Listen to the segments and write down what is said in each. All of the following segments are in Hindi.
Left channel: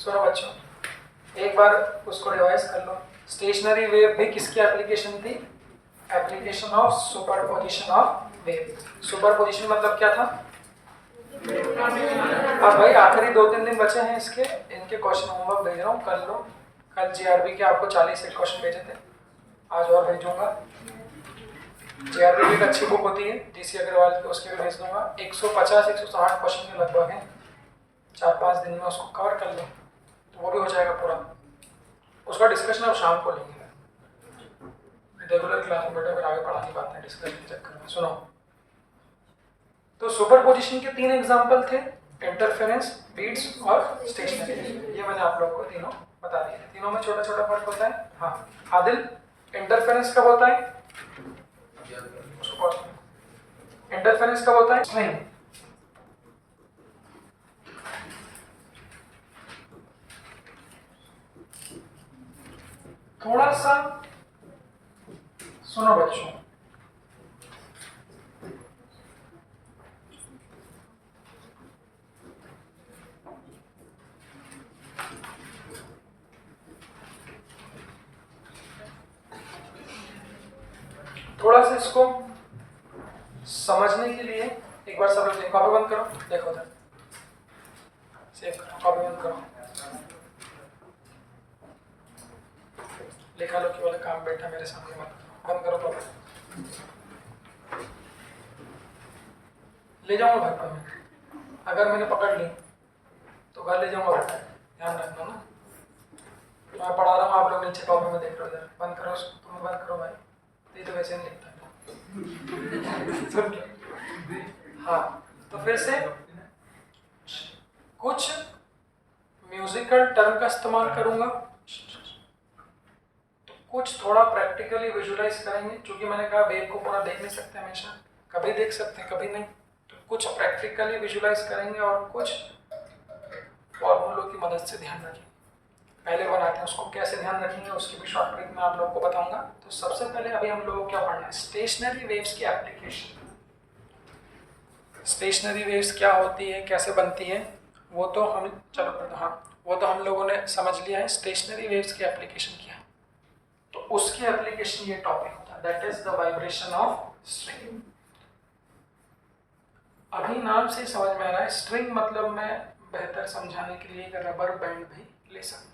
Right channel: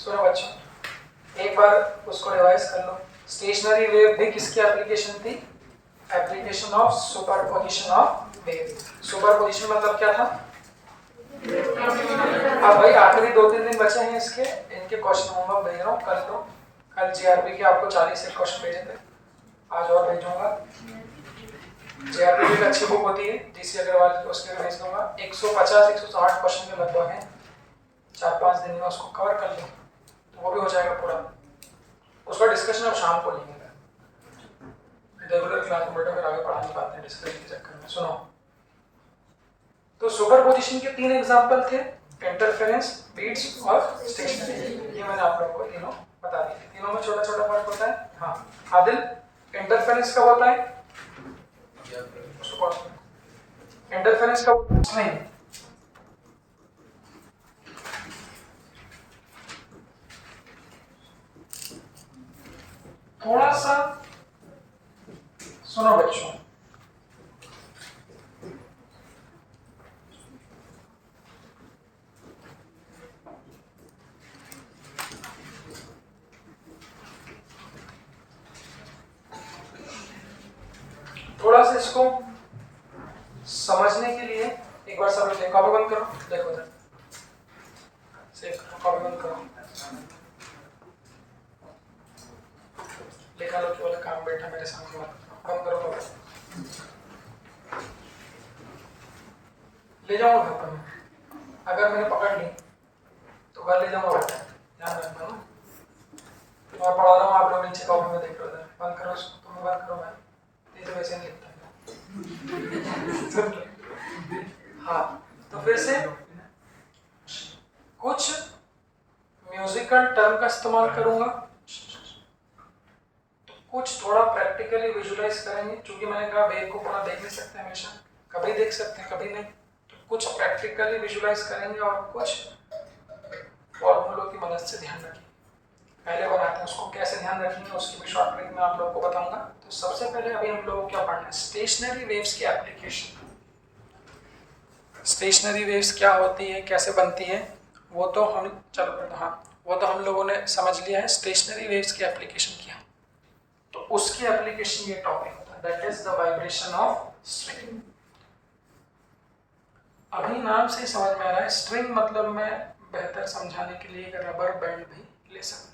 सुनो बच्चों, एक बार उसको रिवाइज कर लो। स्टेशनरी वेव भी किसकी एप्लीकेशन थी? Application of superposition of wave. Superposition मतलब क्या था? अब भाई आखिरी 2-3 दिन बचे हैं इसके, इनके क्वेश्चन होमवर्क भेज रहा हूँ, कर लो। कल जीआरबी के आपको 40 से क्वेश्चन भेजे थे, आज और भेजूंगा। जीआरबी की एक अच्छी बुक होती है जीसी अग्रवाल की, उसके भी भेज दूंगा। 150-160 क्वेश्चन के लगभग हैं, 4-5 दिन में उसको कवर कर लो तो वो भी हो जाएगा पूरा। उसका डिस्कशन अब शाम को लेंगे, रेगुलर क्लास में बेटा फिर आगे पढ़ा नहीं पाते हैं डिस्कशन के चक्कर में। सुनो, तो सुपरपोजिशन के 3 एग्जांपल थे, इंटरफेरेंस, बीट्स और स्टेशनरी। ये मैंने आप लोगों को तीनों बता दिए। तीनों में छोटा छोटा फर्क होता है। हाँ आदिल, इंटरफेरेंस कब होता है? इंटरफेरेंस कब होता है? नहीं, थोड़ा सा सुनो बच्चों, थोड़ा सा इसको समझने के लिए एक बार सब लोग कॉपी बंद करो, देखो उधर सेव करो, कॉपी बंद करो, लिखा लो कि वाला काम बैठा मेरे सामने मत करो, बंद करो कॉपी। ले जाऊंगा घर पर मैं, अगर मैंने पकड़ ली तो घर ले जाऊंगा बेटा, ध्यान रखना ना। मैं पढ़ा रहा हूँ, आप लोग नीचे कॉपी में देख लो, इधर बंद करो उसको, तुम्हें बंद करो भाई, ये तो वैसे नहीं लिखता। हाँ, तो फिर से कुछ म्यूजिकल टर्म का इस्तेमाल करूंगा, तो कुछ थोड़ा प्रैक्टिकली विजुलाइज करेंगे। क्योंकि मैंने कहा वेव को पूरा देख नहीं सकते हमेशा, कभी देख सकते हैं कभी नहीं, तो कुछ प्रैक्टिकली विजुलाइज करेंगे और कुछ फॉर्मूलों की मदद से ध्यान रखेंगे। पहले बनाते हैं उसको, कैसे ध्यान रखेंगे उसकी भी शॉर्ट ट्रिक में आप लोगों को बताऊंगा। तो सबसे पहले अभी हम लोगों को क्या पढ़ना है? स्टेशनरी वेव्स की एप्लीकेशन। स्टेशनरी वेव्स क्या होती है, कैसे बनती है, वो तो हम चलो पढ़ो। हाँ, वो तो हम लोगों ने समझ लिया है। स्टेशनरी वेव्स की एप्लीकेशन क्या है, तो उसकी एप्लीकेशन ये टॉपिक होता है, that is the vibration of string. अभी नाम से समझ में आ रहा है, स्ट्रिंग मतलब मैं बेहतर समझाने के लिए एक रबर बैंड भी ले सकता हूँ।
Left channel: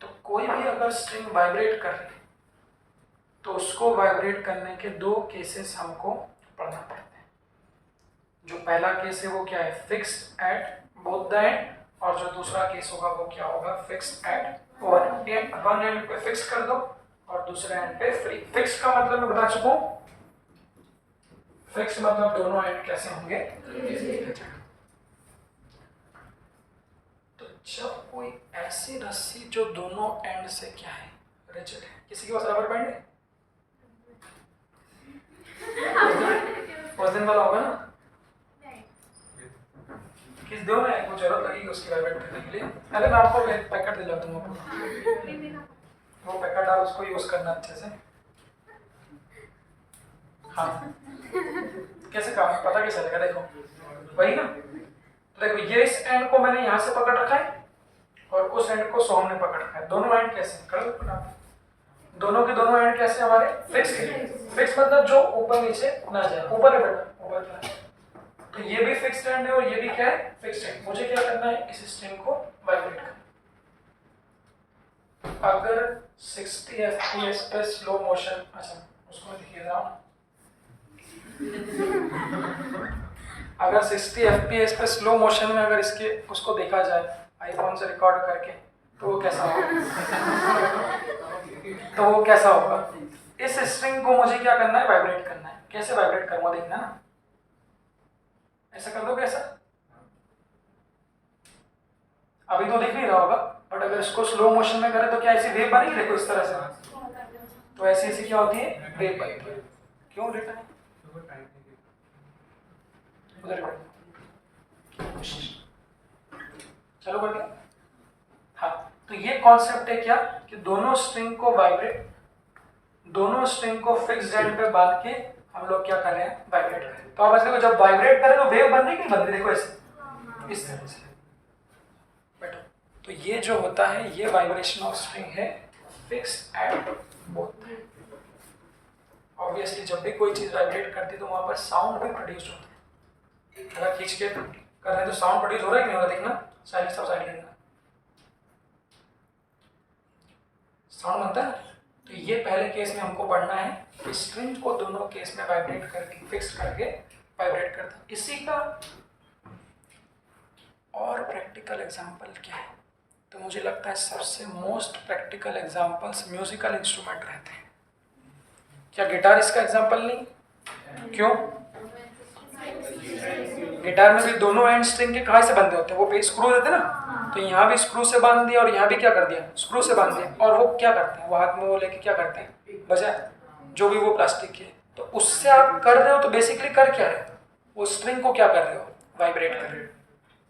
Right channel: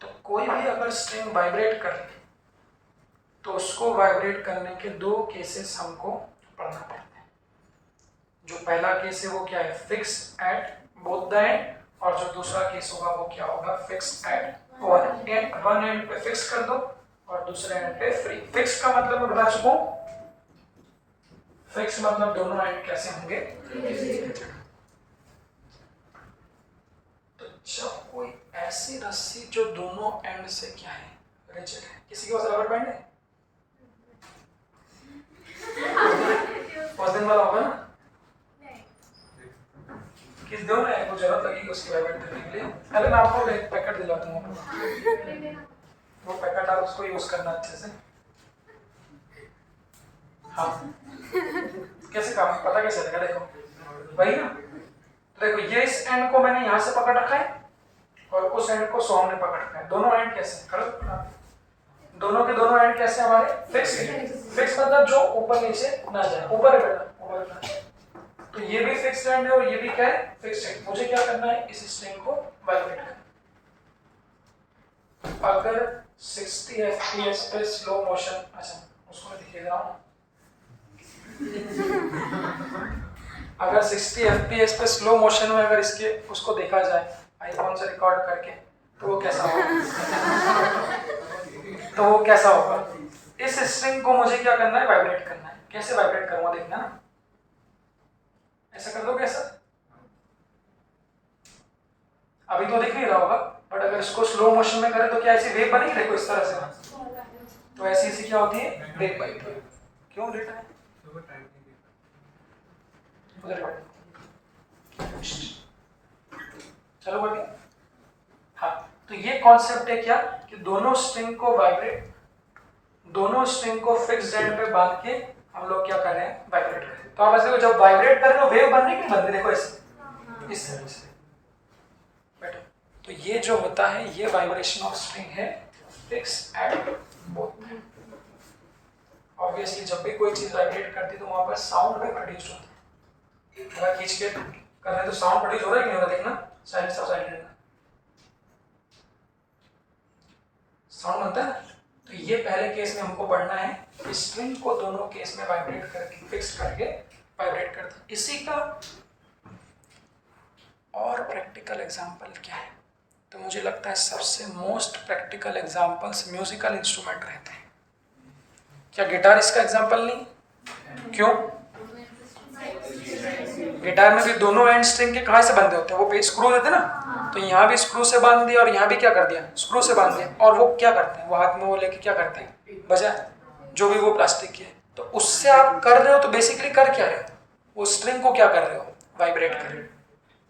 तो कोई भी अगर स्ट्रिंग वाइब्रेट कर रही तो उसको वाइब्रेट करने के 2 केसेस हमको पढ़ना पड़ते हैं। जो पहला केस है वो क्या है? Fixed at both the end, और जो दूसरा केस होगा वो क्या होगा? फिक्स्ड एट वन एंड पे फिक्स कर दो और दूसरे एंड पे फ्री। फिक्स का मतलब मैं बता चुका हूं, फिक्स मतलब दोनों एंड कैसे होंगे? तो जब कोई ऐसी रस्सी जो दोनों एंड से क्या है? रिजिड है। किसी के पास रबर बैंड है? उस दिन वाला होगा ना, किस दो ना को जरूरत लगेगी उसकी वाइब्रेट करने के लिए। पहले मैं आपको एक पैकेट दिला दूंगा, वो पैकेट आप उसको यूज करना अच्छे से। हाँ, कैसे काम पता कैसे चलेगा? देखो वही ना, देखो ये इस एंड को मैंने यहाँ से पकड़ रखा है और उस एंड को सोम ने पकड़ रखा है। दोनों एंड कैसे कर, दोनों के दोनों एंड कैसे हमारे? फिक्स। फिक्स मतलब जो ऊपर नीचे ना जाए, ऊपर है बेटा, ऊपर है। तो ये भी फिक्स्ड एंड है और ये भी क्या है? Fixed and. मुझे क्या करना है? इस स्ट्रिंग को वाइब्रेट करना। अगर 60 fps पे स्लो मोशन, अच्छा उसको मैं दिखा रहा हूँ, अगर 60 fps पे स्लो मोशन में अगर इसके उसको देखा जाए आईफोन से रिकॉर्ड करके, तो वो कैसा होगा? तो वो कैसा होगा? इस स्ट्रिंग को मुझे क्या करना है? वाइब्रेट करना है। कैसे वाइब्रेट करूंगा देखना ना, ऐसा कर दो कैसा? अभी तो दिख नहीं रहा होगा, बट अगर इसको स्लो मोशन में करें तो क्या ऐसी वेव बनेगी? देखो इस तरह से, तो ऐसी क्या होती है? वेव बनती है। क्यों डेटा है उधर चलो बढ़ गया। हाँ, तो ये कॉन्सेप्ट है क्या कि दोनों स्ट्रिंग को वाइब्रेट, दोनों स्ट्रिंग को फिक्स्ड एंड पे बांध के हम लोग क्या कर रहे हैं? वाइब्रेट कर रहे हैं। तो आप ऐसे देखो, जब वाइब्रेट करें तो वेव बन रही कि नहीं बन रही? देखो ऐसे, इस तरह से। तो ये जो होता है ये वाइब्रेशन ऑफ स्ट्रिंग है फिक्स एट बोथ। ऑब्वियसली जब भी कोई चीज वाइब्रेट करती है तो वहां पर साउंड भी प्रोड्यूस होता है। अगर खींच के कर रहे हैं तो साउंड प्रोड्यूस हो रहा है कि नहीं हो रहा, देखना साइलेंस ऑफ साइलेंट साउंड बनता है। तो ये पहले केस में हमको पढ़ना है कि स्ट्रिंग को दोनों केस में वाइब्रेट करके फिक्स करके वाइब्रेट करता है। इसी का और प्रैक्टिकल एग्जांपल क्या है, तो मुझे लगता है सबसे most practical examples musical instrument रहते हैं। क्या गिटार इसका एग्जांपल नहीं? क्यों? गिटार में भी दोनों एंड स्ट्रिंग के कहाँ से बंधे होते हैं, वो पे स्क्रू देते हैं ना, तो यहाँ भी स्क्रू से बांध दिया और यहाँ भी क्या कर दिया, स्क्रू से बांध दिया। और वो क्या करते हैं, वो हाथ में वो लेके क्या करते हैं, बजाए जो भी वो प्लास्टिक की है। तो उससे आप कर रहे हो तो बेसिकली कर क्या रहे हो, वो स्ट्रिंग को क्या कर रहे हो, वाइब्रेट कर रहे हो।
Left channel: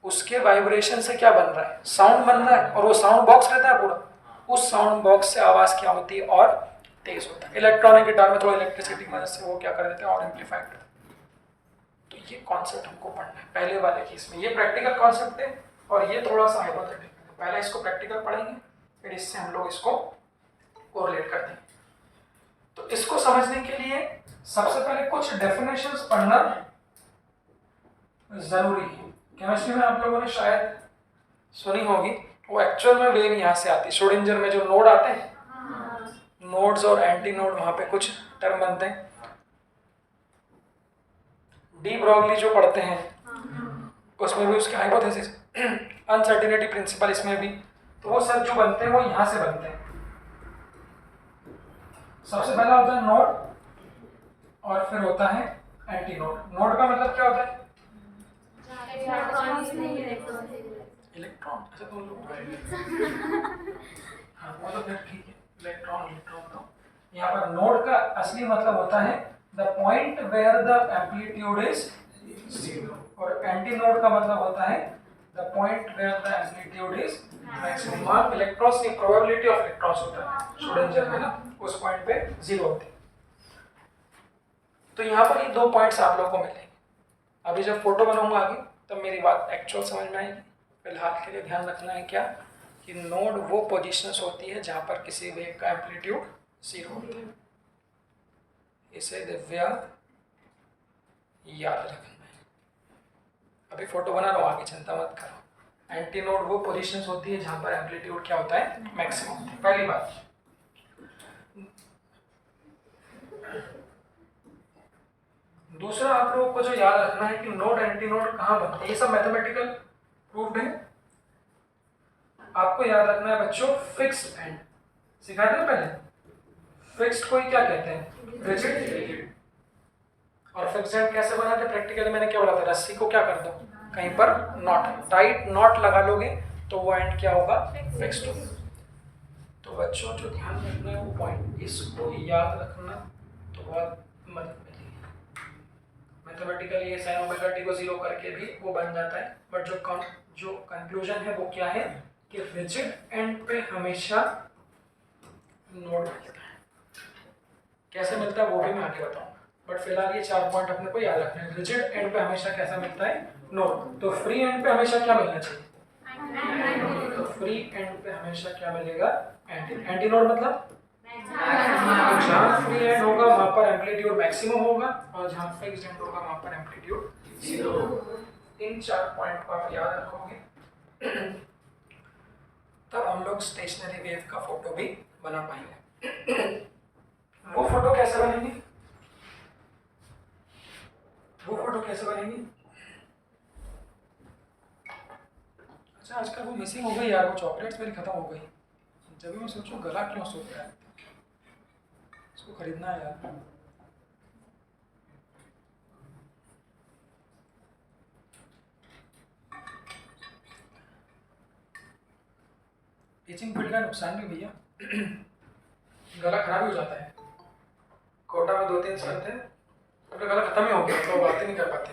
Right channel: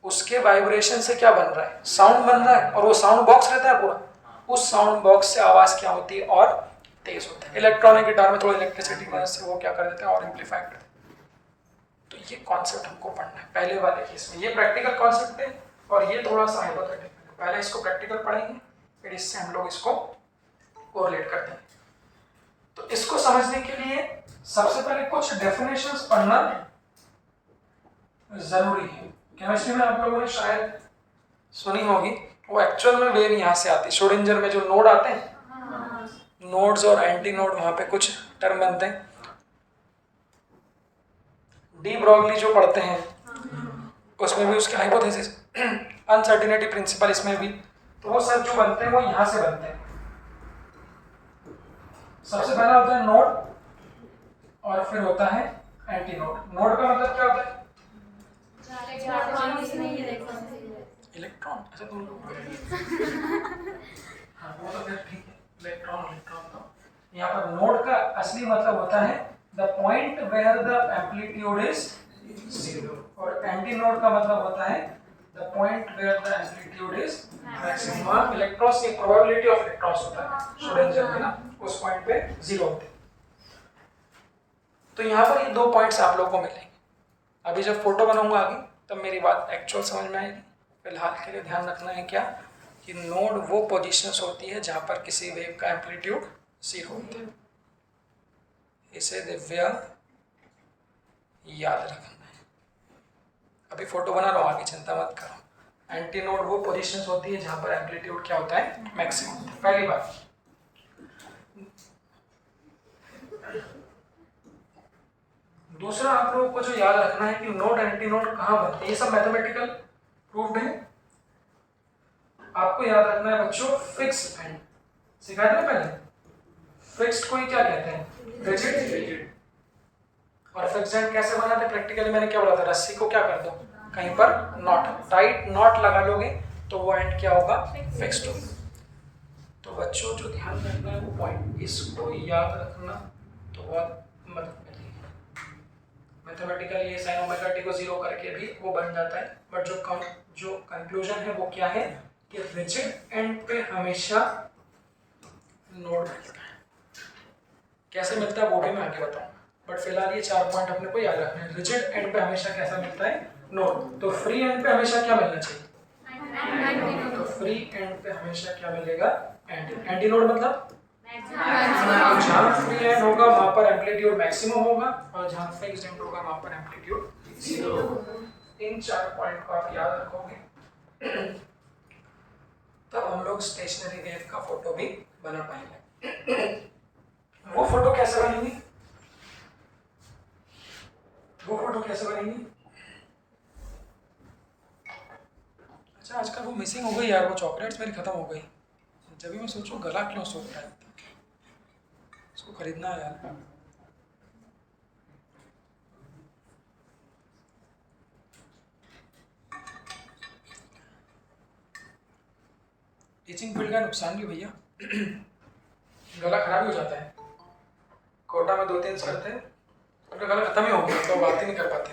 उसके वाइब्रेशन से क्या बन रहा है, साउंड बन रहा है। और वो साउंड बॉक्स रहता है पूरा, उस साउंड बॉक्स से आवाज क्या होती है और तेज होता है। इलेक्ट्रॉनिक गिटार में थोड़ा इलेक्ट्रिसिटी की मदद से वो क्या कर देते हैं और एम्पलीफाई करते हैं। तो ये कॉन्सेप्ट हमको पढ़ना है पहले वाले केस में। ये प्रैक्टिकल कॉन्सेप्ट है और ये थोड़ा सा हाइपोथेटिकल है। पहले इसको प्रैक्टिकल पढ़ेंगे, फिर इससे हम लोग इसको कोरिलेट करते हैं। तो इसको समझने के लिए सबसे पहले कुछ डेफिनेशंस पढ़ना जरूरी है। केमिस्ट्री में आप लोगों ने शायद सुनी होगी, वो एक्चुअल में वेव यहाँ से आती है। श्रोडिंगर में जो नोड आते हैं, नोड्स और एंटी नोड, वहां पे कुछ टर्म बनते हैं। डी ब्रॉगली जो पढ़ते हैं उसमें भी उसके हाइपोथेसिस, अनसर्टेनिटी प्रिंसिपल, इसमें भी तो वो सब जो बनते हैं वो यहाँ से बनते हैं। सबसे पहला होता है नोड और फिर होता है एंटी नोड। नोड का मतलब क्या होता है, इलेक्ट्रॉन। अच्छा तुम लोग हाँ वो तो फिर ठीक है, इलेक्ट्रॉन तो यहाँ पर नोड का असली मतलब होता है the point where the amplitude is zero, और एंटी नोड का मतलब होता है the point where the amplitude is maximum. Electrons की प्रोबेबिलिटी ऑफ इलेक्ट्रॉन्स होता है श्रोडिंगर में ना, उस पॉइंट पे जीरो होते हैं। तो यहाँ पर ये दो पॉइंट्स आप लोगों को मिलेंगे। अभी जब फोटो बनाऊंगा आगे तब मेरी बात एक्चुअल समझ में आएगी। फिलहाल के लिए ध्यान रखना है क्या, कि नोड वो पोजीशंस होती है जहां पर किसी वेव का एम्पलीट्यूड जीरो होता है। इसे दिव्या याद रखना है। अभी फोटो बना लो, आगे चिंता मत करो। एंटी नोड वो पोजीशंस होती है जहां पर एम्पलीट्यूड क्या होता है, मैक्सिमम। पहली बात। दूसरा आप लोगों को जो याद रखना है कि नोड एंटी नोड कहाँ बनते हैं, ये सब मैथमेटिकल प्रूफ्ड है। आपको याद रखना है बच्चों, फिक्स्ड एंड सिखाया था पहले। फिक्स्ड को ही क्या कहते हैं, रिजिड। और फिक्स्ड एंड कैसे बनाते हैं, प्रैक्टिकली मैंने क्या बोला था, रस्सी को क्या कर दो, कहीं पर नॉट, टाइट नॉट लगा लोगे तो वो एंड क्या होगा, फिक्स्ड होगा। तो बच्चों जो ध्यान रखना है वो पॉइंट, इसको याद रखना तो बहुत मदद मिलेगी। मैथमेटिकली ये साइन ओमेगा टी को जीरो करके भी वो बन जाता है, बट जो कंक्लूजन है वो क्या है कि रिजिड एंड पे हमेशा नोड मिलता है। कैसे मिलता है वो भी मैं आगे बताऊंगा, बट फिलहाल ये 4 पॉइंट अपने को याद रखना है। रिजिड एंड पे हमेशा कैसा मिलता है, नोड। तो फ्री एंड पे हमेशा क्या मिलना चाहिए, तो फ्री एंड पे हमेशा क्या मिलेगा, एंटी नोड। मतलब जहां फ्री एंड होगा वहां पर एम्पलीट्यूड मैक्सिमम होगा, और जहां फिक्स्ड एंड होगा वहां पर एम्पलीट्यूड जीरो होगा। इन 4 पॉइंट को आप याद रखोगे तब हम लोग स्टेशनरी वेव का फोटो भी बना पाएंगे। वो फोटो कैसे बनेंगे, अच्छा आजकल वो मिसिंग हो गई यार, वो चॉकलेट्स मेरी खत्म हो गई। जब भी मैं सोचूं गला क्यों सूख रहा है, इसको खरीदना है यार। टीचिंग फील्ड का नुकसान भी भैया, गला खराब हो जाता है। कोटा में 2-3 सर थे, उनका गला खत्म ही हो गया तो बात ही नहीं कर पाते,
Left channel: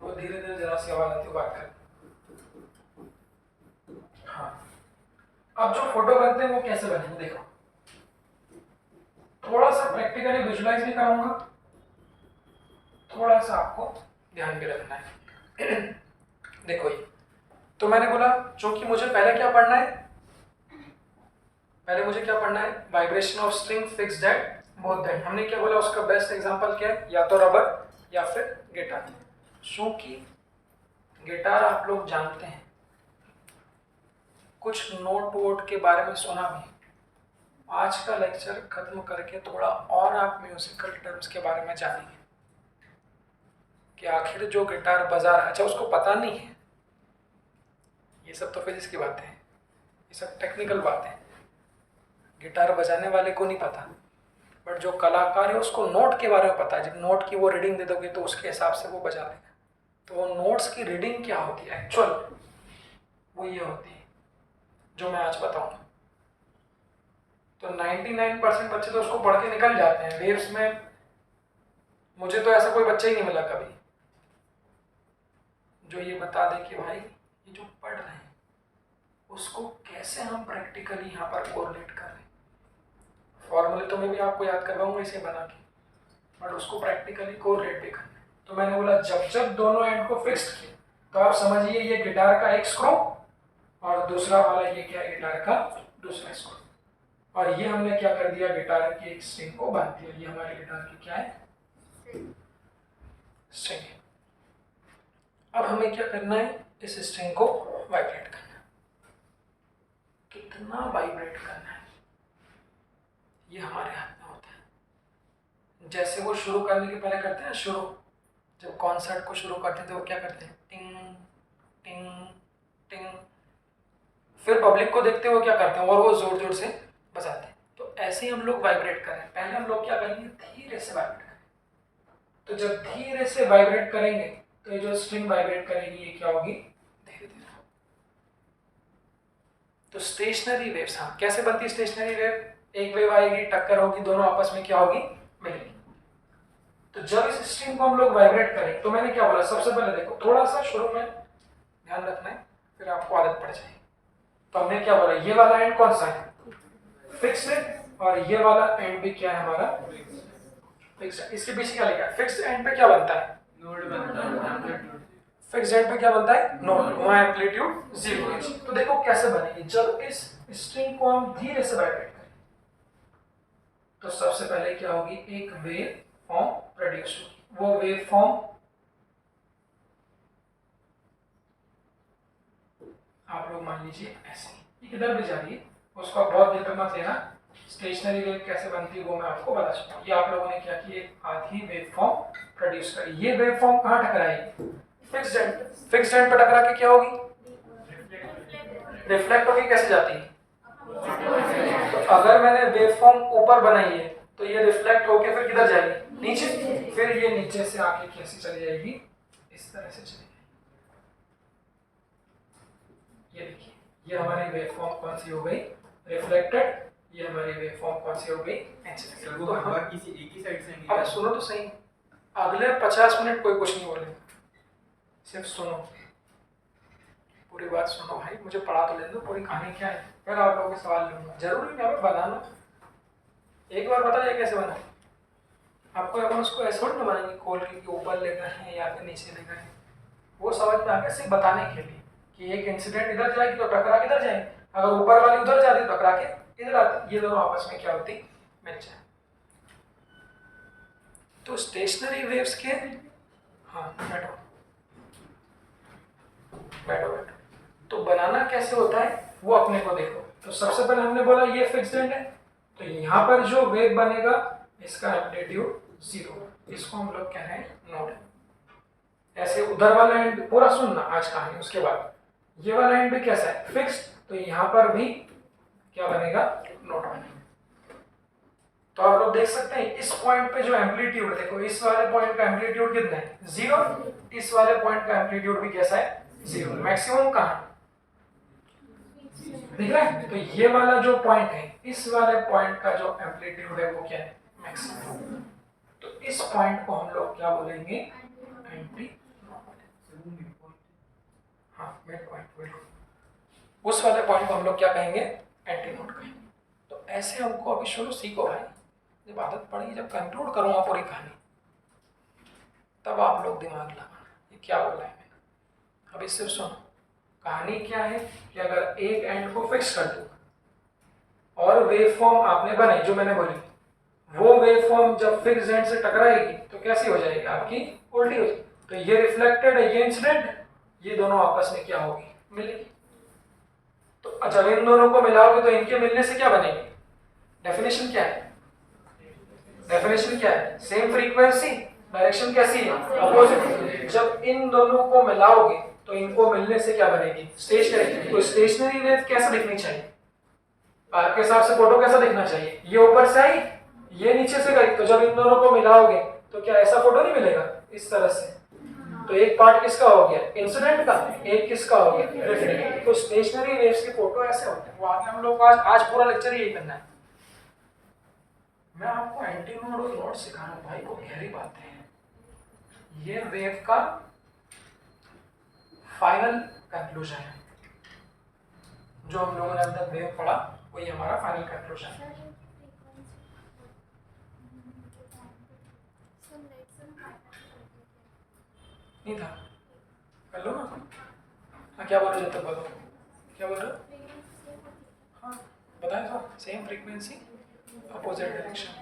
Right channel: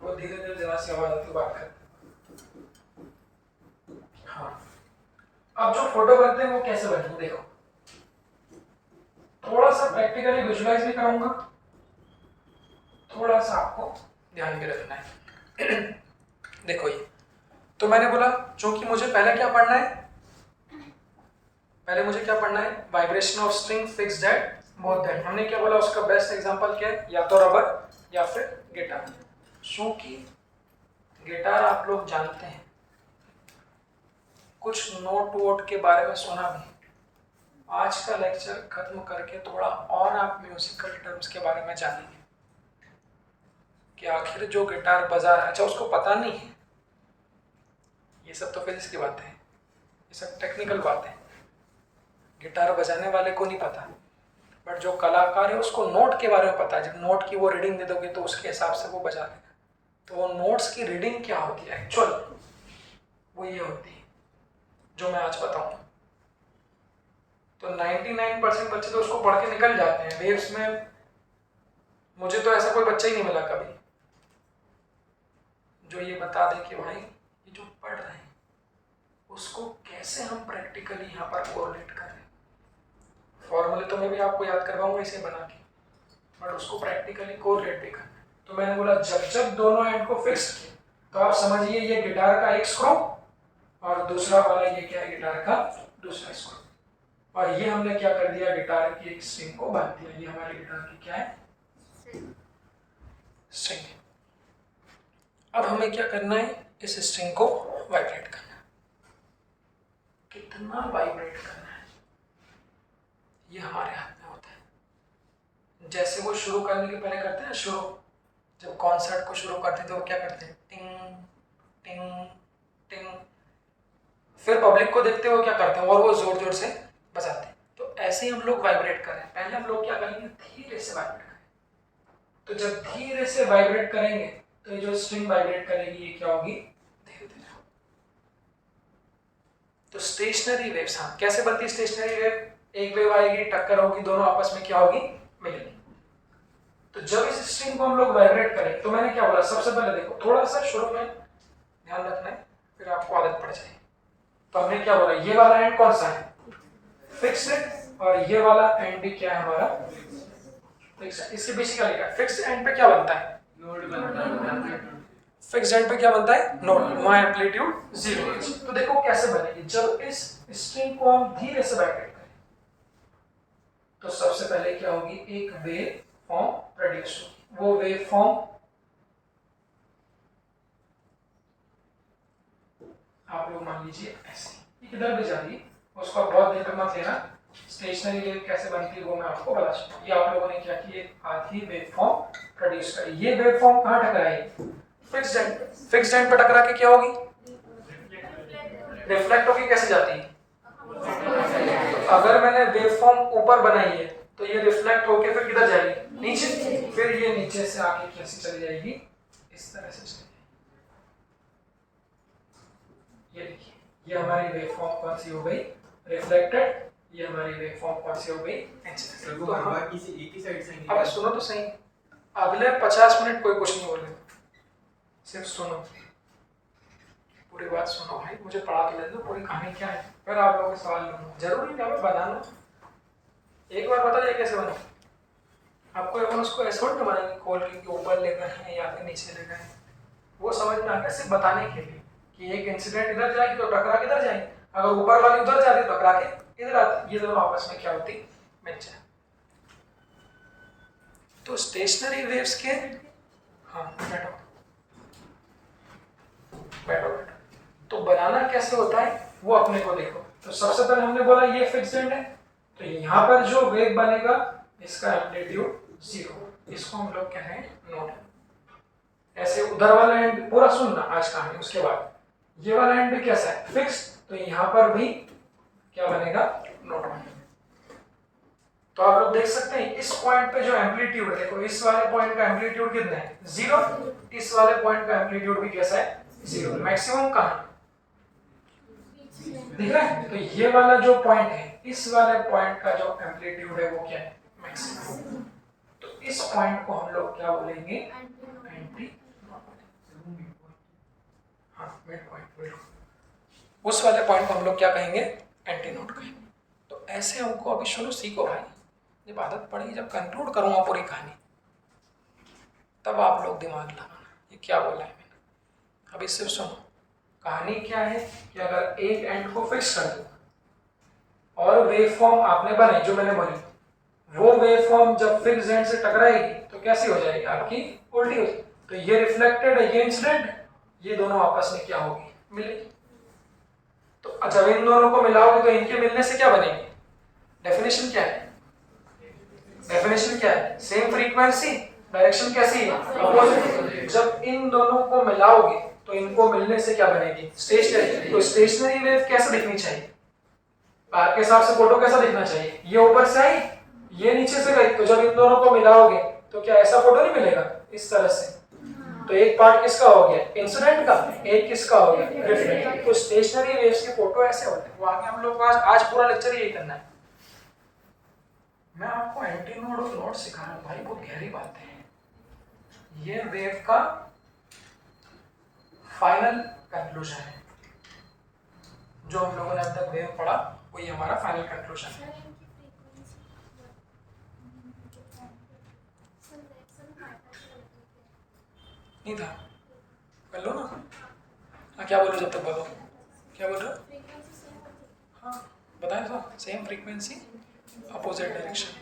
वो धीरे धीरे जरा सी आवाज आती बात कर। हाँ, अब जो फोटो बनते हैं वो कैसे बनेंगे, देखो थोड़ा सा प्रैक्टिकली विजुलाइज भी कराऊंगा, थोड़ा सा आपको ध्यान भी रखना है। देखो ये तो मैंने बोला चूंकि मुझे पहले क्या पढ़ना है, पहले मुझे क्या पढ़ना है, vibration of string fixed at both and. हमने क्या बोला, उसका बेस्ट एग्जांपल क्या है, या तो रबर या फिर गिटार। क्योंकि गिटार आप लोग जानते हैं, कुछ नोट वोट के बारे में सुना भी। आज का लेक्चर खत्म करके थोड़ा और आप म्यूजिकल टर्म्स के बारे में जानेंगे कि आखिर जो गिटार बजा रहा है, अच्छा उसको पता नहीं है, ये सब तो फिजिक्स की बातें हैं, ये सब टेक्निकल बातें हैं, गिटार बजाने वाले को नहीं पता, बट जो कलाकार है उसको नोट के बारे में पता है। जब नोट की वो रीडिंग दे दोगे तो उसके हिसाब से वो बजा लेगा। तो वो नोट्स की रीडिंग क्या होती है एक्चुअल, वो ये होती है जो मैं आज बताऊंगा। तो 99% बच्चे तो उसको पढ़ के निकल जाते हैं वेव्स में। मुझे तो ऐसा कोई बच्चा ही नहीं मिला कभी जो ये बता दे कि भाई ये जो पढ़ रहे हैं उसको कैसे हम प्रैक्टिकली यहाँ पर कोरिलेट कर रहे हैं। फॉर्मूले तो मैं भी आपको याद करवाऊंगा इसे बना के, बट उसको प्रैक्टिकली कोरिलेट भी करना है। तो मैंने बोला जब जब दोनों एंड को फिक्स किया तो आप समझिए ये गिटार का एक स्क्रू और दूसरा वाला ये क्या है, गिटार का दूसरा स्क्रू, और ये हमने क्या कर दिया, गिटार की एक स्ट्रिंग को बांध दिया। ये हमारी गिटार की क्या है, स्ट्रिंग। अब हमें क्या करना है, इस स्ट्रिंग को वाइब्रेट करना है। कितना वाइब्रेट करना है ये हमारे हाथ में होता है। जैसे वो शुरू करने के पहले करते हैं शुरू, जब कॉन्सर्ट को शुरू करते हैं तो वो क्या करते हैं, टिंग टिंग टिंग। फिर पब्लिक को देखते हुए क्या करते हैं, और वो जोर जोर से बजाते हैं। तो ऐसे ही हम लोग वाइब्रेट करें। पहले हम लोग क्या करेंगे, धीरे से वाइब्रेट करें। तो जब धीरे से वाइब्रेट करेंगे तो ये जो स्ट्रिंग वाइब्रेट करेगी ये क्या होगी, धीरे धीरे। तो स्टेशनरी वेव्स, हाँ कैसे बनती है स्टेशनरी वेव, एक वेव आएगी, टक्कर होगी, दोनों आपस में क्या होगी, मिलेगी। तो जब इस स्ट्रिंग को हम लोग वाइब्रेट करें तो मैंने क्या बोला, सबसे पहले देखो थोड़ा सा शुरू में ध्यान रखना है, फिर आपको आदत पड़ जाएगी। तो हमने क्या बोला, ये वाला एंड कौन सा है, फिक्स्ड, और ये वाला एंड भी क्या है हमारा, फिक्स्ड। इसके पीछे क्या लिखा है, फिक्स्ड एंड पे क्या बनता है, फिक्स्ड एंड पे क्या बनता है, नोड, वहां एम्पलीट्यूड 0 है। तो देखो कैसे बनेगी, जब इस स्ट्रिंग को हम धीरे से वाइब्रेट करें तो सबसे पहले क्या होगी, एक वेव फॉर्म प्रोड्यूस होगी। वो वेव फॉर्म आप लोग मान लीजिए ऐसे, ये किधर भी जा रही है, उसका बहुत दिक्कत मत लेना। स्टेशनरी वेव कैसे बनती है वो मैं आपको बता सकता हूँ। ये आप लोगों ने क्या किया, आधी वेव फॉर्म प्रोड्यूस करी। ये वेव फॉर्म कहाँ टकराएगी, फिक्स्ड एंड। फिक्स्ड एंड पे टकरा के क्या होगी, रिफ्लेक्ट होगी। कैसे जाती है, तो अगर मैंने वेव फॉर्म ऊपर बनाई है तो ये रिफ्लेक्ट होके फिर किधर जाएगी, नीचे। फिर ये नीचे से आके कैसे चली जाएगी, इस तरह से चली जाएगी। ये देखिए, ये हमारी वेव फॉर्म कौन सी हो गई, रिफ्लेक्टेड। ये हमारी वेव फॉर्म कौन सी हो गई, इंसिडेंट। तो हम किसी एक ही साइड से, अब सुनो तो सही, अगले 50 मिनट कोई कुछ नहीं बोले, सिर्फ सुनो, पूरी बात सुनो भाई। मुझे पढ़ा तो ले दो, पूरी कहानी क्या है, फिर आप लोगों के सवाल लूंगा। जरूरी नहीं है बनाना, एक बार बता जाए कैसे बना। आपको अपन उसको ऐसे थोड़ी ना बनाएंगे खोल के ऊपर ले गए हैं या फिर नीचे ले गए हैं, वो समझ में आ गया सिर्फ बताने के लिए कि एक इंसिडेंट इधर जाएगी तो टकरा के इधर जाएगी, अगर ऊपर वाली उधर जाती तो टकरा के इधर आती, ये दोनों आपस में क्या होती, मिल जाए। तो स्टेशनरी वेव्स के, हाँ बैठो बैठो बैठो, तो बनाना कैसे होता है वो अपने को देखो। तो सबसे पहले हमने बोला ये फिक्स्ड एंड है, तो यहाँ पर जो वेव बनेगा इसका एम्पलीट्यूड 0, इसको हम लोग कह रहे हैं नोड। ऐसे उधर वाला एंड पूरा सुनना आज कहानी, उसके बाद ये वाला एंड भी कैसा है, फिक्स्ड, तो यहाँ पर भी क्या बनेगा, नोड बनेगा। तो आप लोग देख सकते हैं इस पॉइंट पे जो एम्पलीट्यूड, देखो इस वाले पॉइंट का एम्पलीट्यूड कितना है, 0, इस वाले पॉइंट का एम्पलीट्यूड भी कैसा है, 0। मैक्सिमम कहाँ है, दिख रहा है। तो ये वाला जो पॉइंट है, इस वाले पॉइंट का जो एम्पलीट्यूड है वो क्या है, मैक्सिमम। तो इस पॉइंट को हम लोग क्या बोलेंगे, एंटी नोड। हाँ मिड पॉइंट, बिल्कुल उस वाले पॉइंट को हम लोग क्या कहेंगे, एंटी नोड कहेंगे। तो ऐसे हमको अभी शुरू सीखो भाई, जब आदत पड़ेगी, जब कंक्लूड करूंगा पूरी कहानी तब आप लोग दिमाग लगाना ये क्या बोला है मैंने। अभी सिर्फ सुनो, कहानी क्या है कि अगर एक एंड को फिक्स कर दूँ और वेव फॉर्म आपने बनाई जो मैंने बोली, वो वेव फॉर्म जब फिक्स एंड से टकराएगी तो कैसी हो जाएगी आपकी, उल्टी हो जाएगी। तो ये रिफ्लेक्टेड है, ये इंसिडेंट, ये दोनों आपस में क्या होगी, मिलेगी। तो जब इन दोनों को मिलाओगे तो इनके मिलने से क्या बनेगी, डेफिनेशन क्या है, डेफिनेशन क्या है, सेम फ्रीक्वेंसी, डायरेक्शन कैसी है, अपोजिट। जब इन दोनों को मिलाओगे तो इनको मिलने से क्या बनेगी, स्टेशनरी। तो स्टेशनरी वेव कैसे दिखनी चाहिए, आपके हिसाब से फोटो कैसा दिखना चाहिए, ये ऊपर से आई, ये नीचे से गई, तो जब इन दोनों को मिलाओगे तो क्या ऐसा फोटो नहीं मिलेगा, इस तरह से। तो एक पार्ट किसका हो गया, इंसिडेंट का, एक किसका हो गया, रिफ्लेक्ट। तो स्टेशनरी वेव्स के फोटो ऐसे होते हैं। वो आगे हम लोग को आज पूरा लेक्चर यही करना है। मैं आपको एंटी नोड और नोड सिखा रहा हूँ भाई, बहुत गहरी बातें हैं। ये वेव का फाइनल कंक्लूजन है, जो हम लोगों ने अब तक वेव पढ़ा वही हमारा फाइनल कंक्लूजन है। नहीं था, कर लो ना। हाँ क्या बोलो, जब तक बोलो, क्या बोल रहे हो, हाँ बताए तो, सेम फ्रीक्वेंसी अपोजिट डायरेक्शन।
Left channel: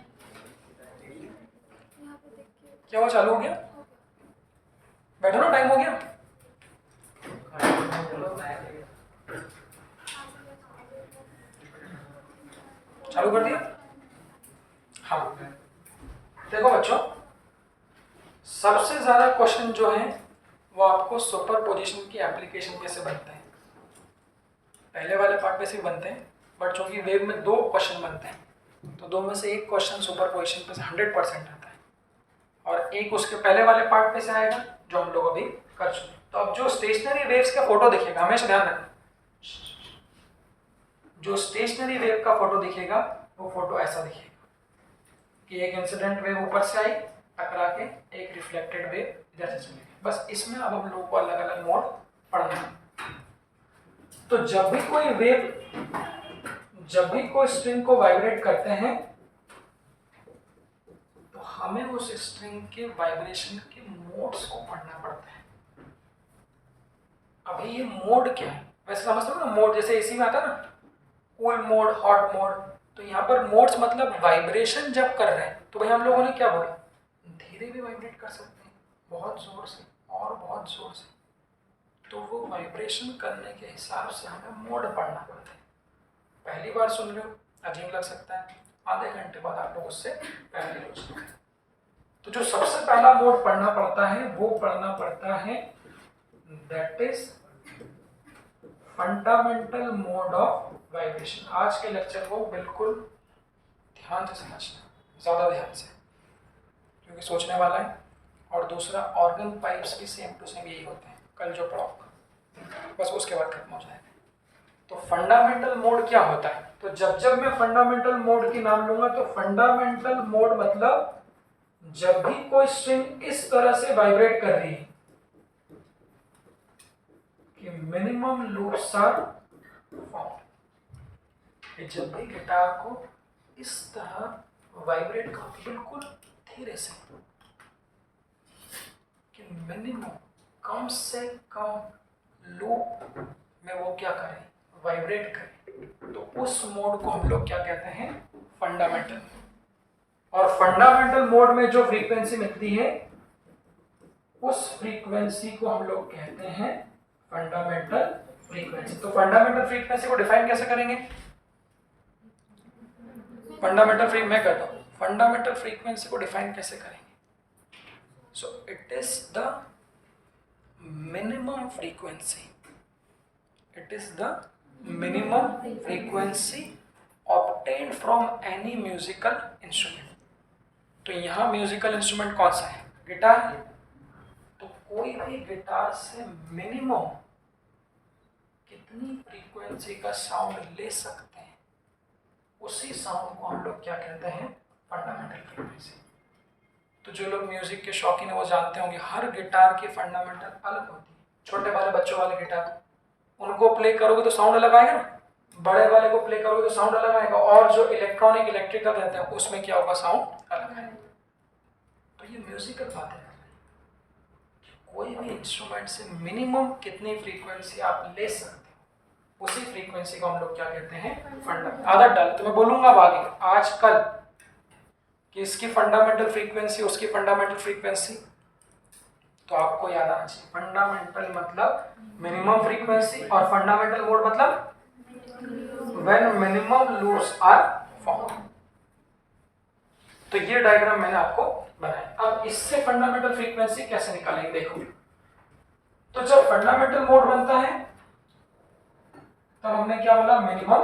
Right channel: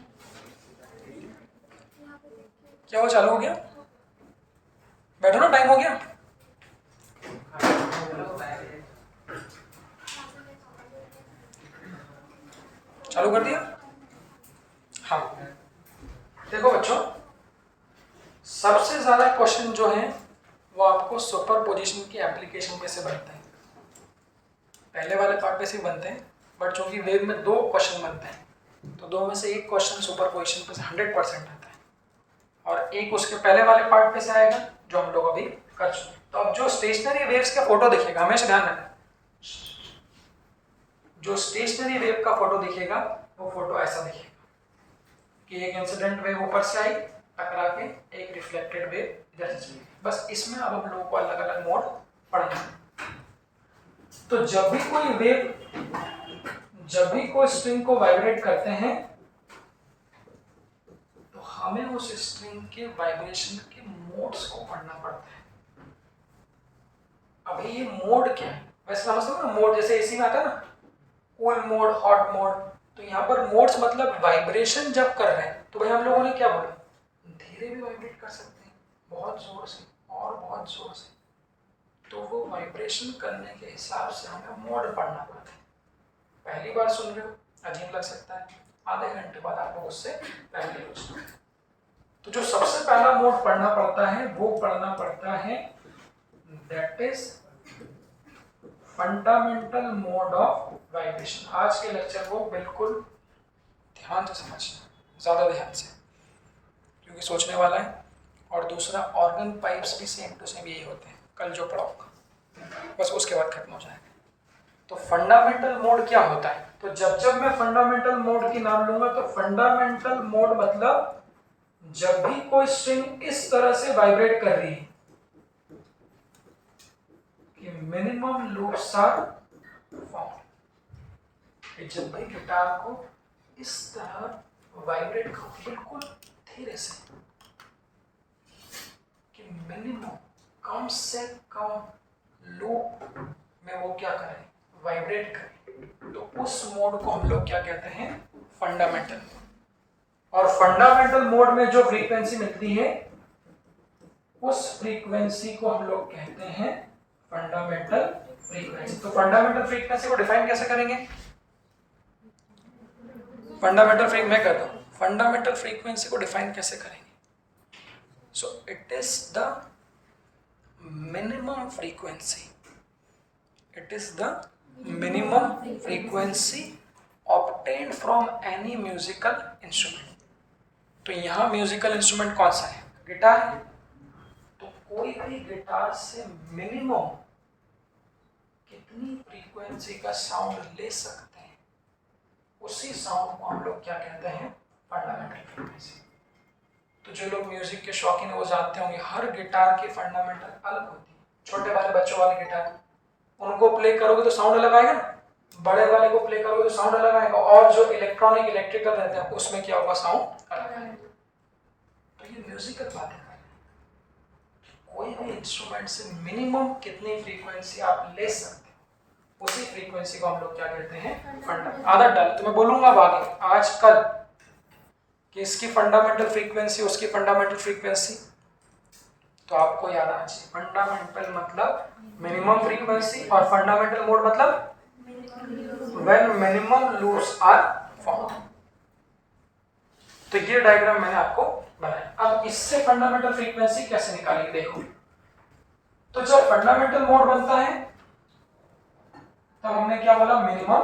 क्या वो चालू हो गया, बैठो ना, टाइम हो गया। चालू कर दिया। हाँ देखो बच्चों, सबसे ज्यादा क्वेश्चन जो है वो आपको सुपर पोजिशन की एप्लीकेशन पे से बनते हैं। पहले वाले पार्ट पे से बनते हैं, बट चूंकि वेव में 2 क्वेश्चन बनते हैं तो 2 में से एक क्वेश्चन सुपर पोजिशन पे से 100% आता है और एक उसके पहले वाले पार्ट पे से आएगा जो हम लोग अभी कर चुके। तो अब जो स्टेशनरी वेव्स का फोटो दिखेगा, हमेशा ध्यान रखना, जो स्टेशनरी वेव का फोटो दिखेगा वो फोटो ऐसा दिखेगा कि एक इंसिडेंट वेव ऊपर से आई टकरा के, एक रिफ्लेक्टेड वेव इधर से चली। बस इसमें अब हम लोगों को अलग अलग मोड पढ़ना है। तो जब भी कोई स्ट्रिंग को वाइब्रेट करते हैं तो हमें उस स्ट्रिंग के वाइब्रेशन के मोड्स को पढ़ना पड़ता है। अभी ये मोड क्या है, वैसे समझते हो ना, मोड जैसे एसी में आता है ना, कूल मोड, हॉट मोड, तो यहाँ पर मोड्स मतलब वाइब्रेशन जब कर रहे हैं तो भाई हम लोगों ने क्या बोला, धीरे भी वाइब्रेट कर सकते हैं, बहुत जोर से और बहुत जोर से। तो वो वाइब्रेशन करने के हिसाब से हमें मोड पढ़ना पड़ता है। पहली बार सुन रहे हो, अजीब लग सकता है, आधे घंटे बाद आप लोग उससे पहले हो सकते हैं। तो जो सबसे पहला मोड पढ़ना पड़ता है वो पढ़ना पड़ता है, that is fundamental mode of vibration. आज के लेक्चर को बिल्कुल ध्यान से समझना, ज़्यादा ध्यान से, क्योंकि सोचने वाला है। और दूसरा, ऑर्गन पाइप्स भी सेम टू सेम यही होते हैं, कल जो पढ़ाऊंगा, बस उसके बाद खत्म हो जाएगा। तो फंडामेंटल मोड क्या होता है, तो जब मैं फंडामेंटल मोड की नाम लूंगा तो फंडामेंटल मोड मतलब जब भी कोई स्ट्रिंग इस तरह से वाइब्रेट कर रही है कि मिनिमम लूप्स आर फाउंड, जब भी गिटार को इस तरह वाइब्रेट करो बिल्कुल धीरे से कि मिनिमम, कम से कम लूप में वो क्या करें, वाइब्रेट करें, तो उस मोड को हम लोग क्या कहते हैं, फंडामेंटल। और फंडामेंटल मोड में जो फ्रीक्वेंसी मिलती है उस फ्रीक्वेंसी को हम लोग कहते हैं फंडामेंटल फ्रीक्वेंसी। तो फंडामेंटल फ्रीक्वेंसी को डिफाइन कैसे करेंगे, मैं कहता हूं फंडामेंटल फ्रीक्वेंसी को डिफाइन कैसे करेंगे। So it is the minimum frequency, it is the minimum frequency obtained from any musical instrument। तो यहाँ म्यूजिकल इंस्ट्रूमेंट कौन सा है, गिटार है, तो कोई भी गिटार से मिनिमम कितनी फ्रीक्वेंसी का साउंड ले सकते हैं, उसी साउंड को हम लोग क्या कहते हैं, फंडामेंटल फ्रीक्वेंसी। तो जो लोग म्यूजिक के शौकीन है वो जानते होंगे हर गिटार की फंडामेंटल अलग होती है। छोटे वाले बच्चों वाले गिटार, उनको प्ले करोगे तो साउंड अलग आएगा ना, बड़े वाले को प्ले करोगे तो साउंड अलग आएगा, और जो इलेक्ट्रॉनिक इलेक्ट्रिकल रहते हैं उसमें क्या होगा, साउंड अलग आएगा। तो ये म्यूजिकल बातें कर रहे हैं। कोई भी इंस्ट्रूमेंट से मिनिमम कितनी फ्रीक्वेंसी आप ले सकते हो, उसी फ्रीक्वेंसी को हम लोग क्या कहते हैं, फंडामेंटल। आदत डाल, तो मैं बोलूंगा अब आगे आज कल कि इसकी फंडामेंटल फ्रीक्वेंसी, उसकी फंडामेंटल फ्रीक्वेंसी, तो आपको याद आना चाहिए फंडामेंटल मतलब मिनिमम फ्रीक्वेंसी और फंडामेंटल मोड मतलब when minimum loops are form. तो ये डायग्राम मैंने आपको बनाया। अब इससे फंडामेंटल फ्रीक्वेंसी कैसे निकालेंगे देखो। तो जब फंडामेंटल मोड बनता है तब हमने क्या बोला, मिनिमम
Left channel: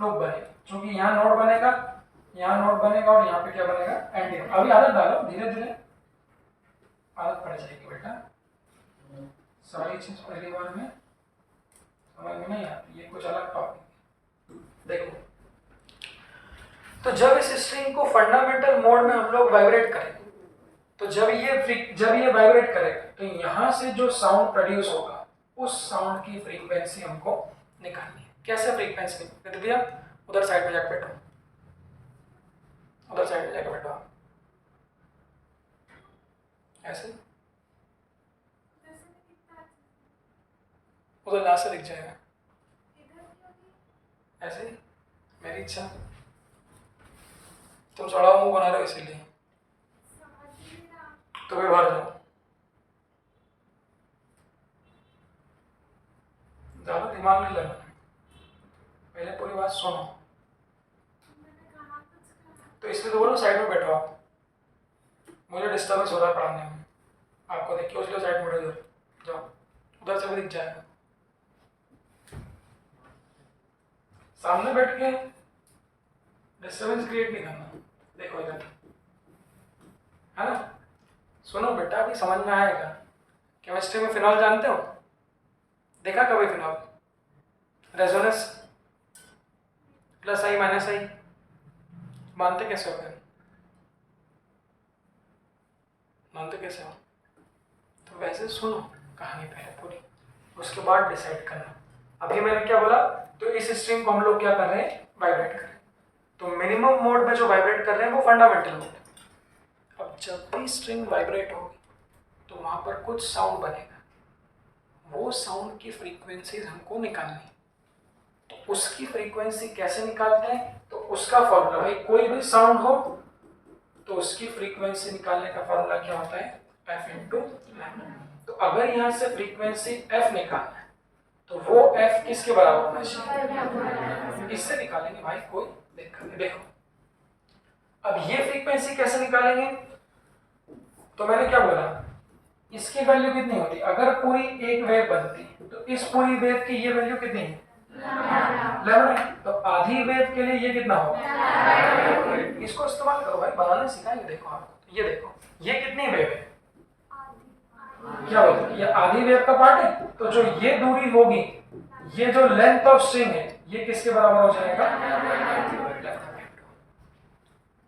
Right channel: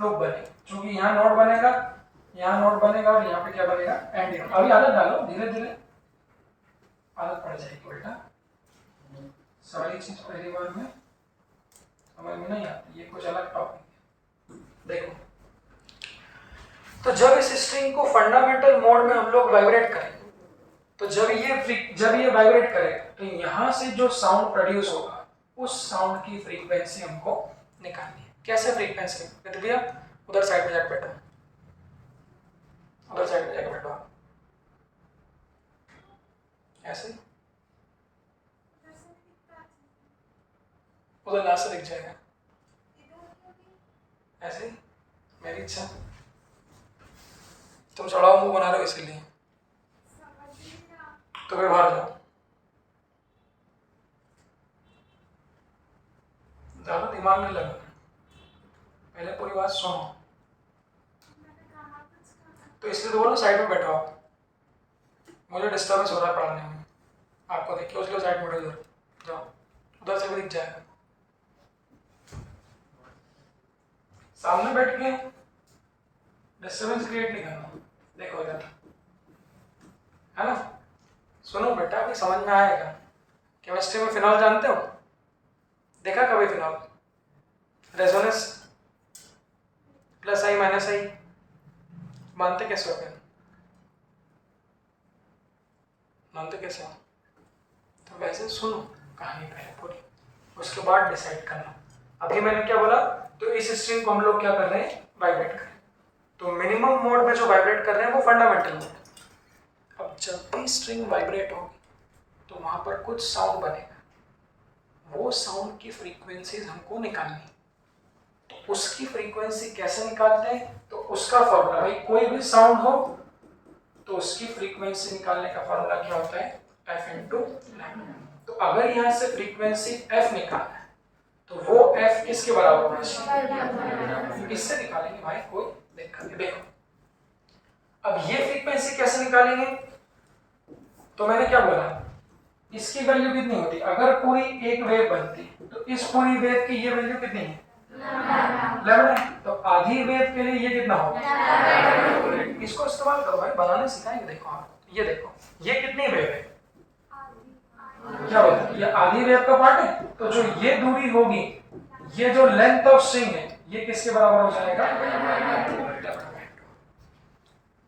लूप बने, क्योंकि यहाँ नोड बनेगा, यहाँ नोड बनेगा और यहाँ पे क्या बनेगा, एंड। अभी आदत डालो, धीरे धीरे आदत पड़ जाएगी बेटा। सारी चीज पहली बार में समझ में नहीं आती, ये कुछ अलग टॉपिक। देखो, तो जब इस स्ट्रिंग को फंडामेंटल मोड में हम लोग वाइब्रेट करें, तो जब ये वाइब्रेट करेगा तो यहाँ से जो साउंड प्रोड्यूस होगा उस साउंड की फ्रीक्वेंसी हमको निकालनी है। कैसे फ्रीक्वेंसी? भैया उधर साइड में जाकर बैठो, उधर साइड में जाकर बैठो, ऐसे उधर यहाँ से दिख जाएगा, ऐसे। मेरी इच्छा, तुम सड़ाओ मुंह बना रहे हो इसीलिए, तो फिर बाहर जाओ। ज्यादा दिमाग नहीं लगाना, पहले पूरी बात सुनो। तो इसलिए तो बोलो साइड में बैठो आप, मुझे डिस्टर्बेंस हो रहा है पढ़ाने में, आपको देख के उसके साइड में बैठो, जाओ, उधर से भी दिख जाएगा। सामने बैठ के डिस्टर्बेंस क्रिएट नहीं करना। देखो इधर, है ना? सुनो बेटा, अभी समझ में आएगा। केमिस्ट्री में फिनॉल जानते हो? देखा कभी फिनॉल? रेजोनेंस प्लस आई माइनस आई मानते कैसे हो? फिर मानते कैसे हो? तो वैसे सुनो कहानी पहले पूरी, उसके बाद डिसाइड करना। अभी मैंने क्या बोला, तो इस स्ट्रिंग को हम लोग क्या कर रहे हैं, वाइब्रेट कर रहे हैं। तो मिनिमम मोड में जो वाइब्रेट कर रहे हैं वो फंडामेंटल मोड। अब जब भी स्ट्रिंग वाइब्रेट होगी तो वहां पर कुछ साउंड बनेगा, वो साउंड की फ्रीक्वेंसीज हमको निकालनी। तो उसकी फ्रीक्वेंसी कैसे निकालते हैं? तो उसका फॉर्मूला, भाई कोई भी साउंड हो तो उसकी फ्रीक्वेंसी निकालने का फॉर्मूला क्या होता है, f इंटू लैम्डा। तो अगर यहाँ से फ्रीक्वेंसी f निकालना है तो वो f किसके बराबर होना चाहिए, इससे निकालेंगे भाई, कोई दिक्कत नहीं। देखो अब ये फ्रीक्वेंसी कैसे निकालेंगे, तो मैंने क्या बोला, इसकी वैल्यू कितनी होती, अगर पूरी एक वेव बनती तो इस पूरी वेव की ये वैल्यू कितनी है, लैम्डा। तो आधी वेव के लिए ये कितना होगा, इसको इस्तेमाल करो भाई, बनाने सिखाएंगे। देखो आपको, ये देखो ये कितनी वेव है, क्या बोलते हैं, ये आधी वेव का पार्ट है। तो जो ये दूरी होगी, ये जो लेंथ ऑफ स्ट्रिंग है, ये किसके बराबर हो जाएगा।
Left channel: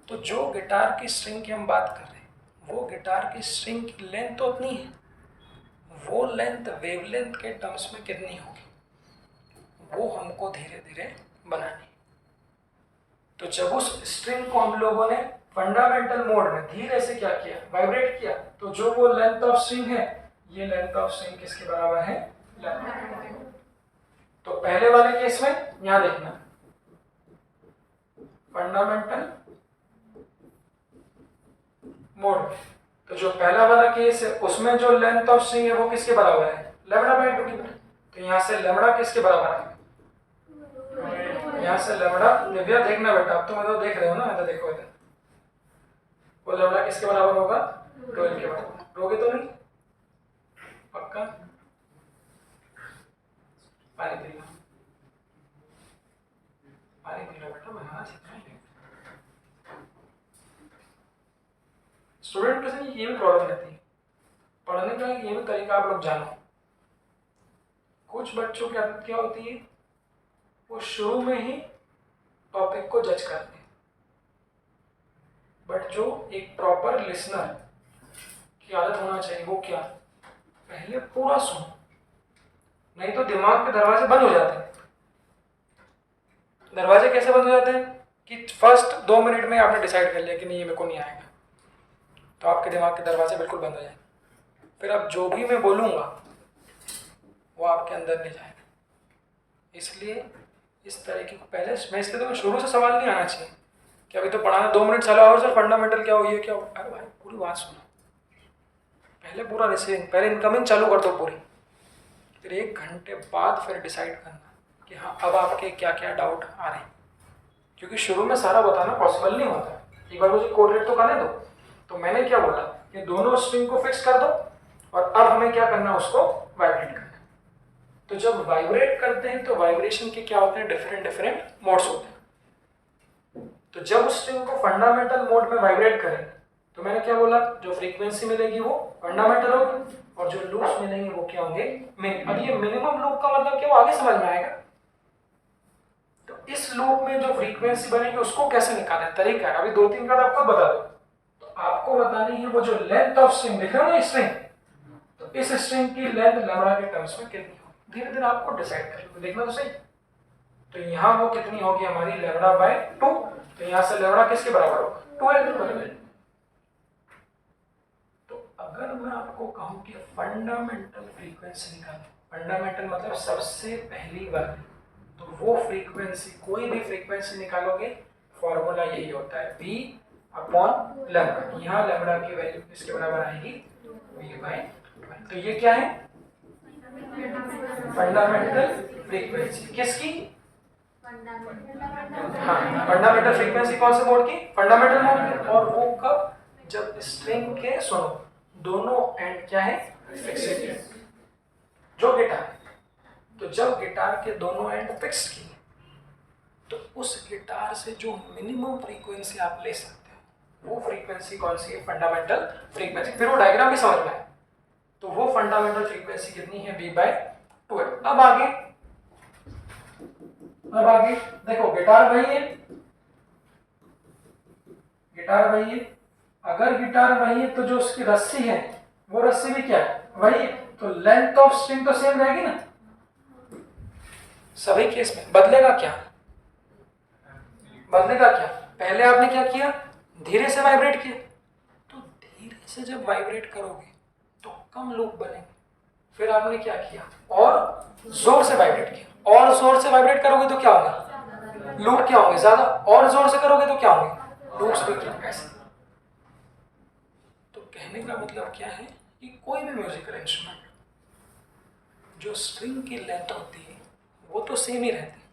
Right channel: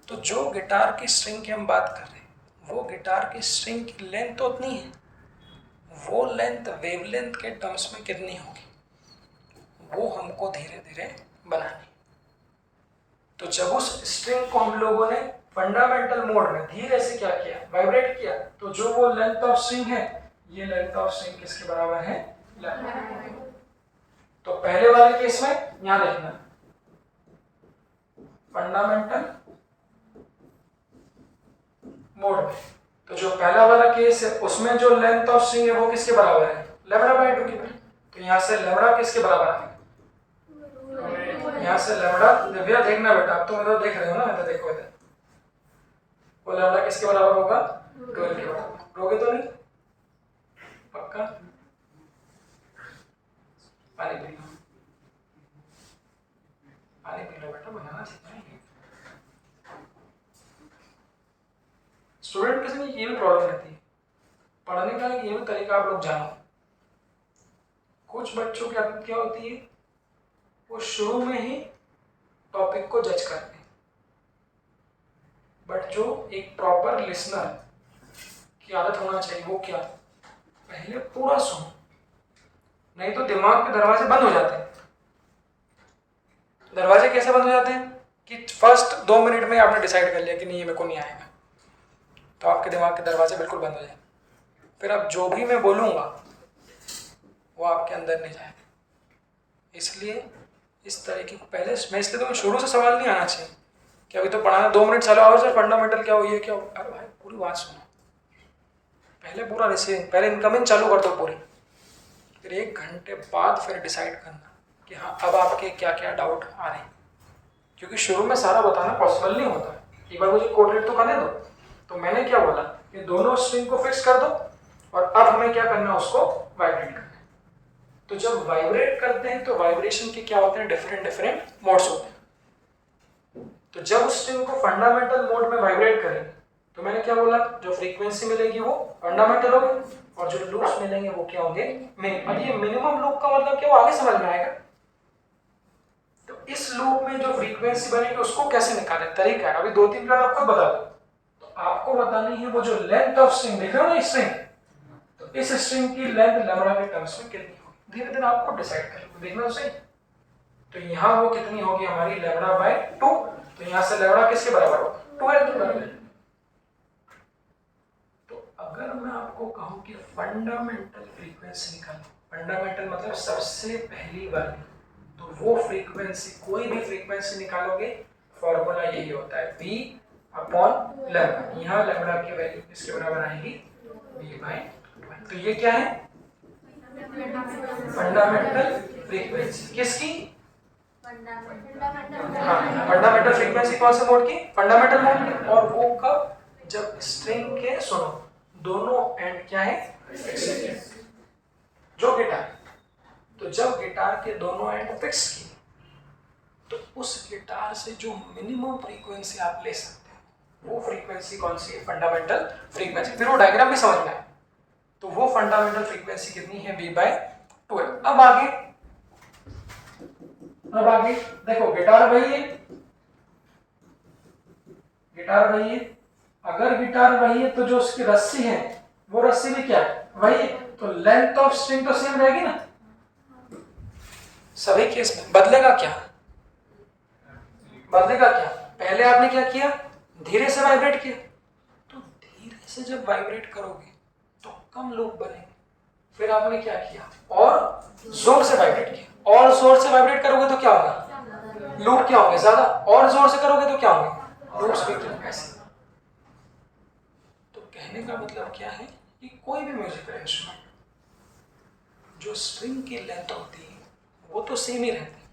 तो जो गिटार की स्ट्रिंग की हम बात कर रहे हैं, वो गिटार की स्ट्रिंग की लेंथ तो उतनी है, वो लेंथ वेवलेंथ के टर्म्स में कितनी होगी, वो हमको धीरे धीरे बनानी। तो जब उस स्ट्रिंग को हम लोगों ने फंडामेंटल मोड में धीरे से क्या किया, वाइब्रेट किया, तो जो वो लेंथ ऑफ स्ट्रिंग है, ये लेंथ ऑफ स्ट्रिंग किसके बराबर है, लैम्डा। तो पहले वाले केस में यहां देखना, फंडामेंटल मोड में, तो जो पहला वाला केस है उसमें जो लेंथ ऑफ स्ट्रिंग है वो किसके बराबर है, लैम्डा बाय 2। तो यहाँ से लैम्डा किसके बराबर है, यहाँ से लैम्डा, दिव्या देखना बेटा, आप तो इधर देख रहे हो ना, इधर देखो इधर, वो लैम्डा किसके बराबर होगा, 12 के बराबर। रोगे तो नहीं, पक्का? पानी पी लो, पानी पी लो बेटा, बनाना सिखाएंगे। स्टूडेंट के साथ ये भी प्रॉब्लम रहती है, पढ़ने का ये भी तरीका आप लोग जानो। कुछ बच्चों की आदत क्या होती है, वो शुरू में ही टॉपिक को जज करते हैं, बट जो एक प्रॉपर लिसनर की आदत होना चाहिए वो क्या, पहले पूरा सुनो, नहीं तो दिमाग के दरवाजे बंद हो जाते हैं। दरवाजे कैसे बंद हो जाते हैं कि फर्स्ट 2 मिनट में आपने डिसाइड कर लिया कि नहीं ये मेरे को नहीं आएगा, तो आपके दिमाग के दरवाजे बिल्कुल बंद हो जाए। फिर अब जो भी मैं बोलूँगा वो आपके अंदर नहीं जाएगा। इसलिए इस तरीके को पहले मैं इसलिए तो शुरू से सवाल नहीं आना चाहिए कि अभी तो पढ़ाना 2 मिनट चला और सर फंडामेंटल क्या हो ये क्या हो। अरे भाई पूरी बात सुनो, पहले पूरा रिसीविंग, पहले इनकमिंग चालू कर दो पूरी, फिर 1 घंटे बाद फिर डिसाइड करना कि हाँ अब आपके क्या क्या डाउट आ रहे हैं। क्योंकि शुरू में सारा बताना पॉसिबल नहीं होता। एक बार मुझे कोऑर्डिनेट तो करने दो। तो मैंने क्या बोला कि दोनों स्ट्रिंग को फिक्स कर दो और अब हमें क्या करना है, उसको वाइब्रेट करना है। तो जब वाइब्रेट करते हैं तो वाइब्रेशन के क्या होते हैं, डिफरेंट मोड्स होते हैं। तो जब उस स्ट्रिंग को फंडामेंटल मोड में वाइब्रेट करेंगे तो मैंने क्या बोला, जो फ्रीक्वेंसी मिलेगी वो फंडामेंटल होगी और जो लूप्स मिलेंगे वो क्या होंगे, मिनिमम। अब ये मिनिमम लूप का मतलब क्या, वो आगे समझ में आएगा। तो इस लूप में जो फ्रीक्वेंसी बनेगी उसको कैसे निकालें, तरीका है। अभी 2-3 बार आपको बता दो। तो आपको बतानी है वो जो लेंथ ऑफ स्ट्रिंग दिख रहा है ना स्ट्रिंग, तो इस स्ट्रिंग की लेंथ लैम्बडा के टर्म्स में कितनी होगी, धीरे धीरे आपको डिसाइड कर लो, देखना तो सही। तो यहाँ वो कितनी होगी हमारी, λ/2। तो यहाँ से लैम्बडा किसके बराबर होगा, 2l के बराबर। तो अगर मैं आपको कहूँ कि फंडामेंटल फ्रीक्वेंसी निकालो, फंडामेंटल मतलब सबसे पहली वाली, तो वो फ्रीक्वेंसी, कोई भी फ्रीक्वेंसी निकालोगे फॉर्मूला यही होता है V/λ। यहाँ लैम्बडा की वैल्यू किसके बराबर आएगी, V/12। तो ये क्या है, फंडामेंटल फ्रीक्वेंसी किसकी, हाँ फंडामेंटल फ्रीक्वेंसी कौन से मोड की, फंडामेंटल मोड की। और वो कब, जब स्ट्रिंग के सुनो दोनों एंड क्या है, फिक्स। जो गिटार, तो जब गिटार के दोनों एंड फिक्स किए तो उस गिटार से जो मिनिमम फ्रीक्वेंसी आप ले सकते हैं वो फ्रीक्वेंसी कौन सी है, फंडामेंटल फ्रीक्वेंसी। फिर वो डायग्राम भी समझ में आए। तो वो फंडामेंटल फ्रीक्वेंसी कितनी है, V/12। अब आगे देखो, गिटार वही है, गिटार वही है। अगर गिटार वही है तो जो उसकी रस्सी है वो रस्सी भी क्या है, वही है। तो लेंथ ऑफ स्ट्रिंग तो सेम रहेगी ना सभी केस में। बदलेगा क्या, बदलेगा क्या, पहले आपने क्या किया, धीरे से वाइब्रेट किया। तो धीरे से जब वाइब्रेट करोगे तो कम लूप बनेंगे। फिर आपने क्या किया, और जोर से वाइब्रेट किया। और जोर से वाइब्रेट करोगे तो क्या होगा, लूप क्या होंगे ज्यादा। और जोर से करोगे तो क्या होंगे, लूप्स भी क्या, कैसे। तो कहने का मतलब क्या है कि कोई भी म्यूजिकल इंस्ट्रूमेंट जो स्ट्रिंग की लेंथ होती है वो तो सेम ही रहती है।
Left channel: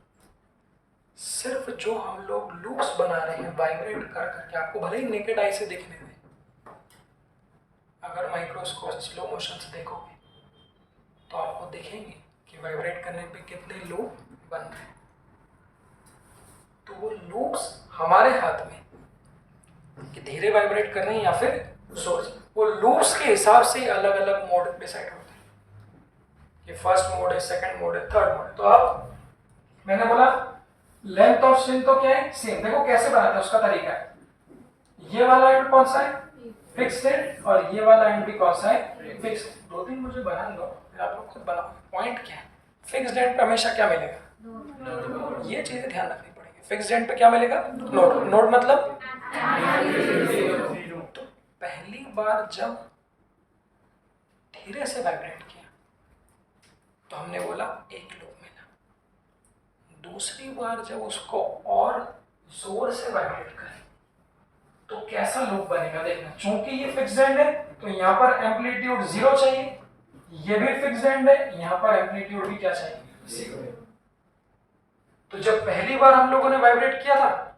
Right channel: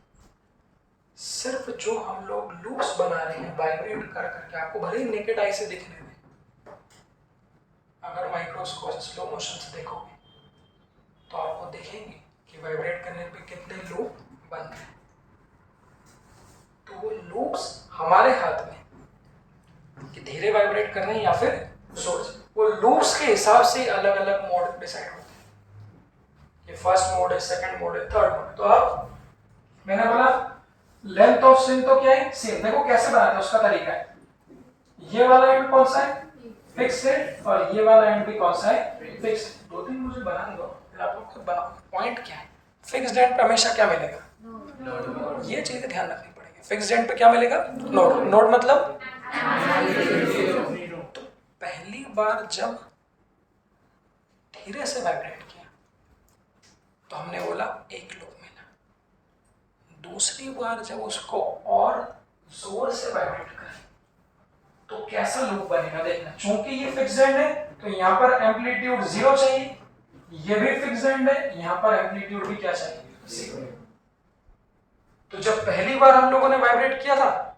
सिर्फ जो हम लोग लूप्स बना रहे हैं वाइब्रेट कर करके, आपको भले ही नेकेड आई से दिखने में, अगर माइक्रोस्कोप स्लो मोशन से देखोगे तो आपको देखेंगे कि वाइब्रेट करने पे कितने लूप बन रहे हैं। तो वो लूप्स हमारे हाथ में कि धीरे वाइब्रेट कर रहे हैं या फिर जोर से, वो लूप्स के हिसाब से अलग अलग मोड डिसाइड होते हैं कि फर्स्ट मोड है, सेकंड मोड है, थर्ड मोड है। तो आप, मैंने बोला लेंथ ऑफ स्ट्रिंग तो क्या है, सेम। देखो कैसे बनाते हैं, उसका तरीका है। ये वाला एंड कौन सा है, फिक्स्ड है, और ये वाला एंड भी कौन सा है, फिक्स्ड। 2-3 मुझे बनाने दो, फिर आप लोग खुद बनाओ। पॉइंट क्या है, फिक्स्ड एंड पे हमेशा क्या मिलेगा, ये चीजें ध्यान रखनी पड़ेगी। फिक्स्ड एंड पे क्या मिलेगा, नोड। नोड मतलब, तो पहली बार जब धीरे से वाइब्रेट किया तो हमने बोला एक लूप मिला। दूसरी बार जब उसको और जोर से वाइब्रेट करें तो कैसा लूप बनेगा, देखना। चूंकि ये फिक्स्ड एंड है तो यहाँ पर एम्पलीट्यूड 0 चाहिए, ये भी फिक्स्ड एंड है, यहाँ पर एम्पलीट्यूड भी क्या चाहिए, 0। तो जब पहली बार हम लोगों ने वाइब्रेट किया था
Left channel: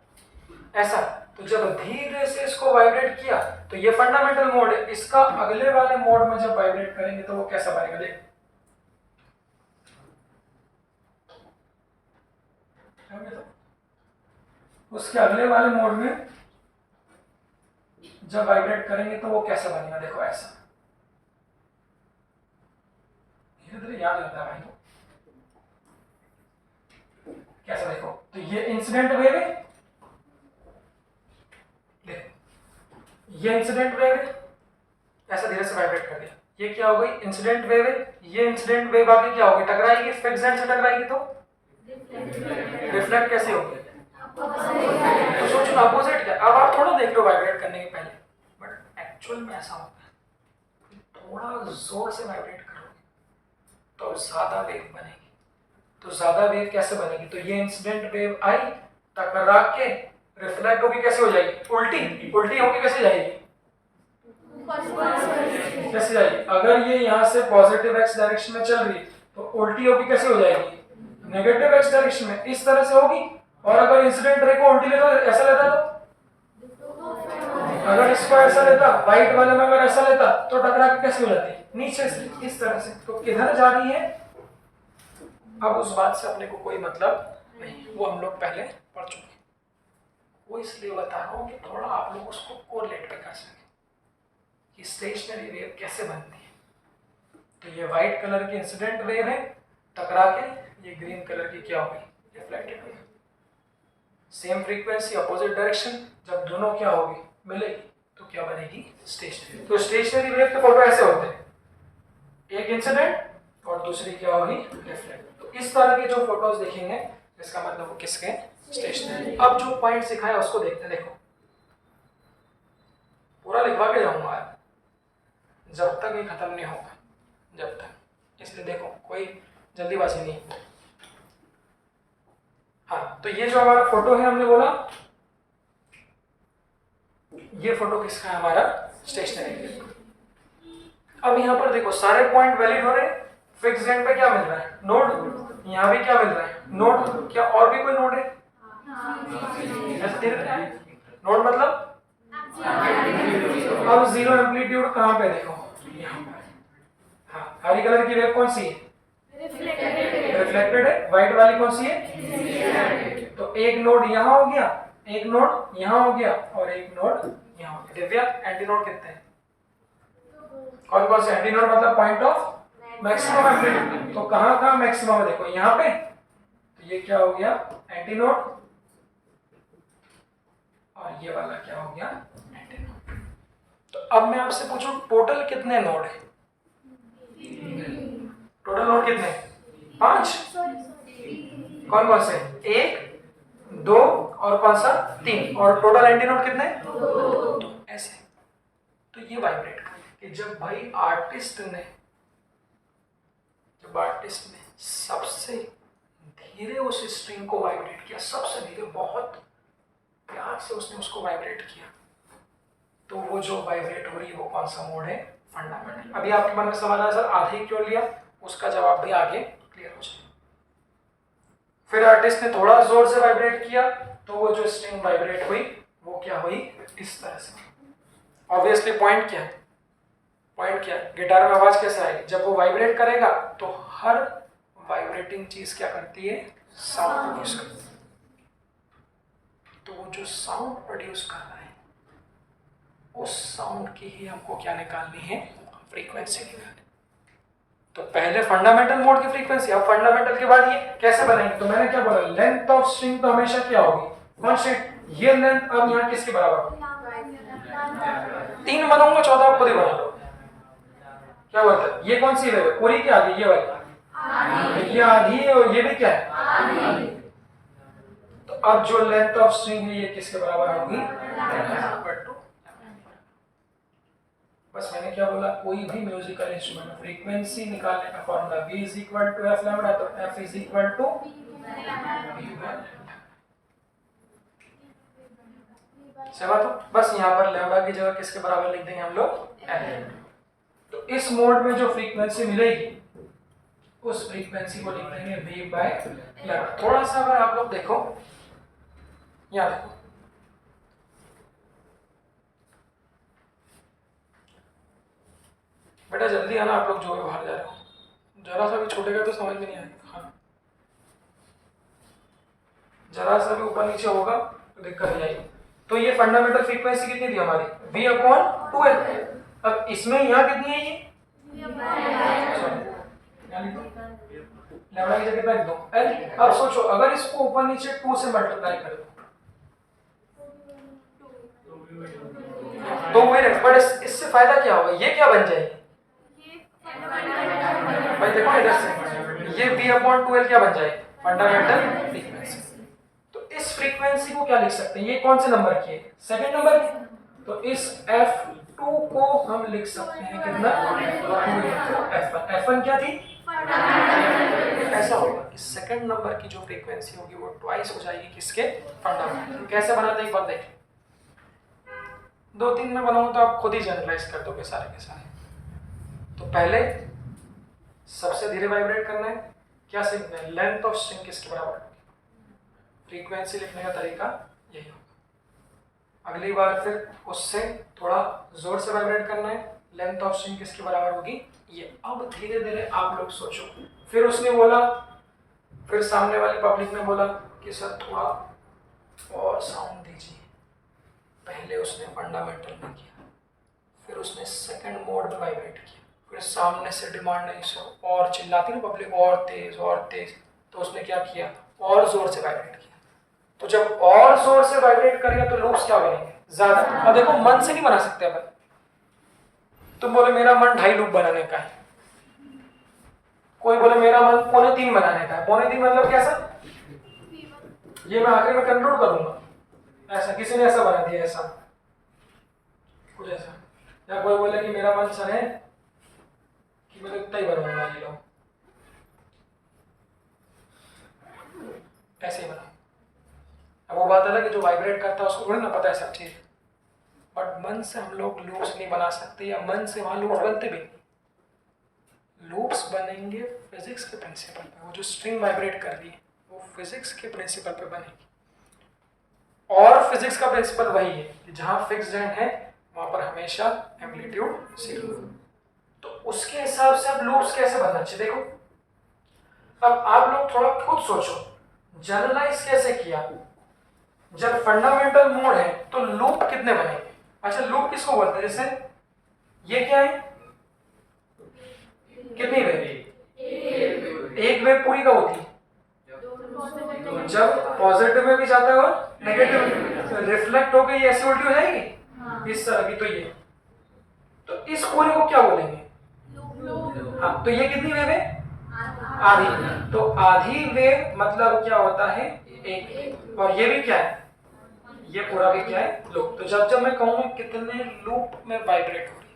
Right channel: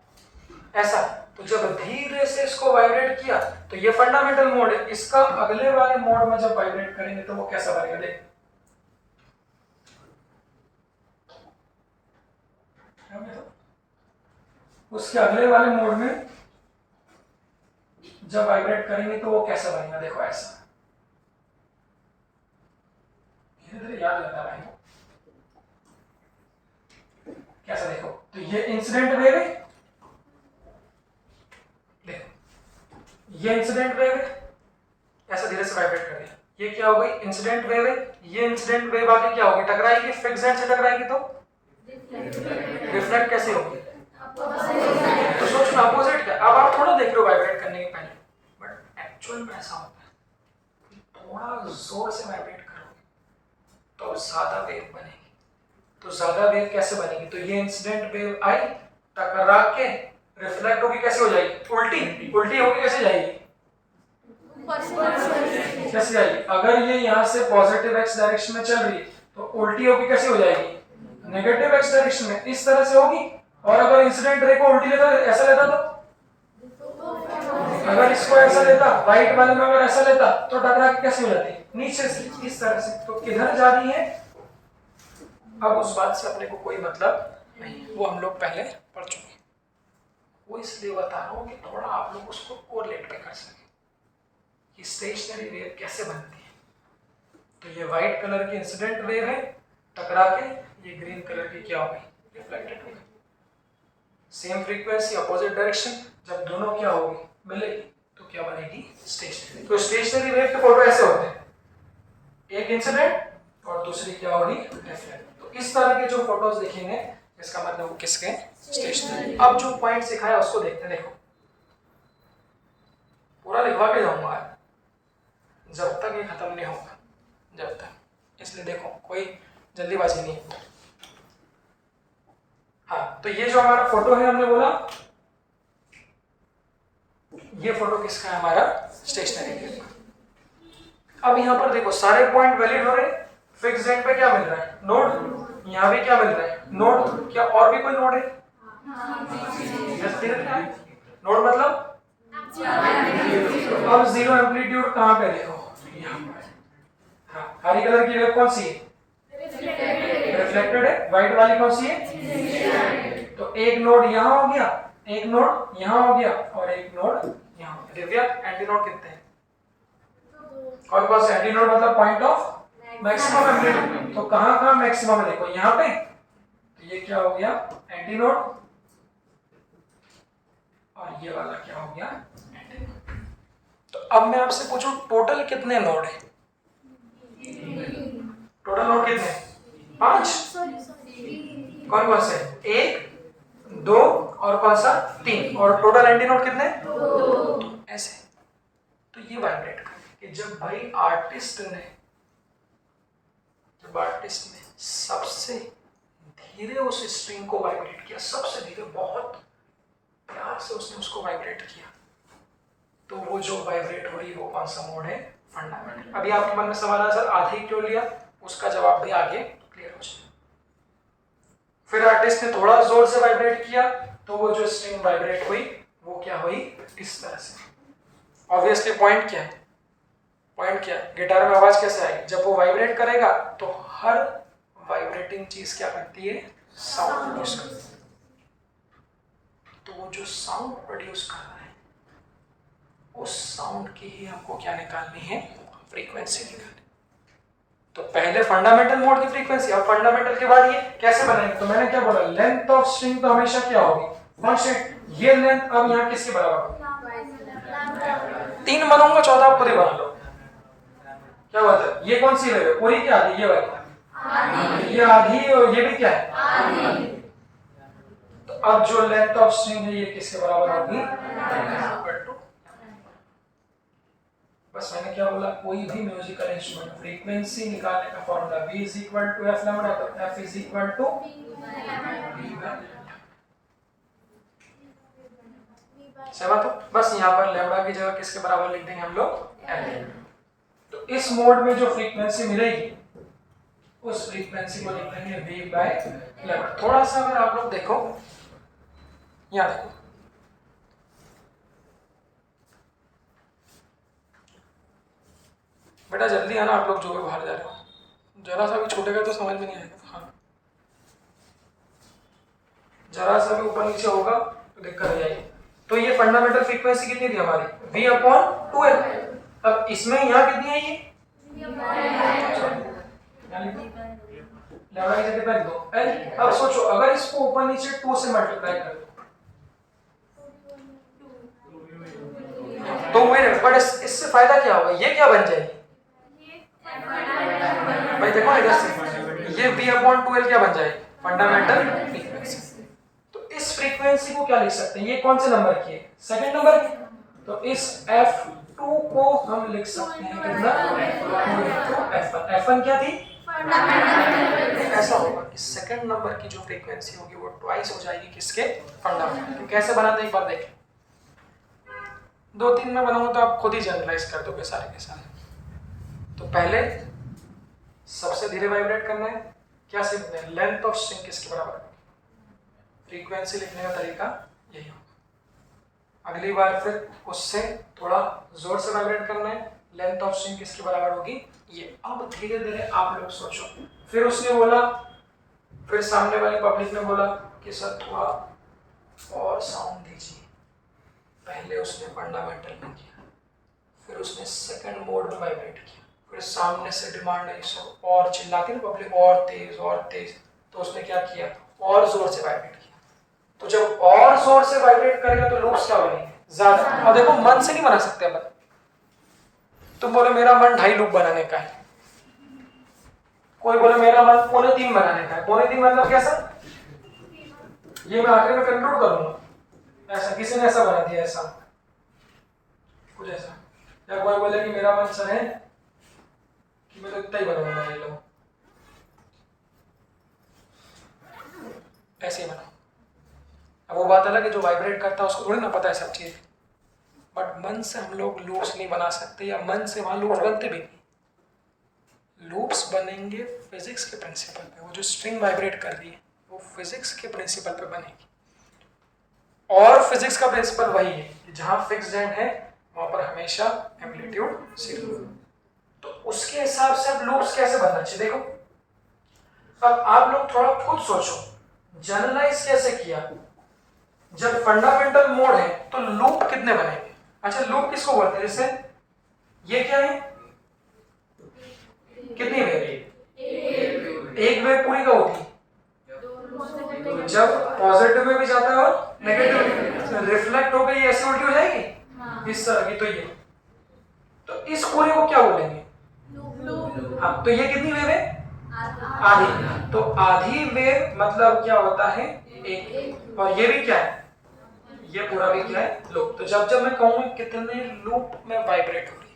ऐसा, तो जब धीरे से इसको वाइब्रेट किया तो ये फंडामेंटल मोड है। इसका अगले वाले मोड में जब वाइब्रेट करेंगे तो वो कैसा बनेगा, देख। उसके अगले वाले मोड में जब वाइब्रेट करेंगे तो वो कैसा बनेगा, देखो ऐसा। धीरे धीरे याद रहता है भाई, कैसा देखो। तो ये इंसिडेंट वेव है, देखो ये इंसिडेंट वेव है, ऐसा धीरे से वाइब्रेट कर दिया। ये क्या हो गई, इंसिडेंट वेव है। ये इंसिडेंट वेव आगे क्या होगी, टकराएगी, फिक्स्ड एंड से टकराएगी तो रिफ्लेक्ट कैसे होगी, तो सोचो ना अपोजिट क्या। अब आप थोड़ा देख रहे हो वाइब्रेट करने के पहले, बट एक्चुअल में ऐसा होता है। थोड़ा जोर से वाइब्रेट करोगे तो ज्यादा वेव बनेगी। तो ज्यादा वेव कैसे बनेगी? तो ये इंसिडेंट वेव आई, टकरा के रिफ्लेक्ट होगी, कैसे हो जाएगी? उल्टी। उल्टी होगी कैसे जाएगी? कैसे जाएगी? अगर ये यहाँ से पॉजिटिव एक्स डायरेक्शन में चल रही है तो उल्टी होगी कैसे हो जाएगी? नेगेटिव एक्स डायरेक्शन में, इस तरह से होगी। और अगर इंसिडेंट रे को उल्टी लेता, ऐसा लेता तो अगर इसको ऐसा लेता, व्हाइट वाले में अगर ऐसा लेता तो टकरा के कैसे हो जाती? नीचे से, इस तरह से। तो किधर जा रही है अब उस बात से अपने को कोई मतलब नहीं, वो हम लोग पहले पढ़ चुके। वो इसलिए बता रहा हूँ कि थोड़ा आप लोग उसको कोरिलेट पे कर सके कि स्टेशनरी वेव कैसे बनती है। तो ये व्हाइट कलर की इंसिडेंट वेव है, टकरा के ये ग्रीन कलर की क्या होगी? रिफ्लेक्टेड होगी। सेम फ्रीक्वेंसी, अपोजिट डायरेक्शन, जब दोनों क्या होगी? मिलेगी, तो क्या बनेगी? स्टेशनरी। तो स्टेशनरी वेव के फोटो ऐसे होते हैं, एक इंसिडेंट और दूसरी क्या होगी? रिफ्लेक्ट। तो इस तरह के जो फोटोज देखेंगे इसका मतलब वो किसके? स्टेशनरी। अब जो पॉइंट सिखाया उसको देखते हैं। देखो पूरा लिखवा के जाऊंगा जब तक ये खत्म नहीं होगा, जब तक, इसलिए देखो कोई जल्दीबाजी नहीं। हाँ, तो ये जो हमारा फोटो है, हमने बोला ये फोटो किसका है? हमारा स्टेशनरी। अब यहाँ पर देखो सारे पॉइंट वैलिड हो रहे हैं। फिक्स एंड पे क्या मिल रहा है? नोड। यहाँ भी क्या मिल रहा है? नोड। क्या और भी कोई नोड है? नोड मतलब अब जीरो एम्पलीट्यूड कहाँ पे? देखो हाँ, हरी कलर की वेव कौन सी है? रिफ्लेक्टेड है। व्हाइट वाली कौन सी है? तो एक नोड यहाँ हो गया, एक नोड यहाँ हो गया और एक नोड यहाँ हो गया। दिव्या, एंटी नोड कितने हैं? कौन कौन से? एंटी नोड मतलब पॉइंट ऑफ मैक्सिमम एम्पलीट्यूड। तो कहाँ कहाँ मैक्सिमम है? देखो यहाँ पे। तो ये क्या हो गया? Anti node. और ये वाला क्या हो गया? Anti node. तो अब मैं आपसे पूछूं टोटल कितने नोड है? टोटल नोड कितने? 5। कौन कौन से? 1, 2 और कौन सा? 3। और टोटल एंटी नोड कितने? 2। ऐसे। तो ये वाइब्रेट कर कि जब भाई आर्टिस्ट ने सबसे धीरे उस स्ट्रिंग को वाइब्रेट किया, सबसे धीरे, बहुत प्यार से उसने उसको वाइब्रेट किया, तो वो जो वाइब्रेट हो रही है वो कौन सा मोड है? फंडामेंटल। अभी आपके मन में सवाल आया सर आधे क्यों लिया? उसका जवाब भी आगे क्लियर हो जाए। फिर आर्टिस्ट ने थोड़ा जोर से वाइब्रेट किया तो वो जो स्ट्रिंग वाइब्रेट हुई वो क्या हुई? इस तरह से। ऑब्वियसली पॉइंट क्या है? पॉइंट क्या है? गिटार में आवाज कैसे आएगी? जब वो वाइब्रेट करेगा तो हर वाइब्रेटिंग चीज क्या करती है? साउंड प्रोड्यूस करती है। तो वो जो साउंड प्रोड्यूस कर रहा है उस साउंड की ही हमको क्या निकालनी है? फ्रीक्वेंसी निकालनी। तो पहले फंडामेंटल मोड की फ्रीक्वेंसी, अब फंडामेंटल के बाद ये कैसे बनेंगे? तो मैंने क्या बोला? लेंथ ऑफ स्ट्रिंग तो हमेशा क्या होगी? कांस्टेंट। ये लेंथ अब यहाँ किसके बराबर होगी? 3 बनाऊंगा, 14 आप खुद ही बना लो। क्या बोलते हैं? ये कौन सी वेव है? पूरी क्या आधी? ये वाली ये आधी है और ये भी क्या है? आधी। तो अब जो लेंथ ऑफ स्ट्रिंग है ये किसके बराबर होगी? बस मैंने क्या बोला? कोई भी म्यूजिकल इंस्ट्रूमेंट फ्रीक्वेंसी निकालने का फॉर्मूला V = f लैम्डा, तो f सहमत हो? बस यहाँ पर लैम्डा की जगह किसके बराबर लिख देंगे हम लोग? L। तो इस मोड में जो फ्रीक्वेंसी मिलेगी उस फ्रीक्वेंसी को लिख देंगे V/λ। थोड़ा सा अगर आप लोग देखो, यहाँ देखो, बेटा जल्दी आना आप लोग जो भी बाहर जा रहे हो, जरा सा भी छूटेगा तो समझ में नहीं आएगा। हाँ, जरा सा भी ऊपर नीचे होगा तो दिक्कत हो जाएगी। तो ये फंडामेंटल फ्रीक्वेंसी कितनी थी हमारी? V/2L। अब इसमें यहाँ कितनी है? ये लैम्डा की जगह रख दो L। अब सोचो अगर इसको ऊपर नीचे 2 से मल्टीप्लाई कर दो तो वही, बट इससे फायदा क्या होगा? ये क्या बन जाएगी भाई? देखो इधर से ये V/2L क्या बन जाएगी? Fundamental frequency. तो इस फ्रीक्वेंसी को क्या लिख सकते हैं? ये कौन से नंबर की है? सेकंड नंबर की। तो इस F2 को हम लिख सकते हैं कितना, 2 F1। F1 क्या थी, ऐसा होगा कि सेकंड नंबर की जो फ्रीक्वेंसी होगी वो ट्वाइस हो जाएगी किसके, फंडामेंटल। कैसे बनाते हैं एक बार देखें, 2-3 में बनाऊंगा तो आप खुद ही जनरलाइज कर दोगे सारे के सारे। तो पहले सबसे धीरे वाइब्रेट करना है, क्या सीखना है, लेंथ ऑफ स्ट्रिंग किसके बराबर होगी, फ्रीक्वेंसी लिखने का तरीका यही होगा। अगली बार फिर उससे थोड़ा जोर से वाइब्रेट करना है, लेंथ ऑफ स्ट्रिंग किसके बराबर होगी ये। अब धीरे धीरे आप लोग सोचो। फिर उसने बोला, फिर सामने वाली पब्लिक ने बोला कि सर थोड़ा और साउंड दीजिए। पहले उसने फंडामेंटल में किया, फिर उसने सेकंड मोड में वाइब्रेट किया, फिर सामने से डिमांड आई सर और चिल्लाती ना पब्लिक, और तेज और तेज, तो उसने क्या किया, और जोर से वाइब्रेट किया। तो जब और जोर से वाइब्रेट करेगा तो लूप्स क्या बनेंगे, ज्यादा। और देखो मन से नहीं बना सकते अपन। तुम बोले मेरा मन 2.5 लूप बनाने का है, कोई बोले मेरा मन 2.25 बनाने का है। 2.25 मतलब कैसा, ये मैं आखिर में कंट्रोल करूंगा, ऐसा किसी ने ऐसा बना दिया, ऐसा कुछ ऐसा। या कोई बोले कि मेरा मन सर है कि मैं तो इतना ही बनवाऊंगा, ये लो ऐसे ही बनाओ। अब वो बात अलग है, जो वाइब्रेट करता है उसको थोड़ी ना पता है सब चीज। बट मन से हम लोग लूप्स नहीं बना सकते, या मन से वहां लूप्स बनते भी नहीं। लूप्स बनेंगे फिजिक्स के प्रिंसिपल पे। वो जो स्ट्रिंग वाइब्रेट कर रही है वो फिजिक्स के प्रिंसिपल पे बनेगी। और फिजिक्स का प्रिंसिपल वही है कि जहां फिक्स्ड एंड है वहां पर हमेशा एम्पलीट्यूड 0। तो उसके हिसाब से अब लूप्स कैसे बनना चाहिए देखो। अब आप लोग थोड़ा खुद सोचो, जनरलाइज कैसे किया। जब फंडामेंटल मोड है तो लूप कितने बनेंगे। अच्छा लूप किसको बोलते हैं, जैसे ये क्या है, कितनी वेव, एक वेव पूरी का होती है, जब पॉजिटिव में भी जाता है और नेगेटिव रिफ्लेक्ट हो गई, ऐसी उल्टी हो जाएगी इस तरह की। तो इस पूरे को क्या बोलेंगे, हाँ। तो ये कितनी वेव है, आधी। तो आधी वेव मतलब क्या होता है, एक। और ये भी क्या है, ये पूरा भी क्या है, लूप। तो जब मैं कहूँ कितने लूप में वाइब्रेट हो रही,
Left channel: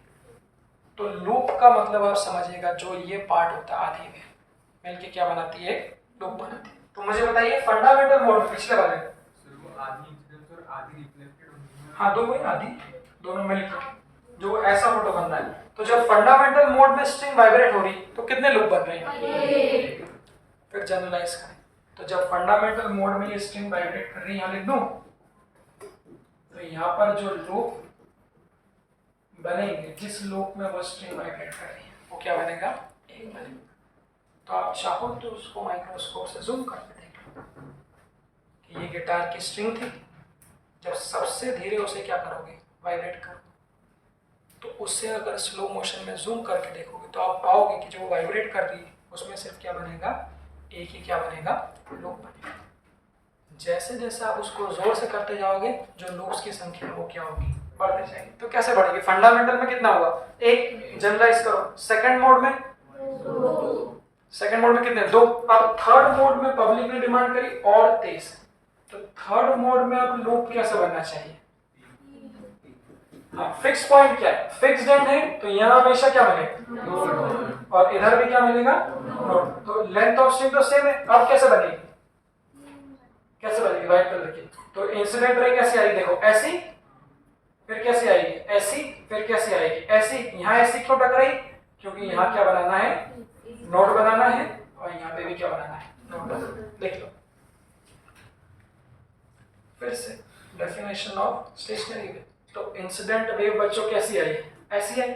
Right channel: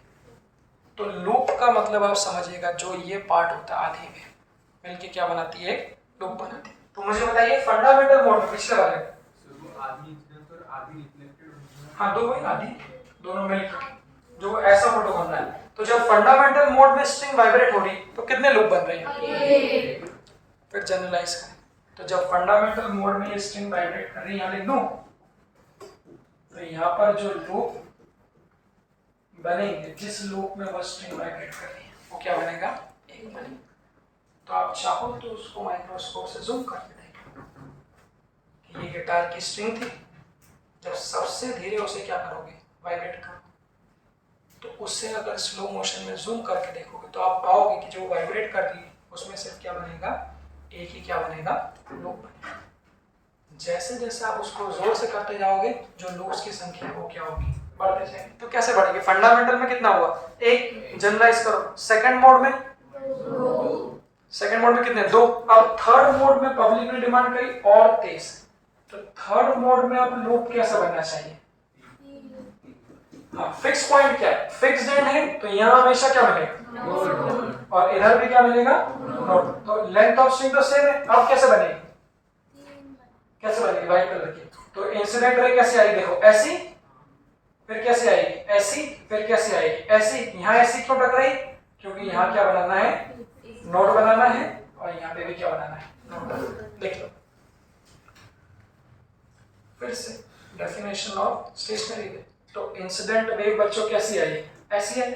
तो लूप का मतलब आप समझिएगा जो ये पार्ट होता है आधी वेव मिलके क्या बनाती है, लूप बनाती है। तो मुझे बताइए फंडामेंटल मोड में पिछले वाले आधी इंसिडेंस और आधी रिफ्लेक्टेड, हाँ दो वही आधी, दोनों मिलकर जो ऐसा फोटो बन रहा है। तो जब फंडामेंटल मोड में स्ट्रिंग वाइब्रेट हो रही तो कितने लूप बन रहे हैं, फिर जनरलाइज करें। तो जब फंडामेंटल मोड में ये स्ट्रिंग वाइब्रेट कर रही है, यहां लिख दूं, तो यहां पर जो लूप बनेंगे, जिस लूप में वो स्ट्रिंग वाइब्रेट कर रही है वो क्या बनेगा, एक बनेगा। तो आप चाहो तो उसको माइक्रोस्कोप से जूम करके देखो कि ये गिटार की स्ट्रिंग थी, जब सबसे धीरे उसे क्या करोगे, वाइब्रेट करो। तो उससे अगर स्लो मोशन में जूम करके देखोगे तो आप पाओगे कि जो वाइब्रेट कर रही है उसमें सिर्फ क्या बनेगा, एक ही क्या बनेगा, लूप बनेगा। जैसे जैसे आप उसको जोर से करते जाओगे जो लूप्स की संख्या है वो क्या होगी, बढ़ते जाएगी। तो कैसे बढ़ेगी, फंडामेंटल में कितना हुआ, एक। जनरलाइज करो, सेकंड मोड में, सेकंड मोड में कितने, दो। अब थर्ड मोड में पब्लिक ने डिमांड करी और तेज, तो थर्ड मोड में अब लूप कैसा बनना चाहिए, हाँ फिक्स पॉइंट क्या है, फिक्स्ड एंड है तो यहाँ हमेशा क्या मिलेगा, और इधर भी क्या मिलेगा, नोड। तो लेंथ ऑफ स्ट्रिंग तो सेम है। अब कैसे बनेगी, कैसे बनेगी, व्हाइट कलर की। तो इंसिडेंट रे कैसे आई, देखो ऐसी, फिर कैसे आएगी, ऐसी, फिर कैसे आएगी, ऐसी। यहाँ ऐसी क्यों टकराई, क्योंकि यहाँ क्या बनाना है, नोड बनाना है, और यहाँ पे भी क्या बनाना है, नोड बनाना है। देख लो फिर से डेफिनेशन ऑफ स्टेशनरी वेव। तो इंसिडेंट वेव बच्चों कैसी आई, ऐसी आई,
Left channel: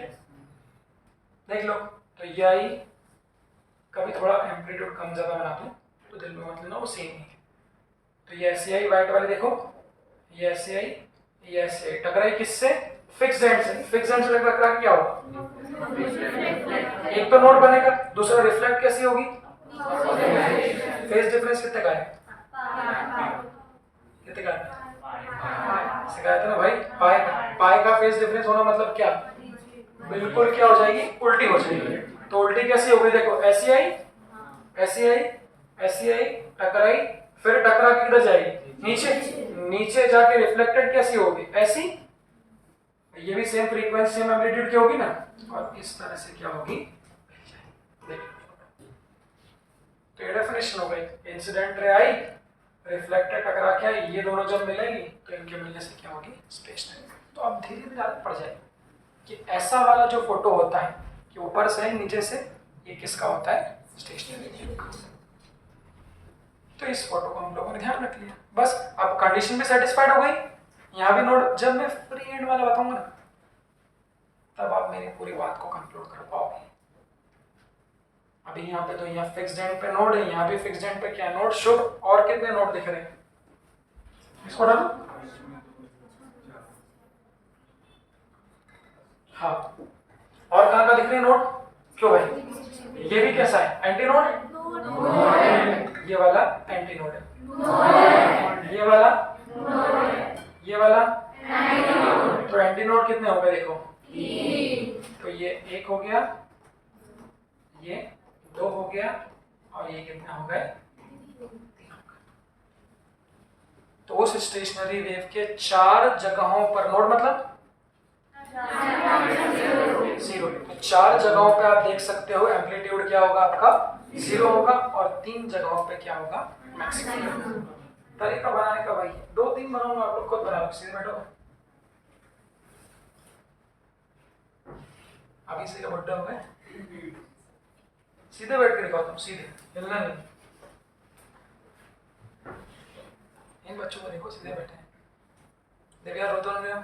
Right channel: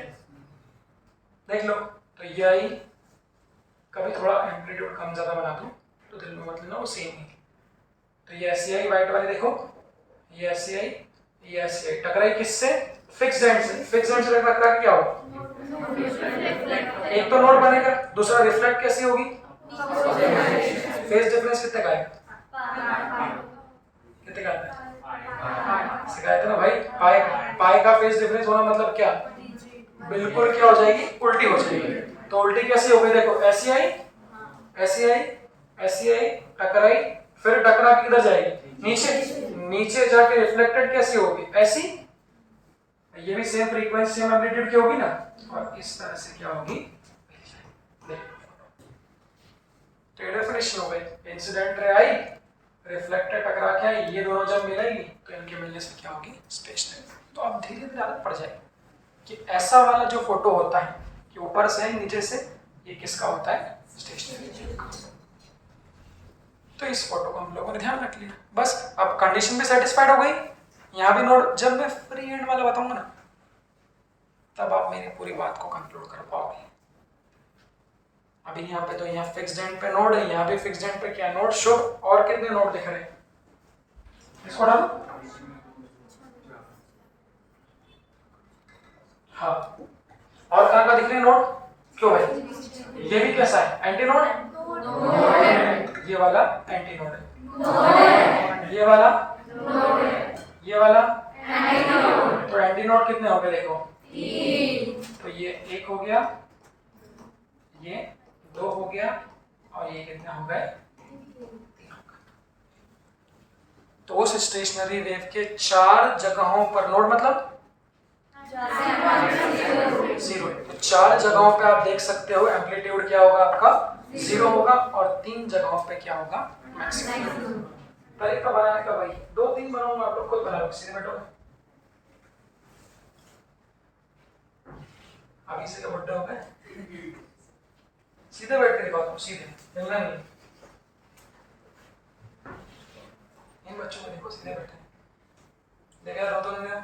देख लो। तो ये आई, कभी थोड़ा एम्पलीट्यूड कम ज्यादा बना दूं तो दिल में मतलब ना वो सेम ही। तो ये ऐसी आई व्हाइट वाली, देखो ये ऐसी आई, ये ऐसी आई, टकराई किससे, फिक्स्ड एंड से। फिक्स्ड एंड से टकरा के क्या होगा, एक तो नोड बनेगा, दूसरा रिफ्लेक्ट कैसी होगी, फेज डिफरेंस कितने का है, कितने का है, सिखाया था ना भाई, पाई का फेज डिफरेंस होना मतलब क्या, बिल्कुल क्या हो जाएगी, उल्टी हो जाएगी। तो उल्टी कैसी हो गई, देखो ऐसी आई, ऐसी आई, ऐसी आई, टकराई, फिर टकरा के किधर जाएगी, नीचे, नीचे जाके रिफ्लेक्टेड कैसी होगी, ऐसी, ये भी सेम फ्रीक्वेंसी सेम एम्पलीट्यूड की होगी ना, और इस तरह से क्या होगी, तो ये डेफिनेशन हो गई। इंसिडेंट रे आई, रिफ्लेक्टर टकरा के आई, ये दोनों जब मिलेंगी तो इनके मिलने से क्या होगी, स्टेशनरी। तो अब धीरे धीरे आदत पड़ जाएगी कि ऐसा वाला जो फोटो होता है कि ऊपर से नीचे से, ये किसका होता है, स्टेशनरी का। तो इस फोटो को हम लोगों ने ध्यान रख लिया, बस अब कंडीशन भी सेटिस्फाइड हो गई। यहाँ भी नोड, जब मैं फ्री हैंड वाला बताऊंगा ना तब आप मेरी पूरी बात को कंक्लूड कर पाओगे। अभी यहाँ पे तो यहाँ फिक्स्ड एंड पे नोड है, यहाँ भी फिक्स्ड एंड पे क्या नोड, शुभ, और कितने नोड दिख रहे हैं, इसको डालो। हाँ, और कहाँ का दिख रहे हैं नोड, क्यों भाई, ये भी कैसा है, एंटी नोड है, ये वाला एंटी नोड है, ये वाला, ये वाला, तो एंटी नोड कितने हो गए देखो, तो ये एक हो गया, ये दो हो गया, और ये कितने हो गए, तीन हो गए। तो उस स्टेशनरी वेव के 4 जगहों पर नोड मतलब 0, तो 4 जगहों पे आप देख सकते हो एम्पलीट्यूड क्या होगा आपका, 0 होगा, और 3 जगहों पे क्या होगा, मैक्सिमम। तरीका बनाने का भाई 2-3 बनाऊंगा, आप लोग खुद बना लो, सीधे बैठो। अभी से बुड्ढे हो गए, सीधे बैठ के दिखाओ तुम, सीधे, हिलना नहीं। इन बच्चों को देखो सीधे बैठे हैं, देख यार, रो तो नहीं हो।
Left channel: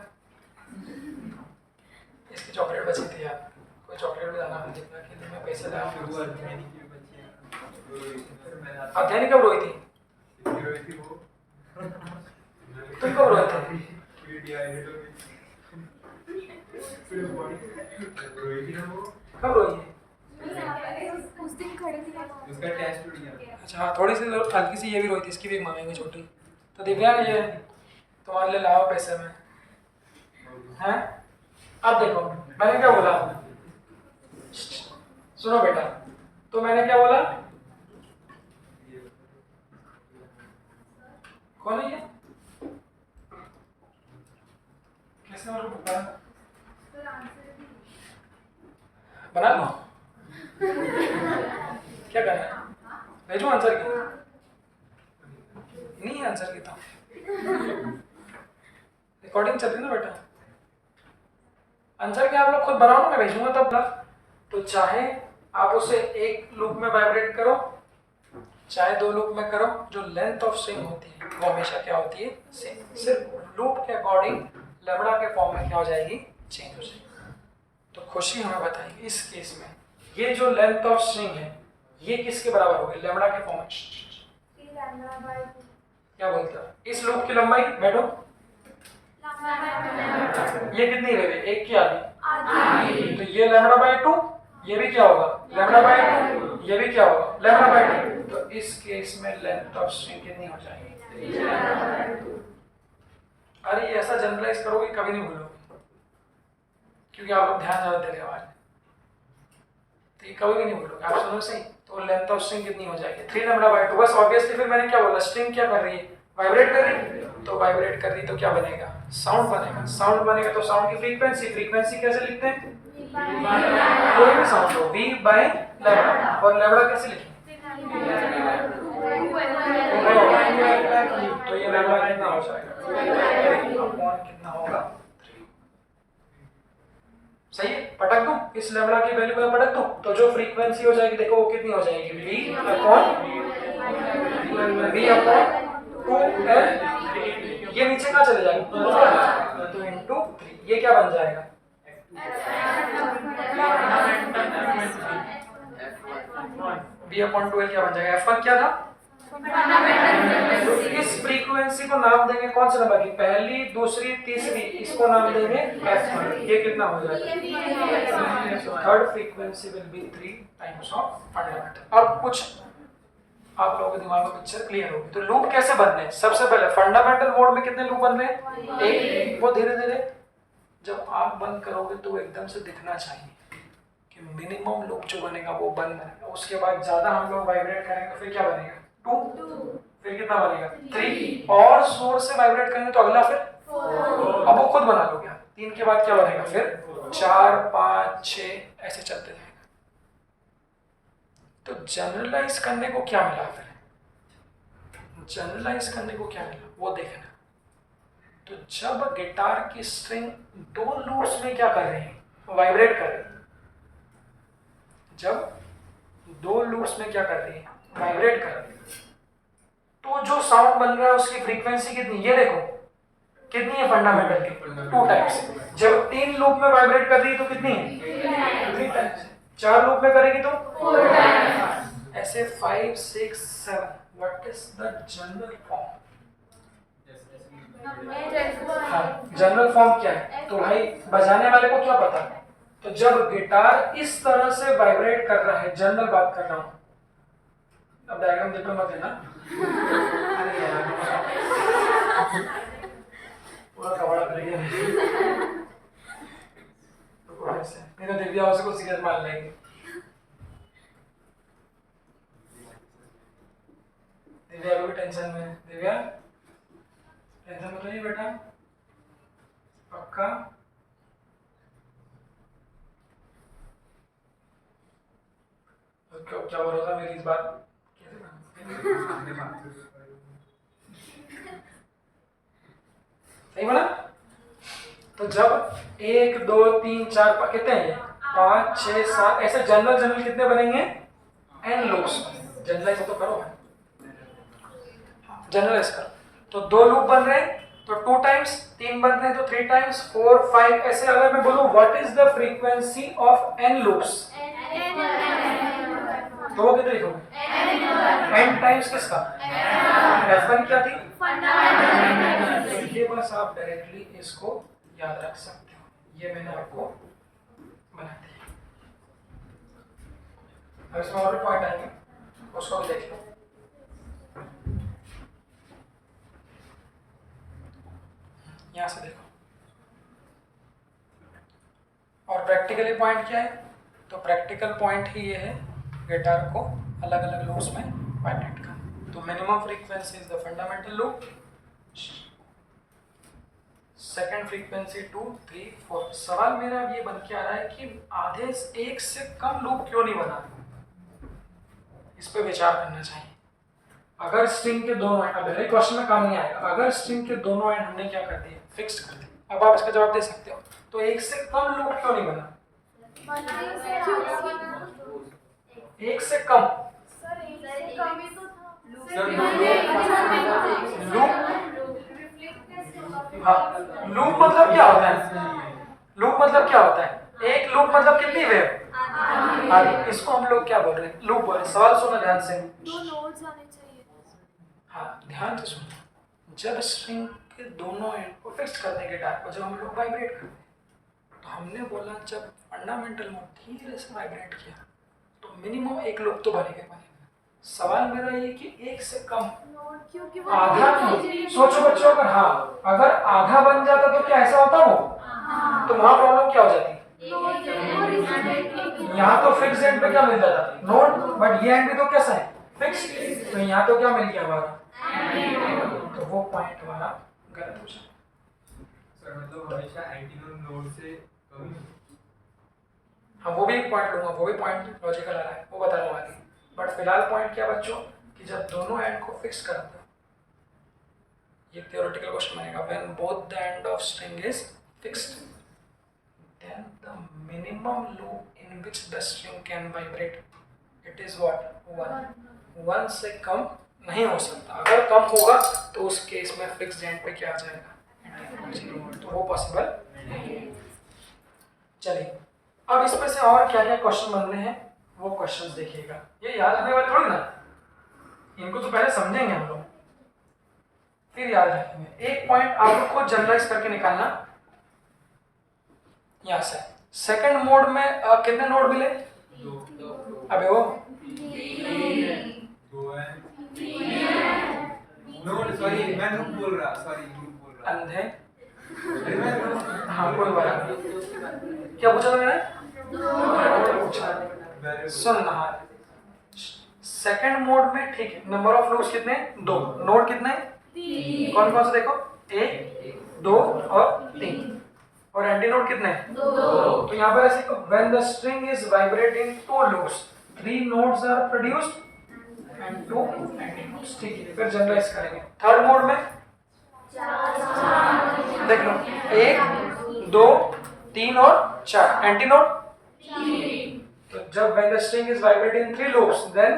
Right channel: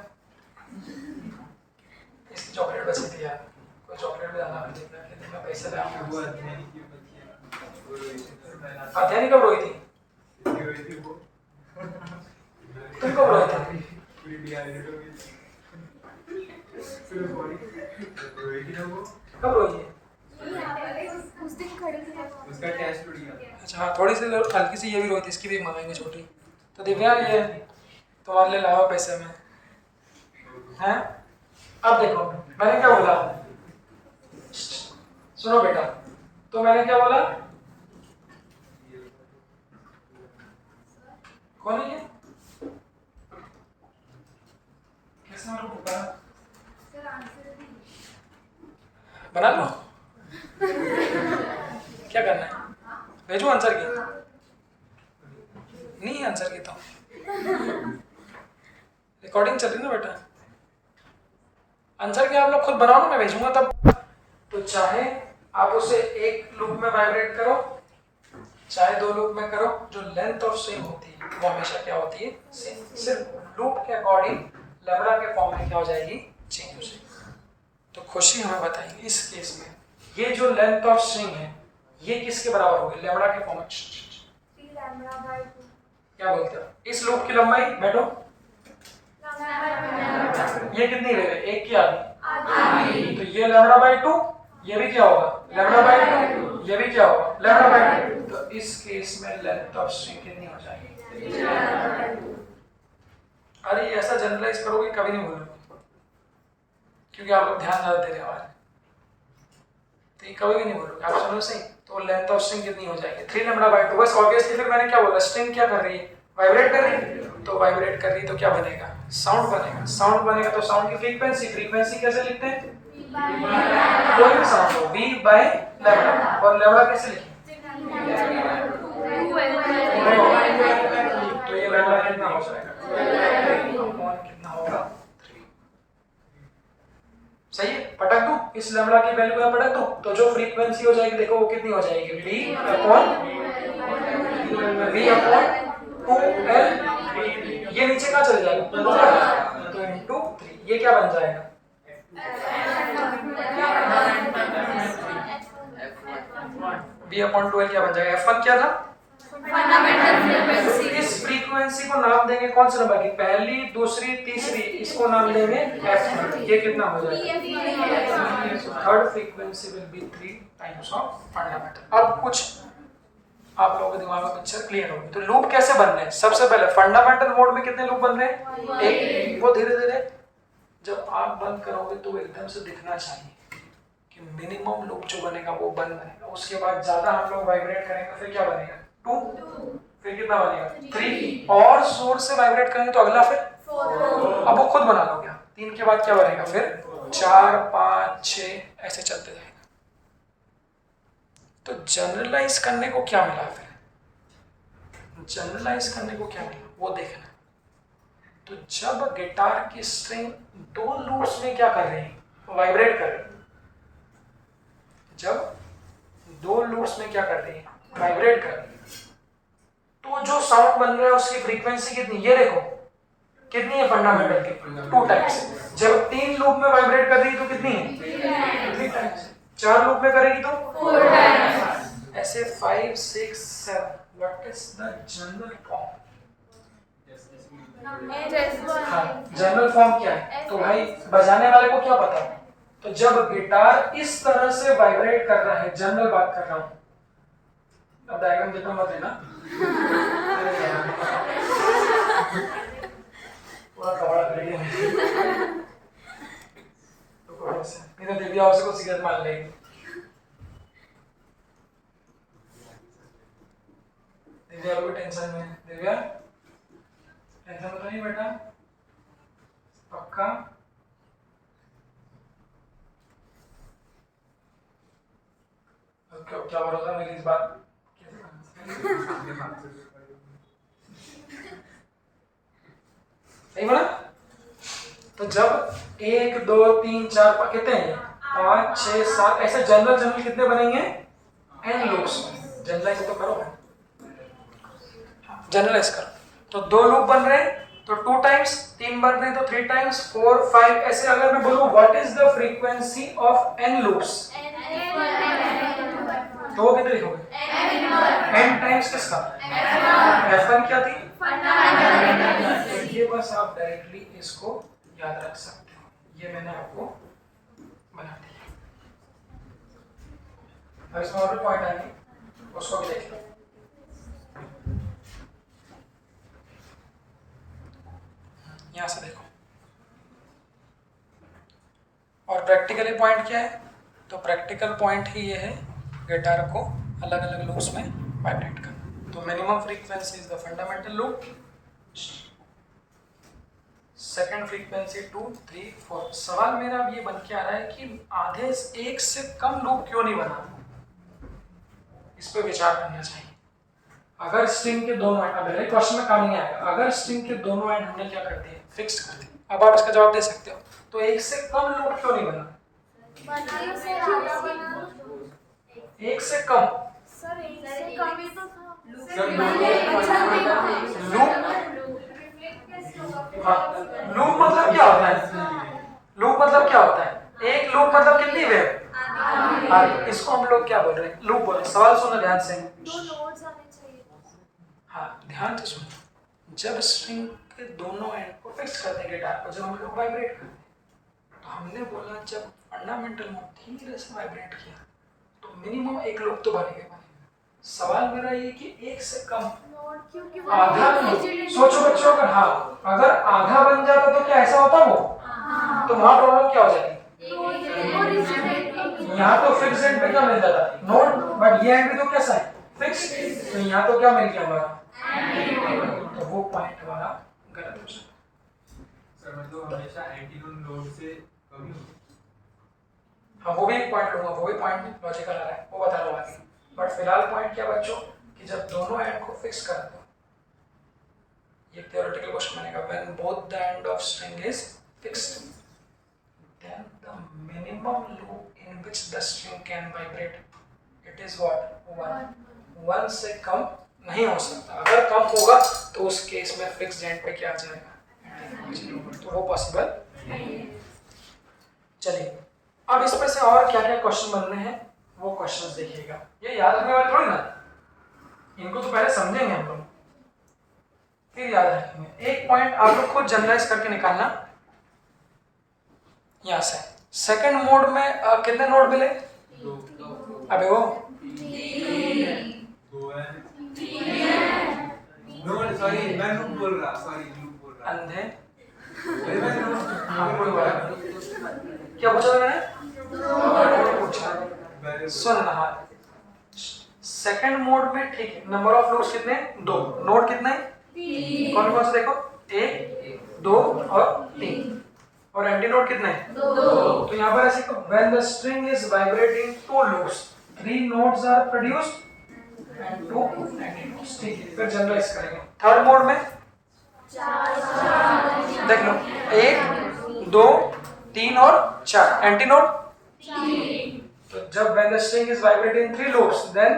इसकी चॉकलेट बची थी यार, कोई चॉकलेट भी लाना, मैं जितना खेलने में पैसे ले आऊंगा। अध्ययन कब रोई थी, तुम कब रोए थे, कब रोई है, उस दिन खड़ी थी उसका टेस्ट उड़ गया। अच्छा हाँ, थोड़ी सी हल्की सी ये भी रोई थी, इसकी भी एक मंगाएंगे छोटी। तो दिव्या ये तुम्हारे लिए लावा पैसे में हैं। अब देखो मैंने क्या बोला, सुनो बेटा, तो मैंने क्या बोला, कौन है ये, किसने मेरे को पुकारा, सर आंसर बना लो। क्या करना है, भेजो आंसर की, नहीं है आंसर की तो रिकॉर्डिंग चल रही ना बेटा, आंसर क्या आप लोग खुद बनाओ ना, मैं भेजूंगा तब। तो चाहे आप उसे एक लूप में वाइब्रेट करो, चाहे 2 लूप में करो, जो लेंथ ऑफ स्ट्रिंग होती है वो हमेशा क्या होती है, सेम। सिर्फ लूप के अकॉर्डिंग लैम्डा के फॉर्म में क्या हो जाएगी, चेंज हो जाएगी। तो खुशी हमें बताएगी इस केस में ये जो लेंथ ऑफ स्ट्रिंग है ये किसके बराबर होगी, लैम्डा के फॉर्म में। क्या बोलते हो, इस लूप की लंबाई, बैठो, ये कितनी वेव है, एक की आधी, तो ये लैम्डा बाई 2, ये भी क्या होगा, लैम्डा बाई 2, ये भी क्या होगा, लैम्डा बाई 2। तो इस केस में लेंथ ऑफ स्ट्रिंग कितनी हो जाएगी। अरे ऐसा जनरलाइज करोगे कभी नहीं भूलोगे, क्योंकि आप लोग ध्यान ज्यादा दे रहे हैं, तो ये कभी भी नहीं भूलोगे आप, सुनो सही। तो लेंथ ऑफ स्ट्रिंग कितनी हो जाएगी, 3 लैम्डा बाई 2। बस ऑब्वियसली फिर मैंने क्या बोला, स्ट्रिंग क्या कर रही है, वाइब्रेट कर रही है, तो वाइब्रेट कर रही है तो क्या बनेगा, साउंड बनेगा। साउंड बनेगा तो साउंड की फ्रीक्वेंसी, फ्रीक्वेंसी कैसे लिखते हैं, कोई भी साउंड हो, v बाय लैम्डा, और लैम्डा कैसे लिखें, तो ये लैम्डा कितना हो जाएगा, कितना होगा, 3। सही है, पटक दूं, इस लैम्डा की वैल्यू को पटक दूं, तो जो फ्रीक्वेंसी हो जाएगी देखो वो कितनी हो जाएगी, v अपॉन 2l। ये नीचे कहाँ चले जाएगा, तो इनटू 3, ये क्या बन जाएगा, v अपॉन 2l क्या बन जाएगा, f1 क्या था। तो इस फ्रीक्वेंसी को नाम देंगे कौन से नंबर की, पहली, दूसरी, तीसरी, इसको नाम देंगे f1। ये कितना हो जाएगा, third frequency will be 3 times of fundamental. अब कुछ आप लोगों के दिमाग में पिक्चर क्लियर होगी। तो लूप कैसे बन रहे हैं, सबसे पहले फंडामेंटल मोड में कितने लूप बन रहे हैं, एक। वो धीरे धीरे जब आप बंद करोगे तो एकदम से दिखना चाहिए कि मिनिमम लूप जो बनेगा वो बन रहा है। उसके बाद ज्यादा हम लोग वाइब्रेट करेंगे फिर क्या बनेगा, 2, फिर कितना बनेगा, 3, और सोर्स से वाइब्रेट करेंगे तो अगला फिर 4। अब वो खुद बना लोगे आप, 3 के बाद क्या बनेगा फिर 4 5 6 ऐसे चलते जाएगा। तो जनरलाइज करने को क्या मिला फिर, जनरलाइज करने को क्या मिला वो देखना। तो जब गिटार की स्ट्रिंग 2 लूप्स में क्या कर रही है, वाइब्रेट कर रही है, जब 2 लूप्स में क्या कर रही है, वाइब्रेट कर रही है, तो जो साउंड बन रहा है उसकी फ्रीक्वेंसी कितनी, ये देखो कितनी है फंडामेंटल की 2 टाइम्स। जब 3 लूप में वाइब्रेट कर रही है तो कितनी है 3 टाइम्स। 4 लूप में करेगी तो 4 टाइम्स। ऐसे 5 6 7। What is the general form? हाँ, जनरल फॉर्म क्या है? तो भाई बजाने वाले को क्या पता? तो जब गिटार इस तरह से वाइब्रेट कर रहा है, जनरल बात कर रहा हूं, अब डायग्राम देखो मत देना। अरे यार पूरा कवड़ा कर गया तो ऐसे नहीं तो दिव्या उसको सिगरेट मार लेगी। दिव्या भी टेंशन में है। दिव्या टेंशन में तो नहीं बेटा, पक्का? उसका क्या भरोसा मेरी इस बात सही बोला? तो जब 1 2 3 4 कितने हैं, 5 6 7 ऐसे जनरल कितने बनेंगे, n लूप्स। जनरलाइज तो करो, जनरलाइज करो। तो 2 लूप बन रहे हैं तो 2 टाइम्स, 3 बन रहे हैं तो 3 टाइम्स, 4 5 ऐसे। अगर मैं बोलूं what is the frequency of n loops, तो वो कितने लिखोगे, n टाइम्स किसका, f1 क्या थी, तो ये बस आप डायरेक्टली इसको याद रख सकते हो, ये मैंने आपको बना दिया। अब इसमें और भी पॉइंट आएंगे, उसको भी देख लो। यहां से देखो, और प्रैक्टिकली पॉइंट क्या है? तो प्रैक्टिकल पॉइंट ही ये है, गिटार को अलग अलग लूप्स में वाइब्रेट करना। तो minimum frequency is the fundamental loop, second frequency 2 3 4। सवाल मेरा अब ये बन के आ रहा है कि आधे एक से कम लूप क्यों नहीं बना, इस पे विचार करना चाहिए। अगर स्ट्रिंग के दोनों एंड, अगर क्वेश्चन में काम नहीं आएगा, अगर स्ट्रिंग के दोनों एंड हमने क्या कर दिए, फिक्स कर दिए, अब आप इसका जवाब दे सकते हो। तो एक से कम लूप क्यों नहीं बना, एक से कम लूप। हाँ, लूप मतलब क्या होता है, लूप मतलब क्या होता है, एक लूप मतलब कितनी वेव, इसको हम लोग क्या बोल रहे हैं, लूप बोल रहे हैं। सवाल सुनो ध्यान से, हाँ ध्यान से सुनो। जब स्ट्रिंग के दोनों एंड को फिक्स करते हैं गिटार को, जब हम लोग वाइब्रेट करते हैं, तो हमने बोला जब फंडामेंटल में धीरे से वाइब्रेट किया तो मिनिमम एक लूप तो बनेगा। सवाल मेरा ये कि एक से कम, आधा, सोचो बच्चों, अगर हाँ अगर आधा बन जाता तो क्या ऐसा होता वो, तो वहां प्रॉब्लम क्या हो जाती, यहाँ तो फिक्स एंड पे क्या मिल जाता, नोट, बट ये एंड भी तो कैसा है, फिक्स, तो यहाँ तो क्या मिल गया हमारा, तो वो पॉइंट हमारा गलत हो जाता। सर मतलब हमेशा एंटीनोड नोड से कम। हाँ वो भी एक पॉइंट लूंगा, वो भी पॉइंट लॉजिकल आ रहा है, वो बता रहा हूँ आगे। बट फिलहाल पॉइंट क्या बच्चों, कि जब दोनों एंड को फिक्स कर दो, ये theoretical क्वेश्चन बनेगा, when both the end of string is fixed, then the minimum loop in which the string can vibrate, it is what, 1। 1 से कम नहीं हो सकता, अगर कम होगा तो उस केस में फिक्स्ड एंड पे क्या आ जाएगा, तो वो पॉसिबल नहीं है। चलिए अब इसमें से और क्या क्या क्वेश्चन बन रहे हैं वो क्वेश्चंस देखिएगा, ये याद रखने वाले थोड़ी ना, इनको तो पहले समझेंगे हम लोग फिर याद रखेंगे। एक पॉइंट आप लोग खुद जनरलाइज करके निकालना। यहाँ से सेकंड मोड में कितने नोड मिले, अबे वो सॉरी मैं लूप बोल रहा, सॉरी लूप बोल रहा, अंधे, हाँ कोई बात, क्या पूछा था मैंने, पूछा, सुन रहा। सेकंड मोड में ठीक है, नंबर ऑफ लूप्स कितने, 2, नोड कितने, कौन कौन से देखो, 1 2 और 3। और एंटी नोट कितने हैं? 2। तो यहाँ पर ऐसे when the string is vibrating 2 loops 3 nodes are produced and 2 antinodes. ठीक है, फिर जनरलाइज करेंगे। थर्ड मोड में देख लो 1 2 3 और 4 एंटी नोट। तो जब when the string is vibrating in 3 loops then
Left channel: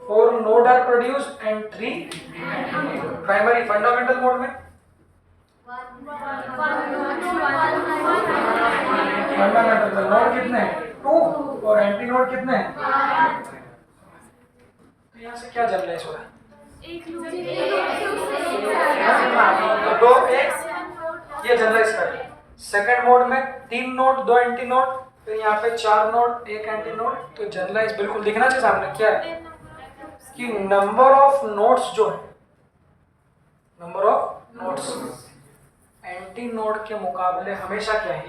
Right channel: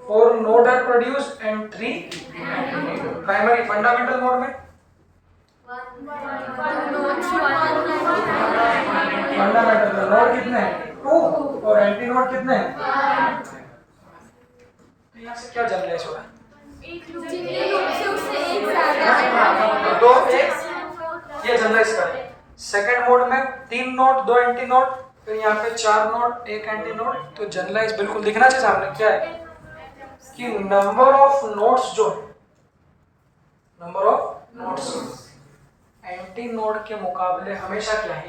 4 notes are produced and 3 primary fundamental mode में फंडामेंटल में नोट कितने हैं? 2 और एंटी नोट कितने हैं? तो यहाँ से क्या जनरलाइज हो रहा है? तो 2 1 ये जनरलाइज करें। सेकंड मोड में 3 नोट 2 एंटी नोट, फिर यहाँ पे 4 नोट 1 एंटी नोट। तो जनरलाइज बिल्कुल दिखना चाहिए सामने क्या है कि नंबर ऑफ नोट्स जो है, number of notes anti node के मुकाबले हमेशा क्या है?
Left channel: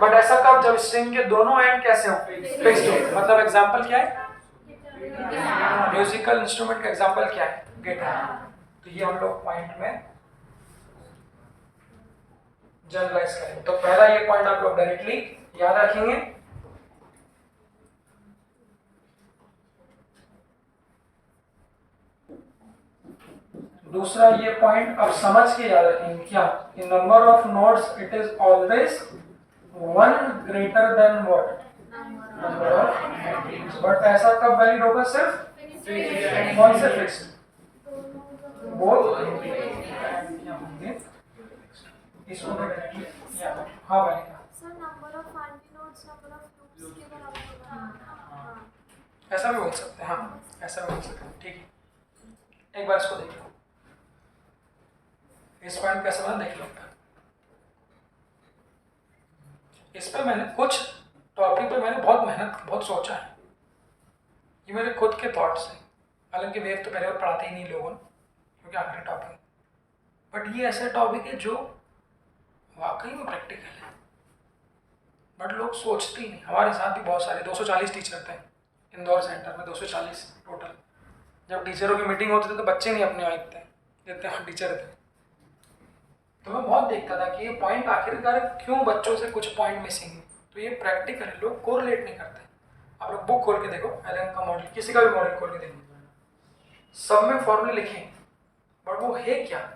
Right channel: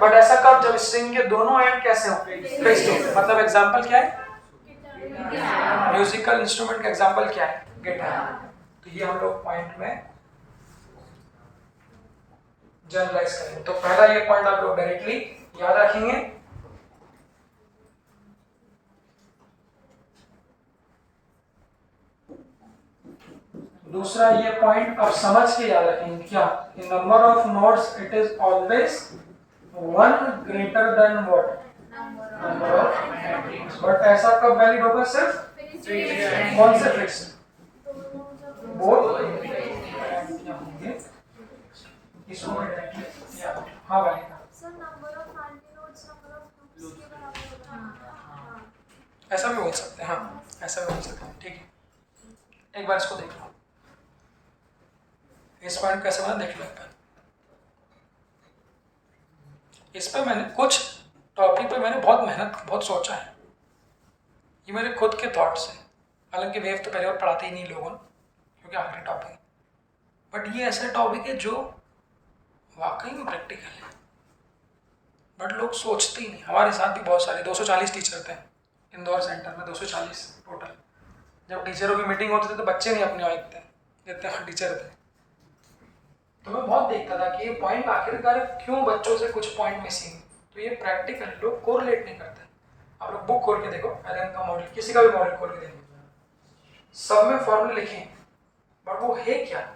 बट ऐसा कब? जब स्ट्रिंग के दोनों एंड कैसे हो? फिक्स्ड हो। मतलब एग्जांपल क्या है? म्यूजिकल इंस्ट्रूमेंट का एग्जांपल क्या है? गिटार। तो ये हम लोग पॉइंट में जनरलाइज करेंगे। तो पहला ये पॉइंट आप लोग डायरेक्टली याद रखेंगे। दूसरा ये पॉइंट आप समझ के याद रखेंगे क्या? In number of notes it is always 1 greater than what? Number of एंटीज। बट ऐसा कब वैलिड होगा? सिर्फ कौन से फिक्स? बोथ होंगे। इसको मैं डायरेक्टली हाँ भाई sir number of anti notes number of loops के बराबर होगा। ऐसा भी बोल सकते हैं। हाँ ऐसा भी बोल सकते हैं। ठीक है, एक बार इसको देख लो। इस पॉइंट पे ऐसा देख लो एक बार। इस पर मैंने कुछ टॉपिक पे मैंने बहुत मेहनत बहुत सोचा है। ये मेरे खुद के थॉट्स हैं। हालांकि वेव तो पहले और पढ़ाते ही नहीं लोगों ने, क्योंकि आखिरी टॉपिक है। बट ये ऐसे टॉपिक है जो वाकई में प्रैक्टिकल है, बट लोग सोचते ही नहीं। हमारे साथ भी बहुत सारे 240 टीचर थे इंदौर सेंटर में, 240 टोटल। जब टीचरों की मीटिंग होती थी तो बच्चे नहीं अपने आए थे, जितने टीचर थे। तो मैं बहुत देखता था कि ये पॉइंट आखिरकार क्यों बच्चों से कुछ पॉइंट मिसिंग है। तो ये प्रैक्टिकल लोग कोरिलेट नहीं करते। आप लोग बुक खोल के देखो, एलन का मॉडल, किसी का भी मॉडल खोल के देखो, सब में फॉर्मूले लिखे हैं, बट वो है क्या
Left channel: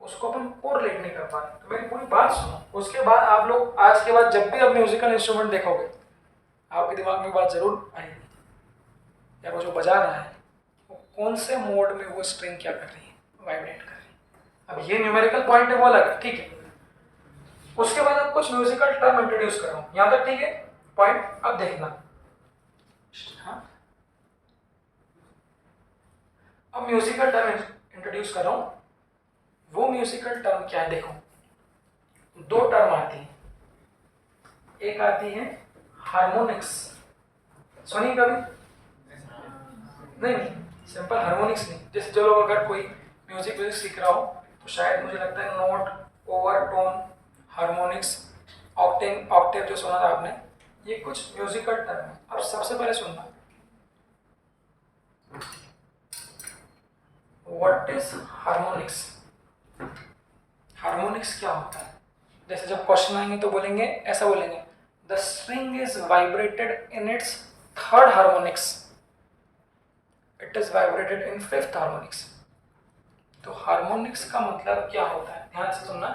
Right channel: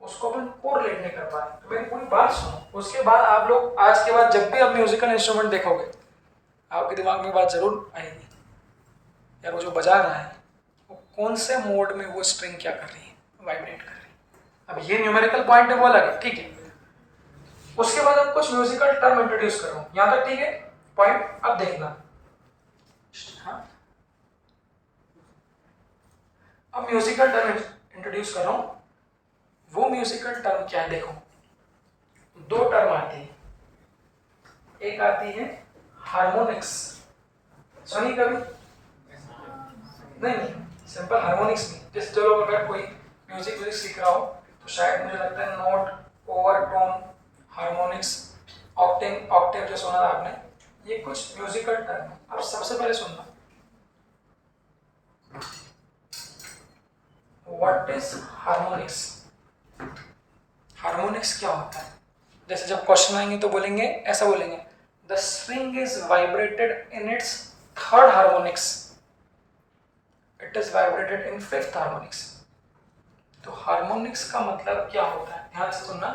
उसको अपन कोरिलेट नहीं कर पाए। तो मेरी पूरी बात सुनो, उसके बाद आप लोग आज के बाद जब भी आप म्यूजिकल इंस्ट्रूमेंट देखोगे आपके दिमाग में बात जरूर आएगी, यार वो जो बजा रहा है वो कौन से मोड में वो स्ट्रिंग क्या कर रही है, वाइब्रेट कर रही है। अब ये न्यूमेरिकल पॉइंट है वो अलग है, ठीक है। उसके बाद अब कुछ म्यूजिकल टर्म इंट्रोड्यूस कर रहा हूँ यहाँ तक, ठीक है। पॉइंट अब देखना। हाँ अब म्यूजिकल टर्म इंट्रोड्यूस कर रहा हूँ। वो म्यूजिकल टर्म क्या है? देखो 2 टर्म आती है। एक आती है हार्मोनिक्स, सुनी कभी? नहीं, सिंपल हार्मोनिक्स नहीं। जैसे जो लोग अगर कोई म्यूजिक सीख रहा हो तो शायद मुझे लगता है नोट, ओवरटोन, हार्मोनिक्स, ऑक्टेव जो सुना था आपने, ये कुछ म्यूजिकल टर्म है। अब सबसे पहले सुनना, व्हाट इज हार्मोनिक्स? हार्मोनिक्स क्या होता है? जैसे जब क्वेश्चन आएंगे तो बोलेंगे, ऐसा बोलेंगे, the string is vibrated in its 3rd harmonics, it is vibrated in 5th harmonics. तो हार्मोनिक्स का मतलब क्या होता है? ध्यान से सुनना।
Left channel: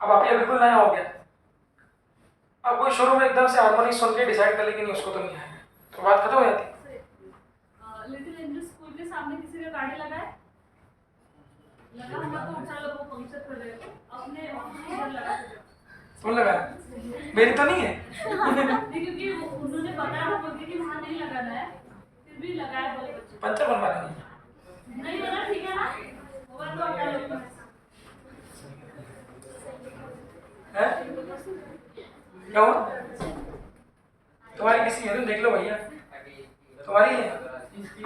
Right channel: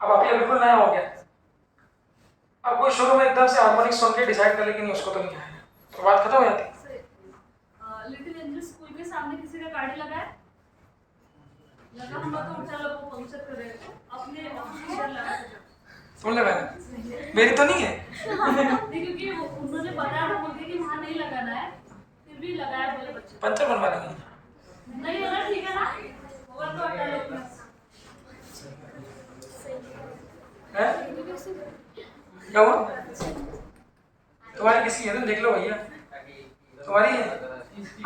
अब आप ये बिल्कुल नया हो गया। अब कोई शुरू में एकदम से हार्मोनिक्स सुन के डिसाइड कर ले कि नहीं उसको तो नहीं आएगा, तो बात खत्म हो जाती। लिटिल एंजल स्कूल के सामने किसी का गाड़ी लगा है, लगा हुआ तो उठा लो, वो पंक्चर कर रहे हो अपने ऑफिस इधर लगा है। सुन लगा, मेरी तो नहीं है। नहीं, क्योंकि उन्होंने बताया था बोल के कि वहाँ नहीं लगाना है, फिर भी लगाया बोले बच्चे। पंचर बनवा देंगे। नहीं लगा, ठीक है ना, होगा तो हटा लो। क्या हुआ? तुम्हारी किसी है तो देख लो भैया, तुम्हारी है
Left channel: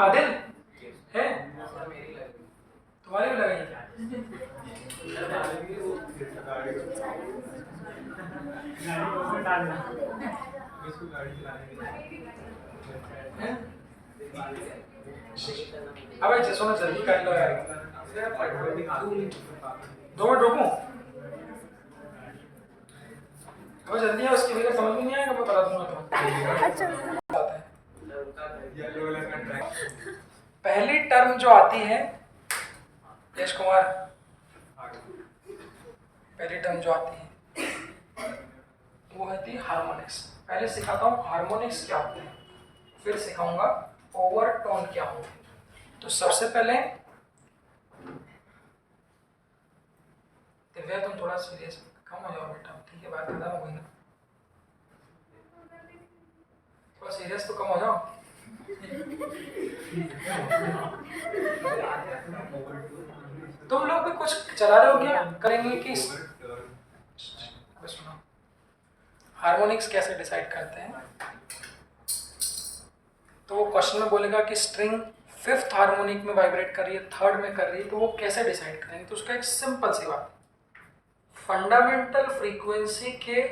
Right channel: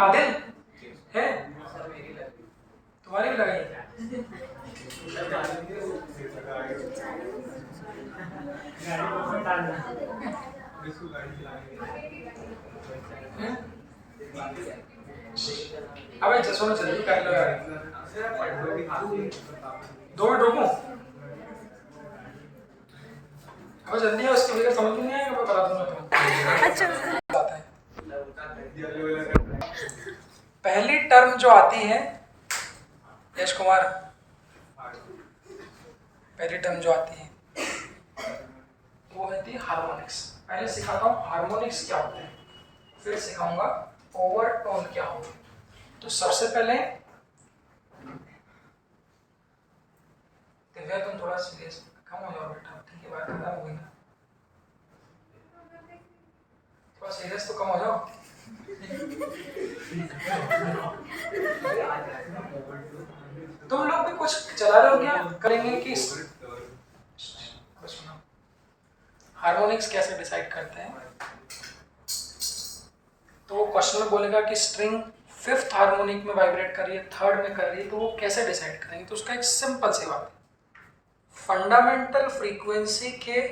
आदिल है, तुम्हारी भी लगाई। अब एक सुनो, जल्दी कर लो यार, 2 मिनट रुको। बहुत जल्दी है, उसकी वजह समझ में नहीं आएगा, मैं बता दूंगा तुम्हें। अच्छा आता है पहली टर्म जो आती है यश कुमार, पहली टर्म जो आती है वो होती है हार्मोनिक्स। पहले सिखाता हूँ हार्मोनिक्स क्या होते हैं, फिर सिखाऊंगा ओवरटोन क्या होते हैं। तो सबसे पहले दिव्या तुम थोड़ा सीरियस कम हो जाओ बेटा, ठीक है बात खत्म हो गई ना, थोड़ा सीरियस तो कम हो जाओ। तुम लोग भी कुछ चला रहे हो क्या, करेंगे कि सुनो हार्मोनिक्स कैसे डिसाइड करते हैं। तो वो क्वेश्चन में बोलेगा कि स्ट्रिंग फिफ्थ हार्मोनिक में वाइब्रेट कर रही है, थर्ड में कर रही है, तो वो कैसे डिसाइड करेंगे। तो उसका एक सिंपल सी बात, फंडामेंटल फ्रीक्वेंसी के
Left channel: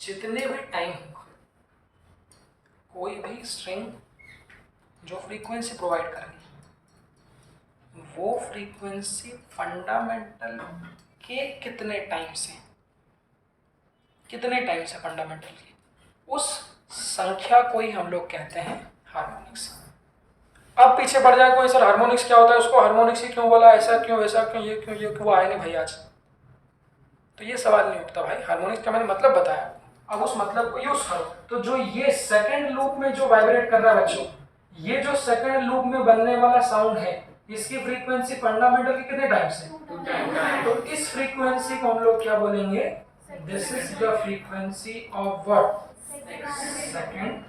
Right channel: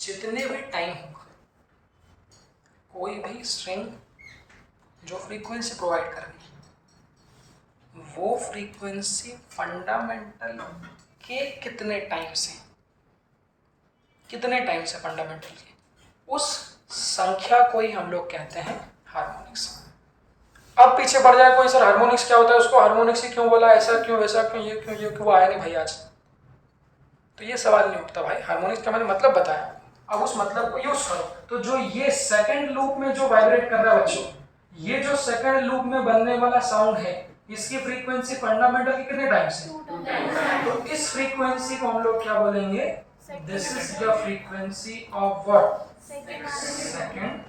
जितने भी टाइम होंगे, कोई भी स्ट्रिंग जो फ्रीक्वेंसी प्रोवाइड कर रही है वो फ्रीक्वेंसी फंडामेंटल के कितने टाइम से फंडामेंटल के, उस संख्या को ही हम लोग कहते हैं हार्मोनिक्स। अब पीछे पड़ जाए कोई, सर हार्मोनिक्स क्या होता है, उसको हार्मोनिक्स ही क्यों बोला, ऐसा क्यों वैसा क्यों, ये क्यों वो आया नहीं भाई आज, तो ये सवाल नहीं उठता भाई। हार्मोनिक्स का मैंने मतलब बताया, अब उस मतलब को यूज करो। तो जो ये सेकंड लूप में जो वाइब्रेट कर रहा है बच्चों, ये जो सेकंड लूप में बनने वाला साउंड है, इसकी फ्रीक्वेंसी फंडामेंटल के कितने टाइम से, तो इस फ्रीक्वेंसी को हम लोग क्या बोलेंगे, this is the frequency of what, second.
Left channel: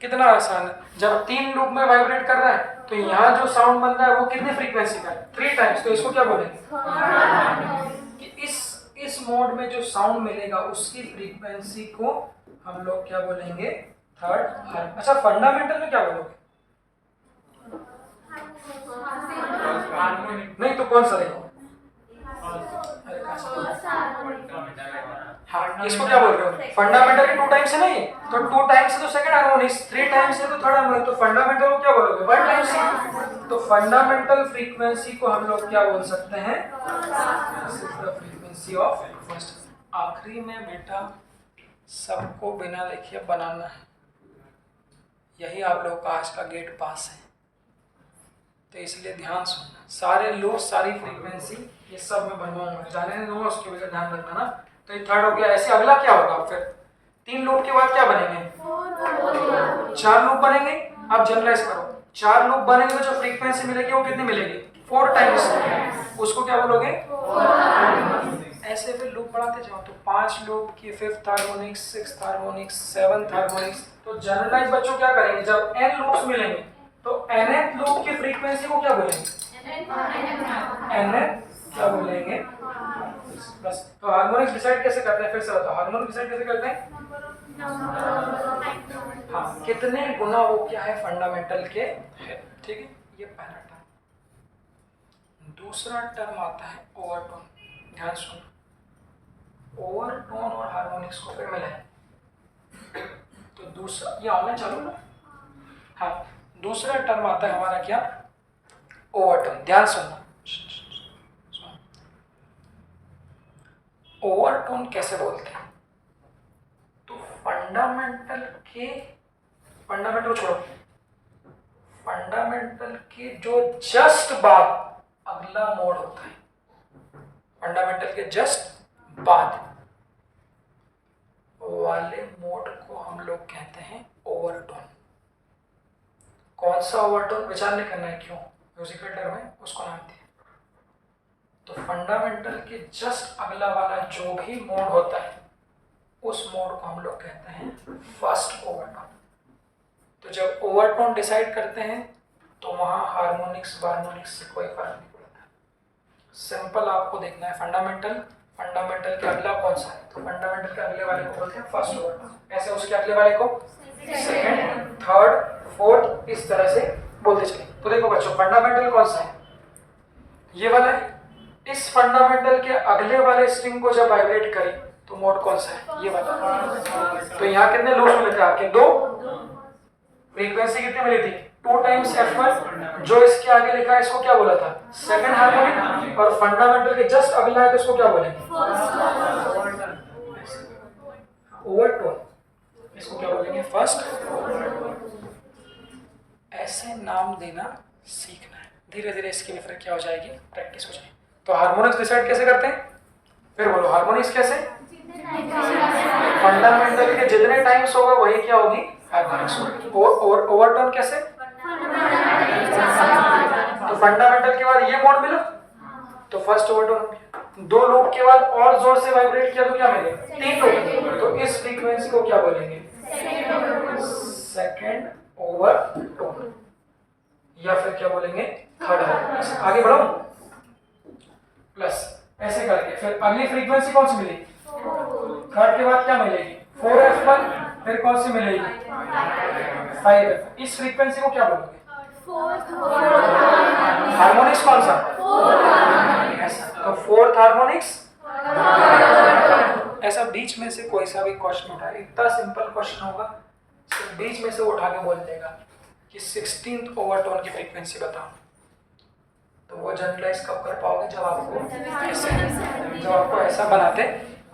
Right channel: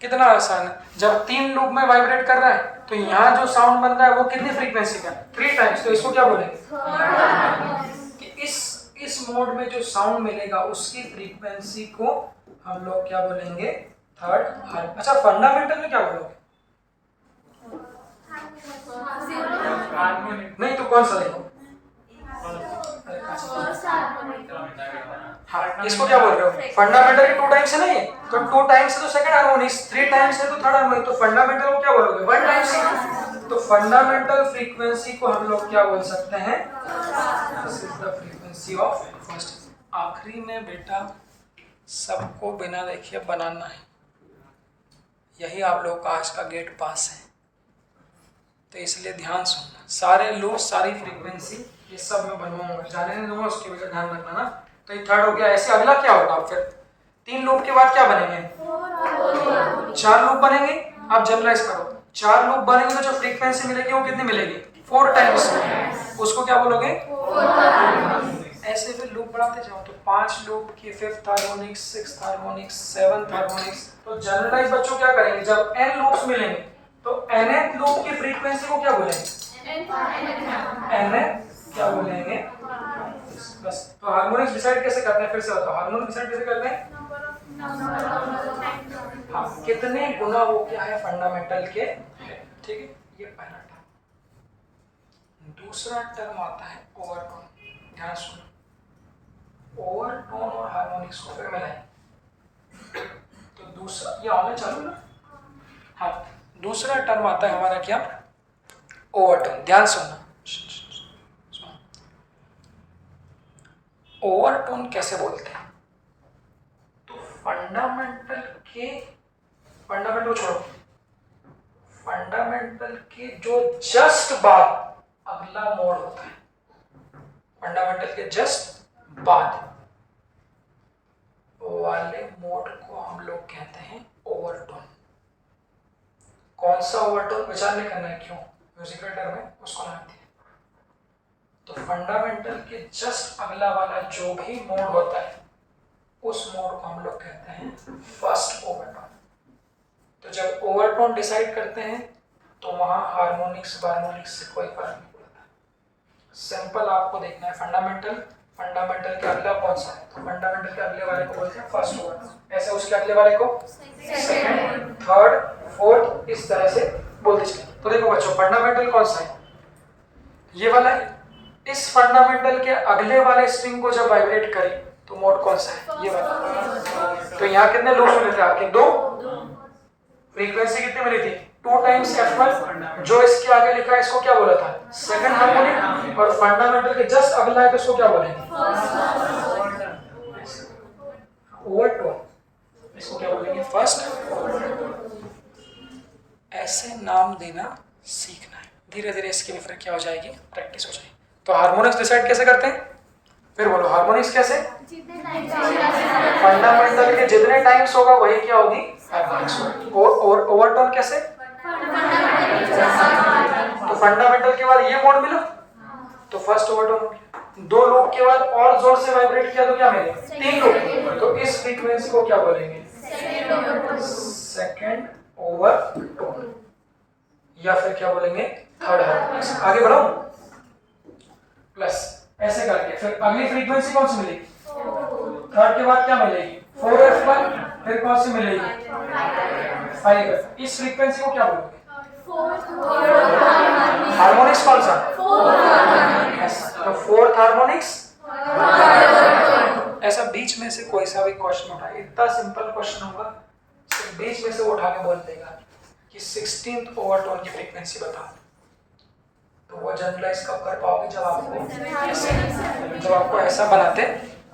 कितना आसान है, जब 3 लूप में वाइब्रेट कर रहा है तो यहाँ जो साउंड बन रहा है वो कितनी फ्रीक्वेंसी का है, 3 टाइम्स। तो इसको क्या बोलेंगे कि इस मोड में जो साउंड मिलेगा उसकी फ्रीक्वेंसी को हम लोग क्या बोलेंगे, थर्ड। अच्छा फंडामेंटल में क्या बोलोगे, नहीं तो कौन सा देखो, हाँ इसको क्या बोल रहे हो, फंडामेंटल के 2 टाइम्स से नहीं है, तो 2 टाइम्स से तो सेकंड हार्मोनिक्स, 3 टाइम्स से तो थर्ड हार्मोनिक, तो फंडामेंटल को क्या बोलोगे, 1 टाइम्स से। तो फंडामेंटल फ्रीक्वेंसी को हम लोग क्या बोल सकते हैं, फ्रीक्वेंसी ऑफ फर्स्ट। आखिरी में बेटा सबको बिना देखे बनाना है, यही आप लोग का आज का गेट पास है, तो इसलिए ध्यान सुनना, सारे लो सारी फ्रीक्वेंसी ये सब मैं बनवाऊंगा, जाने नहीं दूंगा, उसकी वजह ध्यान रखना ना। तो ये थर्ड हो गया, ऐसे अगला क्या होगा, फिर 3 लूप के बाद क्या बनेंगे, 4 लूप बनेंगे। अब जनरलाइज करो, 4 लूप बनेंगे तो जो फ्रीक्वेंसी मिलेगी वो कितनी मिलेगी, 4 टाइम्स, उसको क्या बोलोगे, ऐसे फिर लूप बढ़ाते जाओ। तो 5 लूप की 5th harmonics, 6th harmonics, 7th harmonics. तो जनरलाइज बच्चों क्या करेंगे, जब n लूप्स मिलेंगे तो nth लूप की फ्रीक्वेंसी को क्या बोलेंगे, nth क्या बोलेंगे, बस। तो हार्मोनिक्स डिसाइड कैसे करते हैं, फिर से बताओ, हार्मोनिक्स डिसाइड कैसे करते हैं, हाँ कितने गुना वो क्या है फंडामेंटल के है, ठीक है। ये पहला टर्म। दूसरा टर्म आता है ओवरटोन, ध्यान सुनो, ओवरटोन और हार्मोनिक्स को फिर मिलाएं तो दूसरा ये आना चालू ना, हाँ दूसरा टर्म आता है हमारा क्या, ओवरटोन। ध्यान सुनना, ओवरटोन कैसे बोलते हैं, तो फंडामेंटल छोड़ो, फंडामेंटल के जो जस्ट बाद अगला मोड होता है, फंडामेंटल के जस्ट बाद वाले मोड को हम लोग कहते हैं ओवरटोन। कौन सा ओवरटोन विचार नहीं करना है, क्यों, म्यूजिकल टर्म है, उसको नाम दिया। तो फंडामेंटल के जस्ट अगला वाला जो भी मोड होता है उस मोड को हम लोग कहते हैं फर्स्ट ओवरटोन। तो जब ओवरटोन डिसाइड करते हैं तो वहां हार्मोनिक्स हार्मोनिक्स से कोई फर्क नहीं पड़ता। सिंपल आपको देखना है, फंडामेंटल के अगला कौन सा है, तो फंडामेंटल के अगले वाले को बोलते हैं फर्स्ट ओवरटोन, ऐसे उसके अगले वाले को सेकंड, थर्ड, फोर्थ, इस तरह से बोलते चले। तो देखो बच्चों, फंडामेंटल कौन सा है, ये वाला है। इस फंडामेंटल के अगले वाले स्ट्रिंग को जब वाइब्रेट करें तो मोड कौन सा है, ये वाला। तो यहाँ कितने लूप्स मिले थे आपके, 2, फ्रीक्वेंसी कितनी मिली थी, 2 टाइम्स F1, जो इसके आगे लिखा है इसको क्या बोला था, सेकंड हार्मोनिक, और फंडामेंटल के जस्ट अगला है तो इसको क्या बोलेंगे, ओवरटोन, इसको क्या बोलेंगे, फर्स्ट। ऐसे नाम देना सीखना है, धीरे धीरे इसकी भी फिर क्या हो जाएगी, प्रैक्टिस हो जाएगी। तो हार्मोनिक्स डिसाइड कैसे करते हैं, फिर बोलो हार्मोनिक्स कैसे, फंडामेंटल के जितने टाइम्स होगा वही क्या होगी, हार्मोनिक्स होगी। और ओवरटोन कैसे, तो फंडामेंटल के बाद ये मोड मिला तो फर्स्ट ओवरटोन हो गया, 2 लूप के बाद और जोर से वाइब्रेट किया तो क्या मिलेगा, 3 लूप, तो इस फ्रीक्वेंसी को क्या बोलेंगे, सेकंड ओवरटोन, या फिर क्या बोलेंगे, थर्ड हार्मोनिक्स। आगे बढ़ो, प्लस ऐसे करके फिर अगली फ्रीक्वेंसी कौन सी मिलेगी, थर्ड के बाद क्या मिलेगी, 4F1, फिर कौन सी मिलेगी, 5F। इस फ्रीक्वेंसी को क्या बोलोगे, हार्मोनिक्स कौन सा, ऐसा, तो फोर्थ हार्मोनिक्स। ऐसा बीच में से कोई सा भी क्वेश्चन उठाए, इतना सिंपल क्वेश्चन होगा, सिर्फ बीच में से वो उठा के बोल देगा कि 16th ओवरटोन की फ्रीक्वेंसी बताओ, तो वो जनरलाइज कब कर पाओगे, जब आपको ऐसा बनाते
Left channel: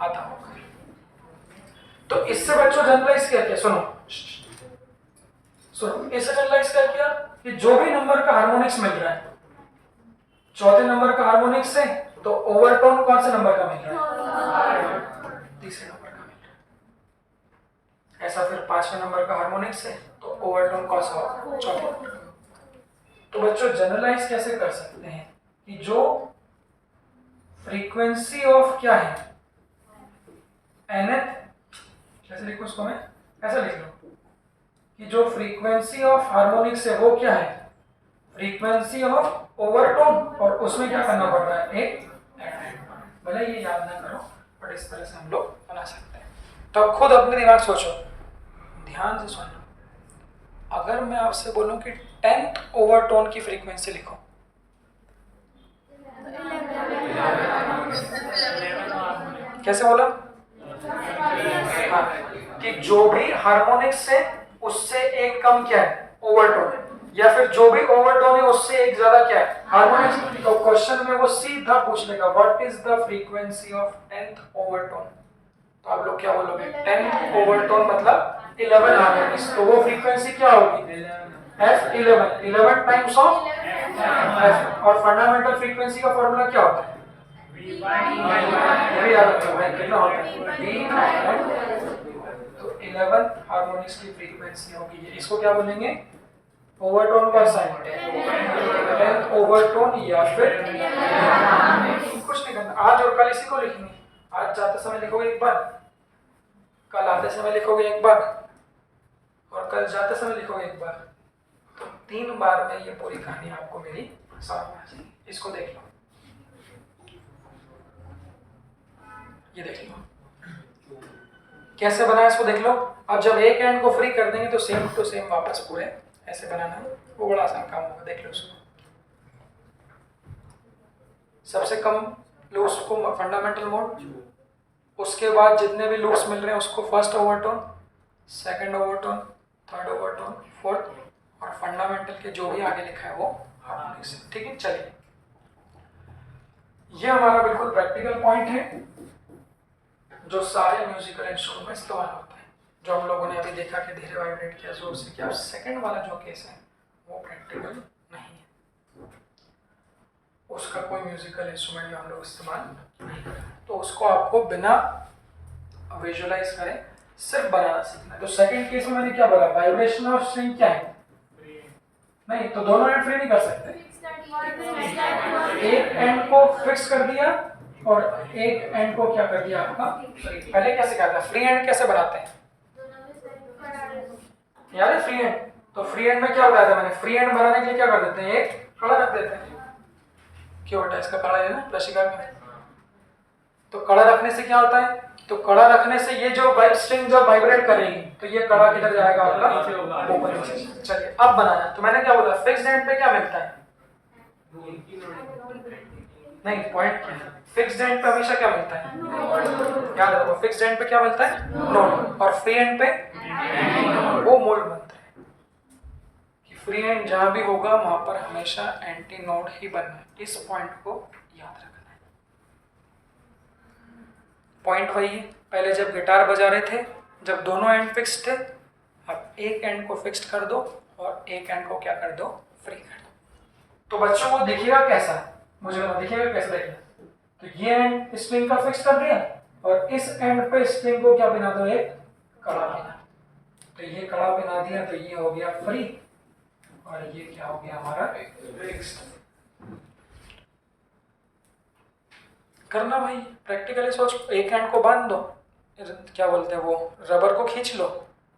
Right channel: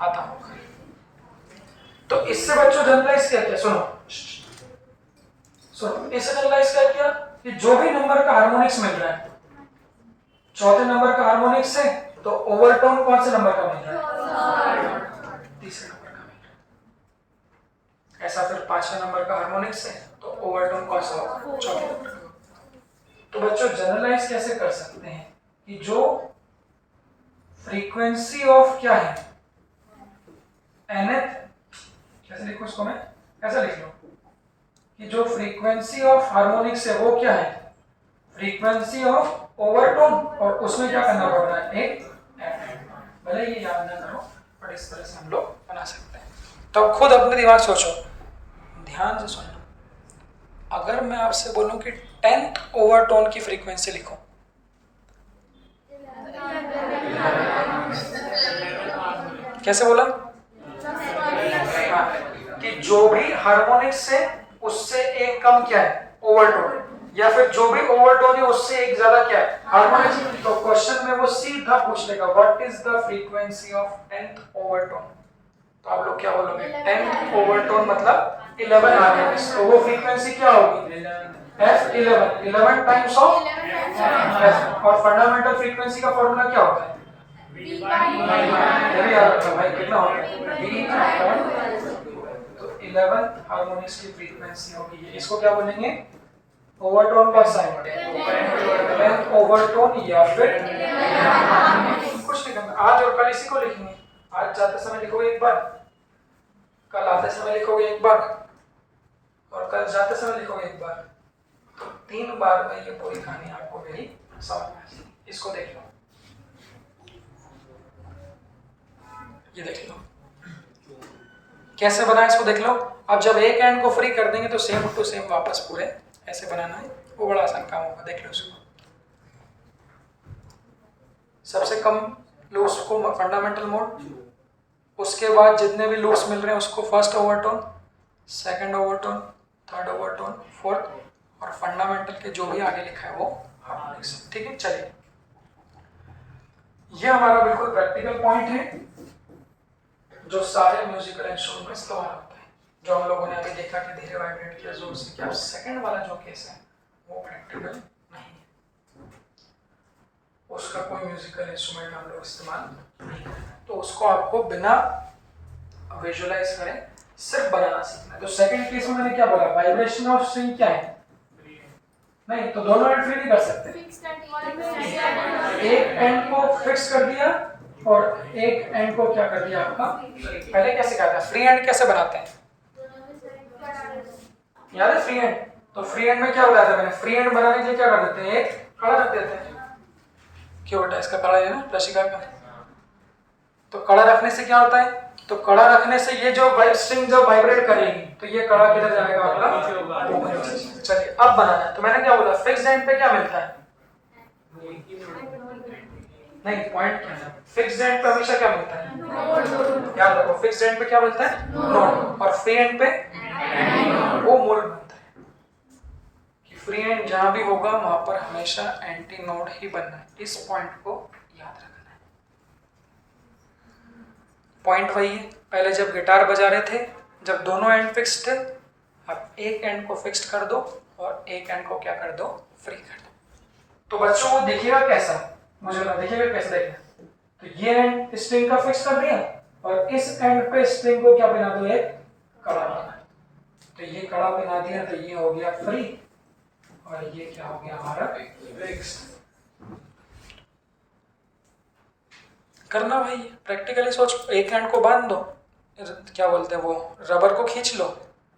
आता होगा। तो इससे बच्चों जनरलाइज क्या किया, सुनो, इससे जनरलाइज क्या किया कि जो भी नंबर का हार्मोनिक्स मिल रहा है, चौथे नंबर का हार्मोनिक्स से, तो ओवरटोन कौन से नंबर का मिल रहा है, तीसरे नंबर का मिल रहा है। ऐसा फिर 5वें नंबर का हार्मोनिक्स से, तो ओवरटोन कौन सा होगा, चौथे नंबर का। तो बच्चों जनरलाइज कैसे कर सकते हैं कि जो फ्रीक्वेंसी ऑफ क्या है, nth, कैसे लिखूं इसको मैं, ऐसा लिख लो कि जो फ्रीक्वेंसी ऑफ हार्मोनिक्स है वो क्या है, फ्रीक्वेंसी ऑफ ओवरटोन, और उसमें क्या करना पड़ रहा है, एक भले ये याद ना करो बट इस तरह से हम लोग बना सकते हैं। तो अब खुद अपने दिमाग सोचो, ध्यान से सुनना, अगर मैं आपसे बोलूं कि 10th ओवरटोन की फ्रीक्वेंसी लिखो, कैसे बोला, हाँ, कि जो भी हार्मोनिक्स से उससे एक कम क्या है, ओवरटोन, या फिर जो भी ओवरटोन है उससे एक ज्यादा क्या है, हार्मोनिक्स। तो क्वेश्चन में वो सीधा पूछ लेगा what is the frequency of 10th overtone, तो आप लोग क्या बोलोगे, 10th ओवरटोन मतलब 11 हार्मोनिक्स, तो वो फ्रीक्वेंसी क्या होगी, F11, 11 टाइम्स ऑफ F। और फंडामेंटल फ्रीक्वेंसी का फॉर्मूला क्या होता है, ये याद रखो भाई, कितना होता है, V/, तो 11 हार्मोनिक्स की फ्रीक्वेंसी होगी ये, इसको क्या बोलेंगे, ओवरटोन कौन सा है, 10th ओवरटोन, या फिर कुछ नहीं करना, आज और कल इसी को लिखेंगे, आज जाते समय लिखोगे एक बार, कल आते समय लिखोगे एक बार, और कल जाते समय लिखोगे एक बार, तो 3 बार में ये पूरी कहानी आपको मेरी समझ में आ जाएगी। इसको देख लो, ये देख लो कैसे बना है, इसको देख लो। अब जब एक एंड को फ्री कर देंगे तो सेम टू सेम वापस पूरे ऐसे बनाना है, वो बड़ा आसान काम होगा, देख लो इसको। सबसे कम लूप्स को फंडामेंटल मोड, उसके बाद जितने भी लूप्स मिल रहे हैं उसको first overtone, second overtone, third overtone, fourth, और फंडामेंटल के जो भी आगे लिखा है वो हार्मोनिक्स। ठीक है, चलिए ये हमारा बिल्कुल प्रैक्टिकल पॉइंट है जो सारे म्यूजिकल इंस्ट्रूमेंट में इस्तेमाल होता है, जो हम लोगों ने अभी देखा कि धीरे वाइब्रेट किया, जोर से किया। सेकंड वाला जो केस है वो प्रैक्टिकल नहीं है, उसका कोई म्यूजिकल इंस्ट्रूमेंट में हम लोग इस्तेमाल नहीं करें, तो उसको आपको बिना विजुअलाइज करें सिर्फ बनाना सीखना है। तो सेकंड केस में मैंने क्या बोला, वाइब्रेशन और स्ट्रिंग क्या है, नहीं तो दोनों एंड फ्री नहीं कर सकते, एक एंड को फिक्स कर दिया और एक एंड को क्या कर दिया आपका, पहले कैसे कहता है, फ्री एंड कैसे बनाते हैं, याद है फ्री एंड, तो फ्री एंड में क्या बताया था मैंने, फ्री एंड बनाने के लिए क्या कर देते हैं, एक कड़ा रख देते हैं, क्यों बेटा इसका कड़ा है ना प्लसिका का, तो कड़ा रखने से क्या होता है, तो कड़ा रखने से ये जो स्ट्रिंग जब वाइब्रेट करेगी तो ये कड़ा किधर जाएगा आपका ऊपर। चलिए अब बनाना, तो मैंने क्या बोला, फिक्स्ड एंड पे क्या मिलता है, नहीं पॉइंट क्या है, फिक्स्ड एंड पे हमेशा क्या मिलता है, याद रखो फिक्स्ड एंड पे क्या मिलता है, नोट, और फ्री एंड पे वो मूल बनता है कि फ्री एंड जहां भी होगा वहां पर हमेशा एंटी नोड ही बनना है, इस पॉइंट को याद रखना है। पॉइंट वही है पहले जब गिटार बजा रहे थे, जब दोनों एंड फिक्स्ड थे, अब एक एंड को फिक्स्ड कर दो और एक एंड को क्या कर दो, फ्री कर दो। तो बच्चों को दिखेगा कैसा, मुझे बता दिखेगा कैसा देखेगा। तो ये एंड स्ट्रिंग का फिक्स कर दिया और इस एंड पे स्ट्रिंग को क्या बना दो, एक कड़ा बना। तो ये कड़ा बना दिया तो ये हो गया फ्री और ये क्या हो गया हमारा फिक्स्ड। करना भाई प्रैक्टिकली सोच, एक एंड को बांध दो, क्या बोलते हैं वो, रबर को खींच लो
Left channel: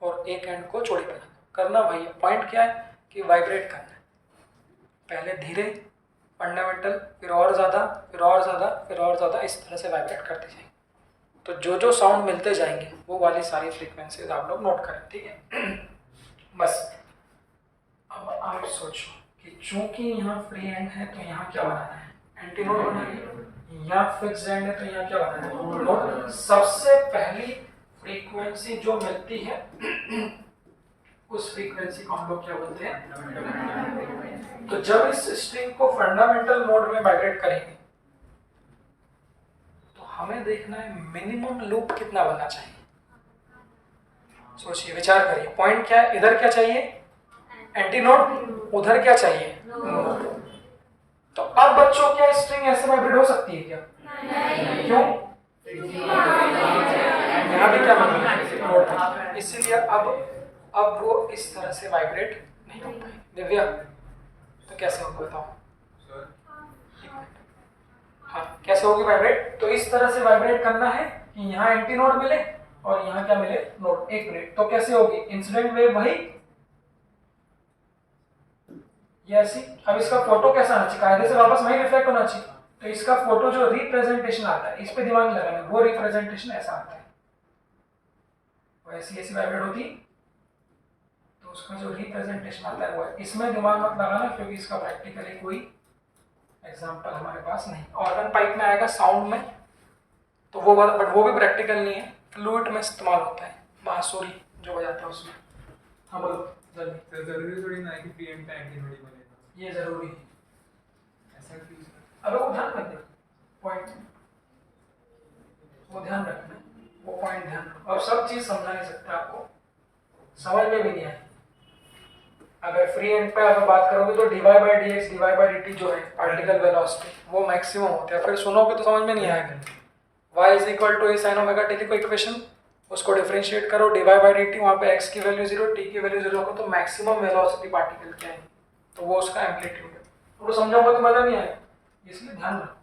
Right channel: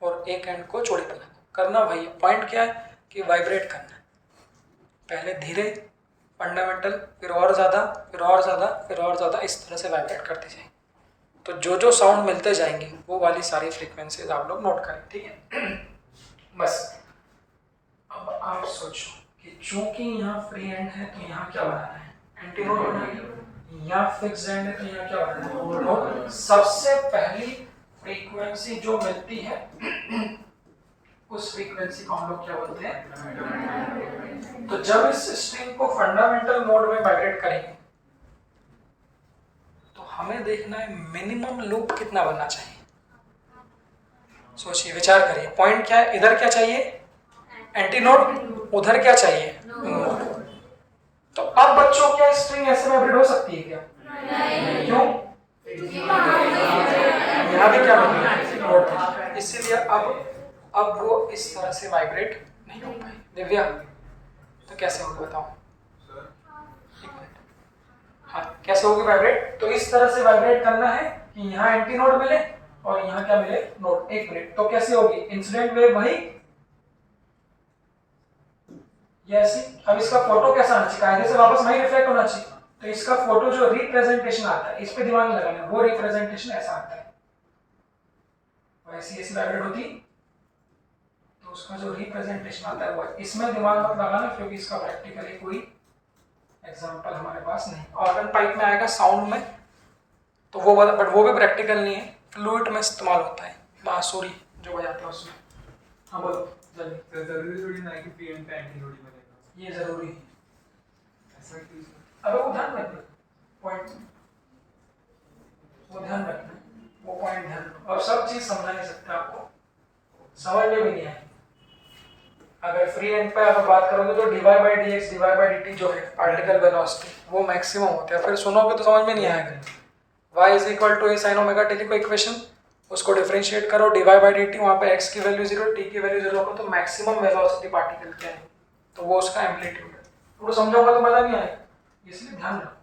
और एक एंड को चौड़ी बना दो। करना भाई, पॉइंट क्या है कि वाइब्रेट करना, पहले धीरे फंडामेंटल, फिर और ज़्यादा, फिर और ज़्यादा, फिर और ज़्यादा, इस तरह से वाइब्रेट करते जाएंगे। तो जो जो साउंड मिलते जाएंगे वो वाली सारी फ्रीक्वेंसीज आप लोग नोट करें, ठीक है। बस अब आप सोचो कि चूंकि यहाँ फ्री एंड है तो यहाँ क्या बनाना है, एंटी नोड बनाना है। यहाँ फिक्स एंड है तो यहाँ क्या बनाना है, नोड। सबसे पहली फ्रीक्वेंसी जो मिलती है उस फ्रीक्वेंसी को हम लोग क्या बोलते हैं। तो जब इस स्ट्रिंग को फंडामेंटल मोड में वाइब्रेट करेंगे तो हमें देखना है मिनिमम लूप कितना बनना चाहिए। सोचिए, विचार करिए, पॉइंट क्या है, इधर क्या चाहिए एंटी नोड, उधर क्या चाहिए नोड। तो अब बच्चों क्या स्ट्रिंग ऐसे वाइब्रेट हो सकती है क्या? नहीं। क्यों? यहाँ भी क्या नोड है, इसीलिए अब वो इस तरह से वाइब्रेट नहीं हो पाए। दिव्या तो कैसे होगा बताओ? हाँ, कैसे होगी वाइब्रेट? तो इस तरह से वाइब्रेट करना है कि यहाँ एंटी नोड मिले और यहाँ क्या मिले, नोड। एक मिनट, तो कैसे होगी इंसिडेंट वेव वही ये ऐसी। अब इसका फोटो कैसा आना चाहिए, कायदे से वापस वही रिफ्लेक्ट होना चाहिए। तो इसका फोटो जो रिप्रेजेंटेशन आता है, इस पे दिमाग नहीं लगाना, वो रिप्रेजेंटेशन ऐसा आता है, वैसी ऐसी वाइब्रेट होती, तो उसका जो रिप्रेजेंटेशन आता है वो इसमें दिमाग मत लगाना, क्योंकि इसका प्रैक्टिकली कोई एग्जांपल हमारे पास नहीं। ऑर्गन पाइप में आएगा साउंड में, तो वो बट वो भी प्रैक्टिकल नहीं है, फ्लूइड में इस्तेमाल होता है, बांसुरी जो बजाते हैं उसमें। हाँ बोलो जल्दी। तो जरूरी थोड़ी ना है कि फ्री एंड पे एंटी नोड ही बनेगा, ये जरूरी है। ऐसा क्यों? अब वो ध्यान रखना पॉइंट, वो ध्यान रखना, वो पॉइंट ध्यान रखो। और सब चीज समझा नहीं सकते, आपको समझ में भी नहीं आए। अगर फ्री एंड पे आप बात करोगे तो dy by dx dy by dt जो है पार्टिकल वेलोसिटी, वो मैक्सिमम होता है। फिर सुनोगे तो समझ में नहीं आएगा। y is equal to a sin omega t को इक्वेशन, उसको डिफरेंशिएट करो, dy by dt, वहाँ पे x की वैल्यू 0, t की वैल्यू 0 को, तो मैक्सिमम वेलोसिटी पार्टिकल क्या है, तो वो उसका एम्पलीट्यूड है। वो समझाऊंगा तो मजा नहीं आएगा, इसलिए ध्यान रखो।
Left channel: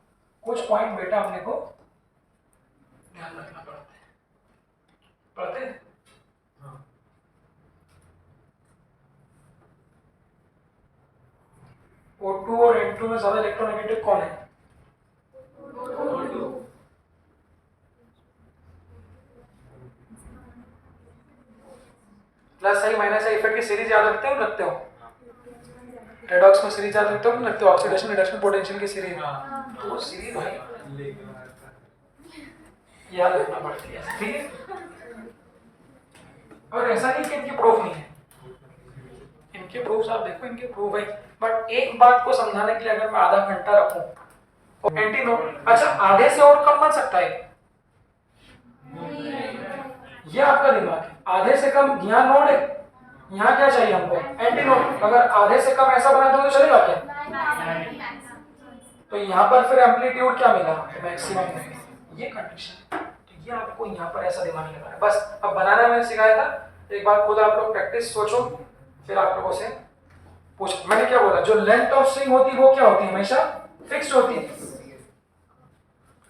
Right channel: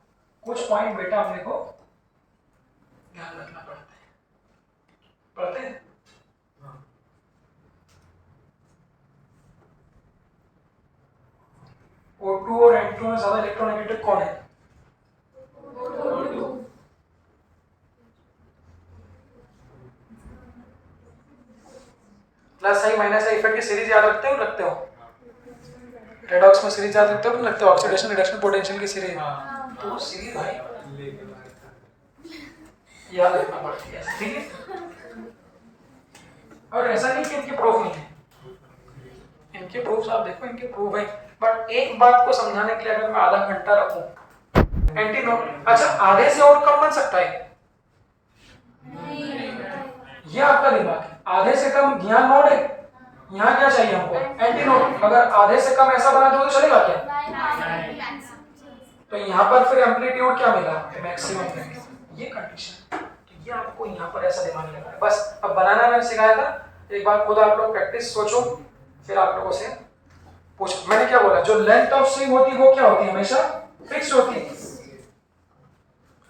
कुछ पॉइंट बेटा अपने को ध्यान रखना पड़ते हैं। O2 और N2 में ज्यादा इलेक्ट्रोनेगेटिव कौन है? Plus I minus I effect की सीरीज याद रखते हो? रखते हो? रेडॉक्स में सीरीज याद रखते हो? रखते हो? ऑक्सीडेशन रिडक्शन पोटेंशियल की सीरीज, तो वो सीरीज भाई याद रखना पड़ती है, ठीक है। और ऐसा नहीं कि इनके प्रूफ नहीं है, इनके प्रूफ आप देखो, इनके प्रूफ है। बट एक बात को समझाने के लिए अगर मैं आधा घंटा रखूं एंटी नोड, अच्छा आधे से और कम बन सकता है ये आपका दिमाग है। आधे से कम यहाँ नोड है, यहाँ क्या चाहिए हमको, एंटी नोड। अगर आधे से कम ऐसा बना दो तो चलेगा क्या? तो यहाँ पर फिर एम्पलीट्यूड क्या मिला, मैक्सिमम में, ये कंडीशन। तो ये आपको यहाँ पर ऐसा दिमाग लगाना है बस। अब बनाना मैंने सिखाया था, एक बार खुद आप लोग प्रैक्टिस सोचो, फिर आप लोगों से पूछो। मैंने क्या बोला, जो लेंथ ऑफ स्ट्रिंग होती है वो क्या होती है, हमेशा फिक्स्ड होती है।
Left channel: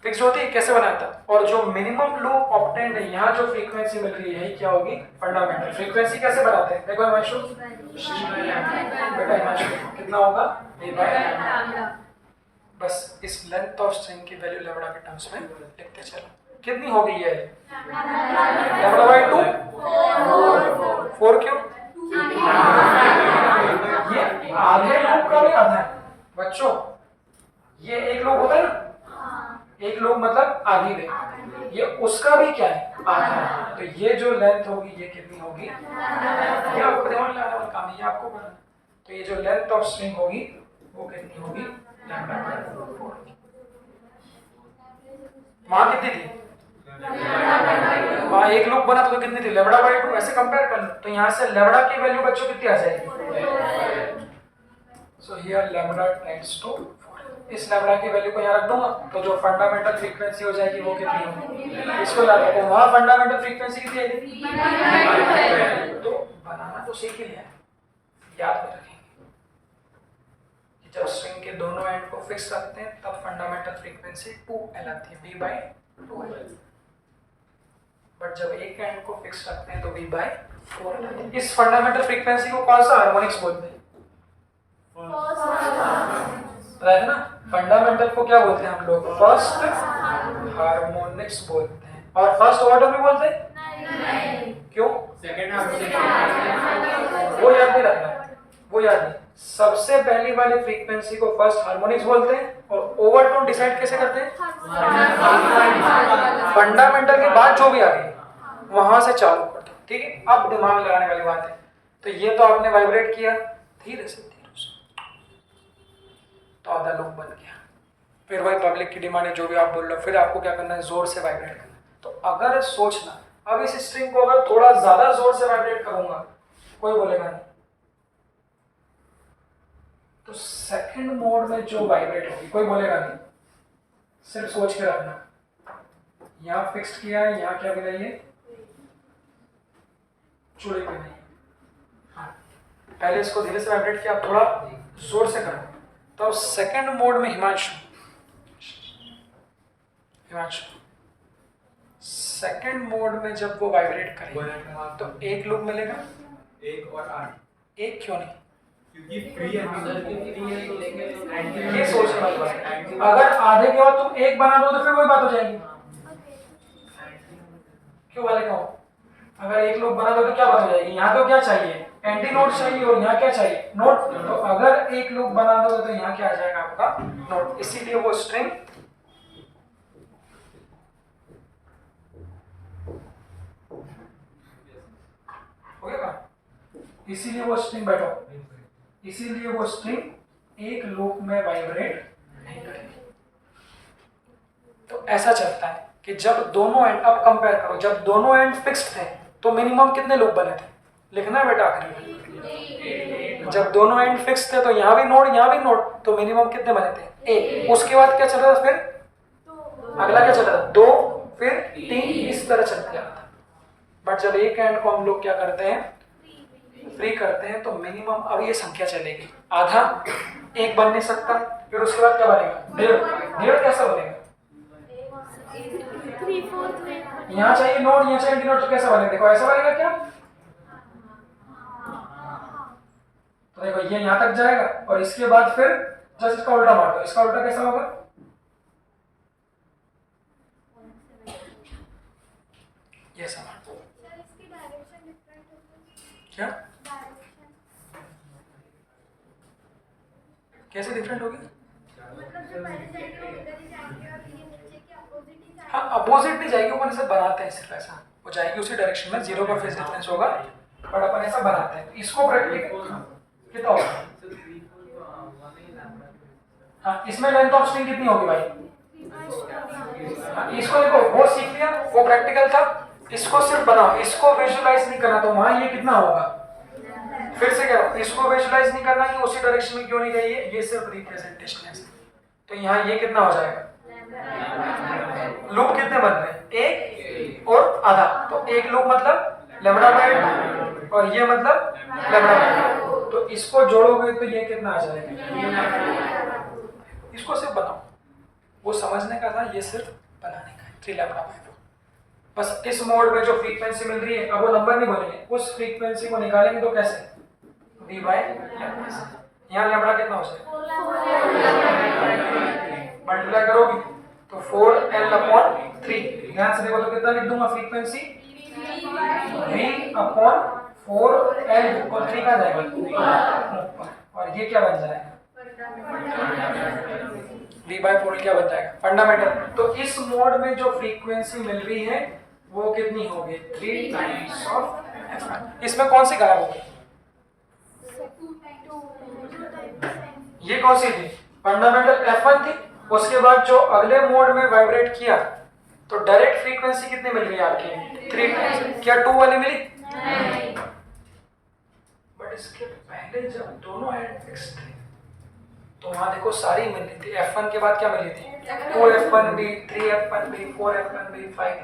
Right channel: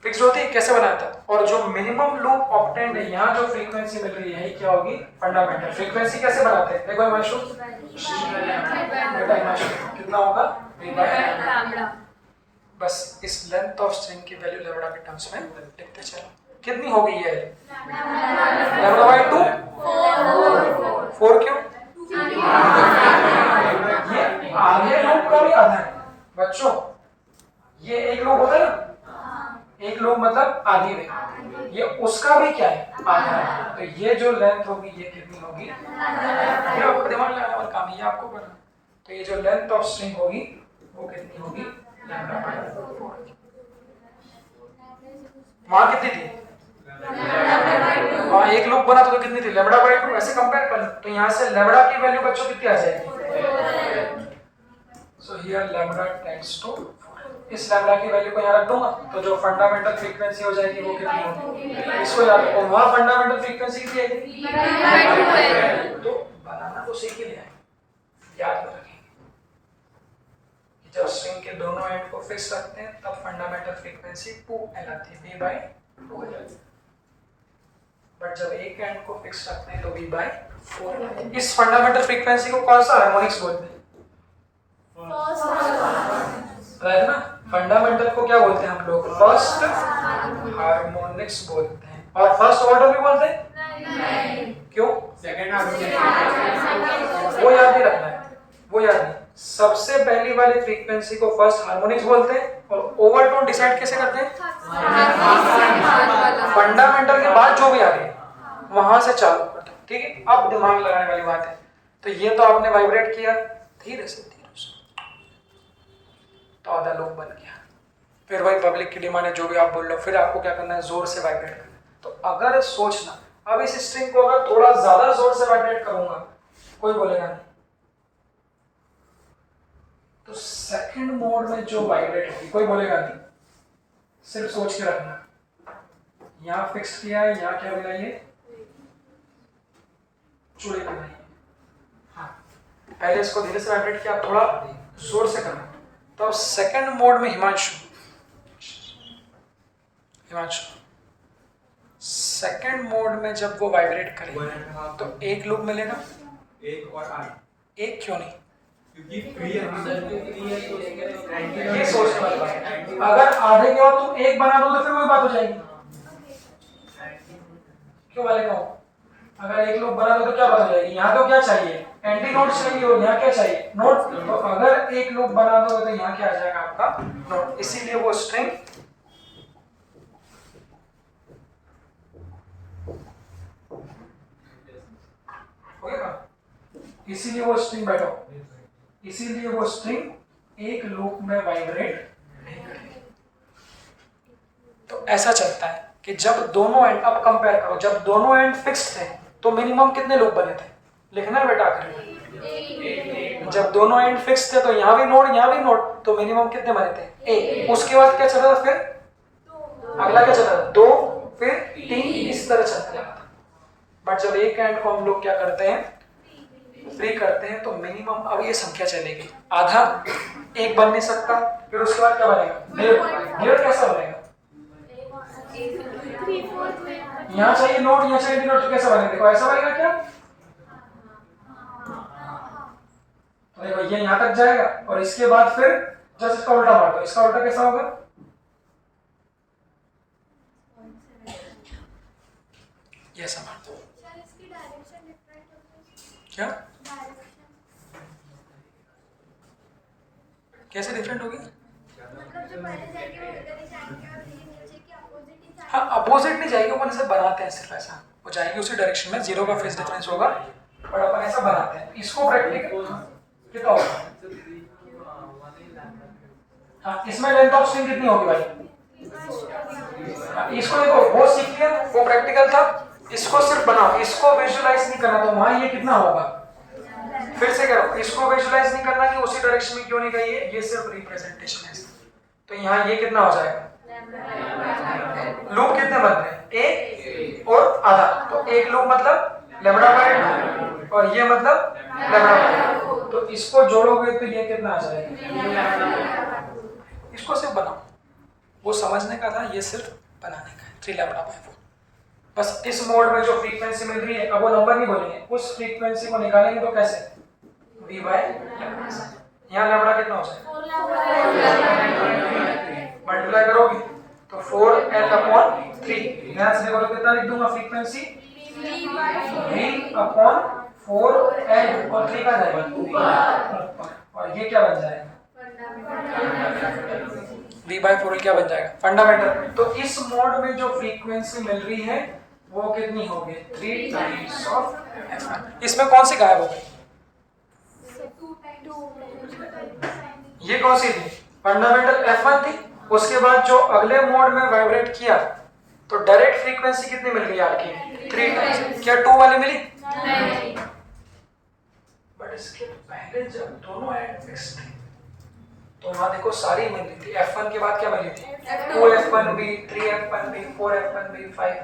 फिक्स्ड होती है, कैसे बनाया था? और जो मिनिमम लूप ऑब्टेन्ड है, यहाँ जो फ्रीक्वेंसी मिल रही है क्या होगी, फंडामेंटल फ्रीक्वेंसी। कैसे बनाते हैं देखो हिमांशु, कितना होगा, बस इस लेंथ ऑफ स्ट्रिंग की वैल्यू लैम्डा के टर्म्स में लिखते चलो। कितनी होगी ये, लैम्डा बाय 2, 4 क्यों? ये आधे लूप का भी आधा है बच्चों, ये एक लूप होता है ना, एक लूप मतलब आधी में, ये उसका भी क्या है, आधा है। तो ये जो लेंथ होगी ये कितनी होगी, ये आपको दिमाग लगाना और काम, ये आपको करना। तो ये जो लेंथ ऑफ स्ट्रिंग होगी वो कितनी होगी, लैम्डा बाय 4। वहां कितनी थी, वहां एक लूप बना तो कितनी थी, लैम्डा बाय 2। ऐसे कंपेयर कर लो तो यहाँ से लैम्डा की वैल्यू बच्चों कितनी आ जाएगी, so here lambda tends to 4। इस लैम्डा की वैल्यू को यहाँ रख दूंगा तो जो फंडामेंटल फ्रीक्वेंसी हो जाएगी वो कितनी होगी, इसको याद रखो। वहां फंडामेंटल फ्रीक्वेंसी कितनी आएगी, तो बनाना तो सीख ही लिया, याद रखेंगे कि जब स्ट्रिंग के दोनों एंड को फिक्स रखते हैं तब फंडामेंटल फ्रीक्वेंसी 2L आती है, V/2L। बट जब एक एंड को फिक्स रखते हैं तो V/4L आती है। इस फंडामेंटल फ्रीक्वेंसी को कौन सा हार्मोनिक्स बोलते हैं, राइट ना। फंडामेंटल को क्या बोलते हैं हम लोग, फर्स्ट हार्मोनिक्स बोलते हैं। और फर्स्ट ऑर्डर भी बोलते हैं, क्यों, सेकंड वो याद नहीं रखना है, वो याद नहीं। सबसे पहली वाली फ्रीक्वेंसी को फर्स्ट हार्मोनिक्स बोलते हैं और ओवरटोन डिसाइड कैसे करते हैं, फंडामेंटल के बाद जो भी आ गए वहां से चालू करते हैं, ठीक है। अब दिमाग लगाने वाली बात है, तो ये तो आपने वाइब्रेट किया धीरे से तो आधा लूप बन गया। फिर वही पब्लिक की डिमांड है, जो भी आप बोल लो, फिर आपको क्या करना है, जोर से वाइब्रेट करना है। तो अगर सोचना, अब इस स्ट्रिंग को अगर थोड़ा ज्यादा जोर से वाइब्रेट करूंगा कोई बोलेगा नहीं, तो सेकंड मोड में जो वाइब्रेट होगी कोई बोलेगा नहीं। सिर्फ सोच के रखना, यहाँ फिक्स किया है, यहाँ क्या मिला, ये चूड़ी पे नहीं। हाँ, पहले इसको धीरे से वाइब्रेट किया, आप थोड़ा जोर से करो। तो सेकंड मोड में हिमांशु सेकंड मोड में जब वो वाइब्रेट करेगा तो एक लूप मिलेगा, एक और 8, एक क्यों नहीं, क्योंकि फ्री है, ये सोचने वाली बात है। अगर आधे के बाद तुम एक बना दो तो फिर वही बात हो जाएगी, क्यों वाले कहो, अगर एक लूप बना दो तो क्या बात हो जाएगी। यहाँ तो क्या चाहिए, एंटी नोड चाहिए, और यहाँ क्या चाहिए, नोड। तो अगर एक लूप बना दो तो यहाँ क्या आ जाएगा आपका, नोड। इसीलिए वो स्ट्रिंग हो गया, इसीलिए वो स्ट्रिंग बैठो, इसीलिए वो स्ट्रिंग एक लूप में वाइब्रेट नहीं करेगी। तो ऐसा चलता है कि जब दोनों एंड, अब कंपेयर करो, जब दोनों एंड फिक्स्ड थे तो मिनिमम कितने लूप बने थे, लिखना है बेटा आखिर में। जब दोनों एंड फिक्स थे तो यहाँ भी नोड, यहाँ भी नोड, तो मिनिमम कितने बने थे, एक। उसके बाद क्या चल रहा था, फिर अगला क्या चल रहा था, 2, फिर 3, इस तरह चलता जाता था। बट जब एक एंड को हम लोग क्या करते हैं, फ्री करते हैं, तो मिनिमम अब ये संख्या चलेगी, आधा एक बन नहीं सकता, फिर उसके बाद क्या बनेगा, डेढ़ कैसा बनेगा, यहाँ चाहिए नोड, यहाँ चाहिए नोड, तो कैसा बनेगा, देखो ऐसा बनेगा क्या, तो देखो ये यहाँ तक जाएगा और इसके बाद फिर जस्ट इसका उल्टा मार दो, इसका उल्टा कैसा होगा, ये सब मार दो। इसकी डायरेक्शन डिफरेंट होगी, क्या डायरेक्शन कैसे डिफरेंट होगी, मतलब जो पहले जाएंगे वो इधर ही जाएंगे और ये नीचे की अपोजिट ही जाएंगे। हाँ, अपोजिट नहीं जाएगी, अपन ऐसा बनाते हैं, सिर्फ ऐसा वो जाएगी उसी डायरेक्शन में, जीरो का फेज डिफरेंस होगा, बट अपन ऐसा बनाते हैं। इसको प्रैक्टिकल कितना होगा, हाँ, इसमें लेंथ ऑफ स्ट्रिंग कितनी होगी भाई, हाँ, इसको देखो, वो सीख लिया, वो प्रैक्टिकल था, इसको सिर्फ बनाओ, इसको विजुलाइज नहीं करना, तो वहां ये कितना होगा, फिर से कह रहा हूं, इसको विजुलाइज नहीं करना कि उसी डायरेक्शन में क्यों नहीं गई है, ये सिर्फ रिप्रेजेंटेशन है। तो यहाँ ये कितना हो जाएगा, लूप कितने बन रहे हैं, एक और आधा, तो एक लूप मतलब लैम्डा बाय 2 और ये मतलब लैम्डा बाय 2, तो इसको जोड़ोगे तो ये कितना आ जाएगा, इसको सिर्फ बनाओ, वो समझने का था, ये सिर्फ बनाने का है, 3 लैम्डा बाय 4। बस इस मोड में जो फ्रीक्वेंसी मिल रही है, अब वो नंबर नहीं बोलेंगे, उस फ्रीक्वेंसी को निकालेंगे तो कैसे, v बाय लैम्डा से। यहाँ लैम्डा कितना हो जाएगा, मल्टीप्लाई करोगे तो 4L/3, ध्यान से देखो तो कितना लिख दूंगा, फ्रीक्वेंसी v/4L और 3 का जाएगा, और ये क्या बन जाएगा, v/4L क्या बन जाएगा, फंडामेंटल। तो इस मोड में जो फ्रीक्वेंसी मिल रही है वो कितनी होगी, 3 टाइम्स ऑफ। इसमें कौन सी गायब हो गई, ये कौन सी थी? फंडामेंटल F1 थी। उसके बाद जो अगले मोड में वाइब्रेट किया तो डायरेक्ट फ्रीक्वेंसी कितनी मिल गई आपकी? 3 टाइम्स। क्या 2 वाली मिली? नहीं। बट इसके पहले जब दोनों एंड फिक्स थे तो वहां देखो सारी मिल रही थी। F1 के बाद क्या मिली थी? 2F1B, 3F1B, 4F1B, 5।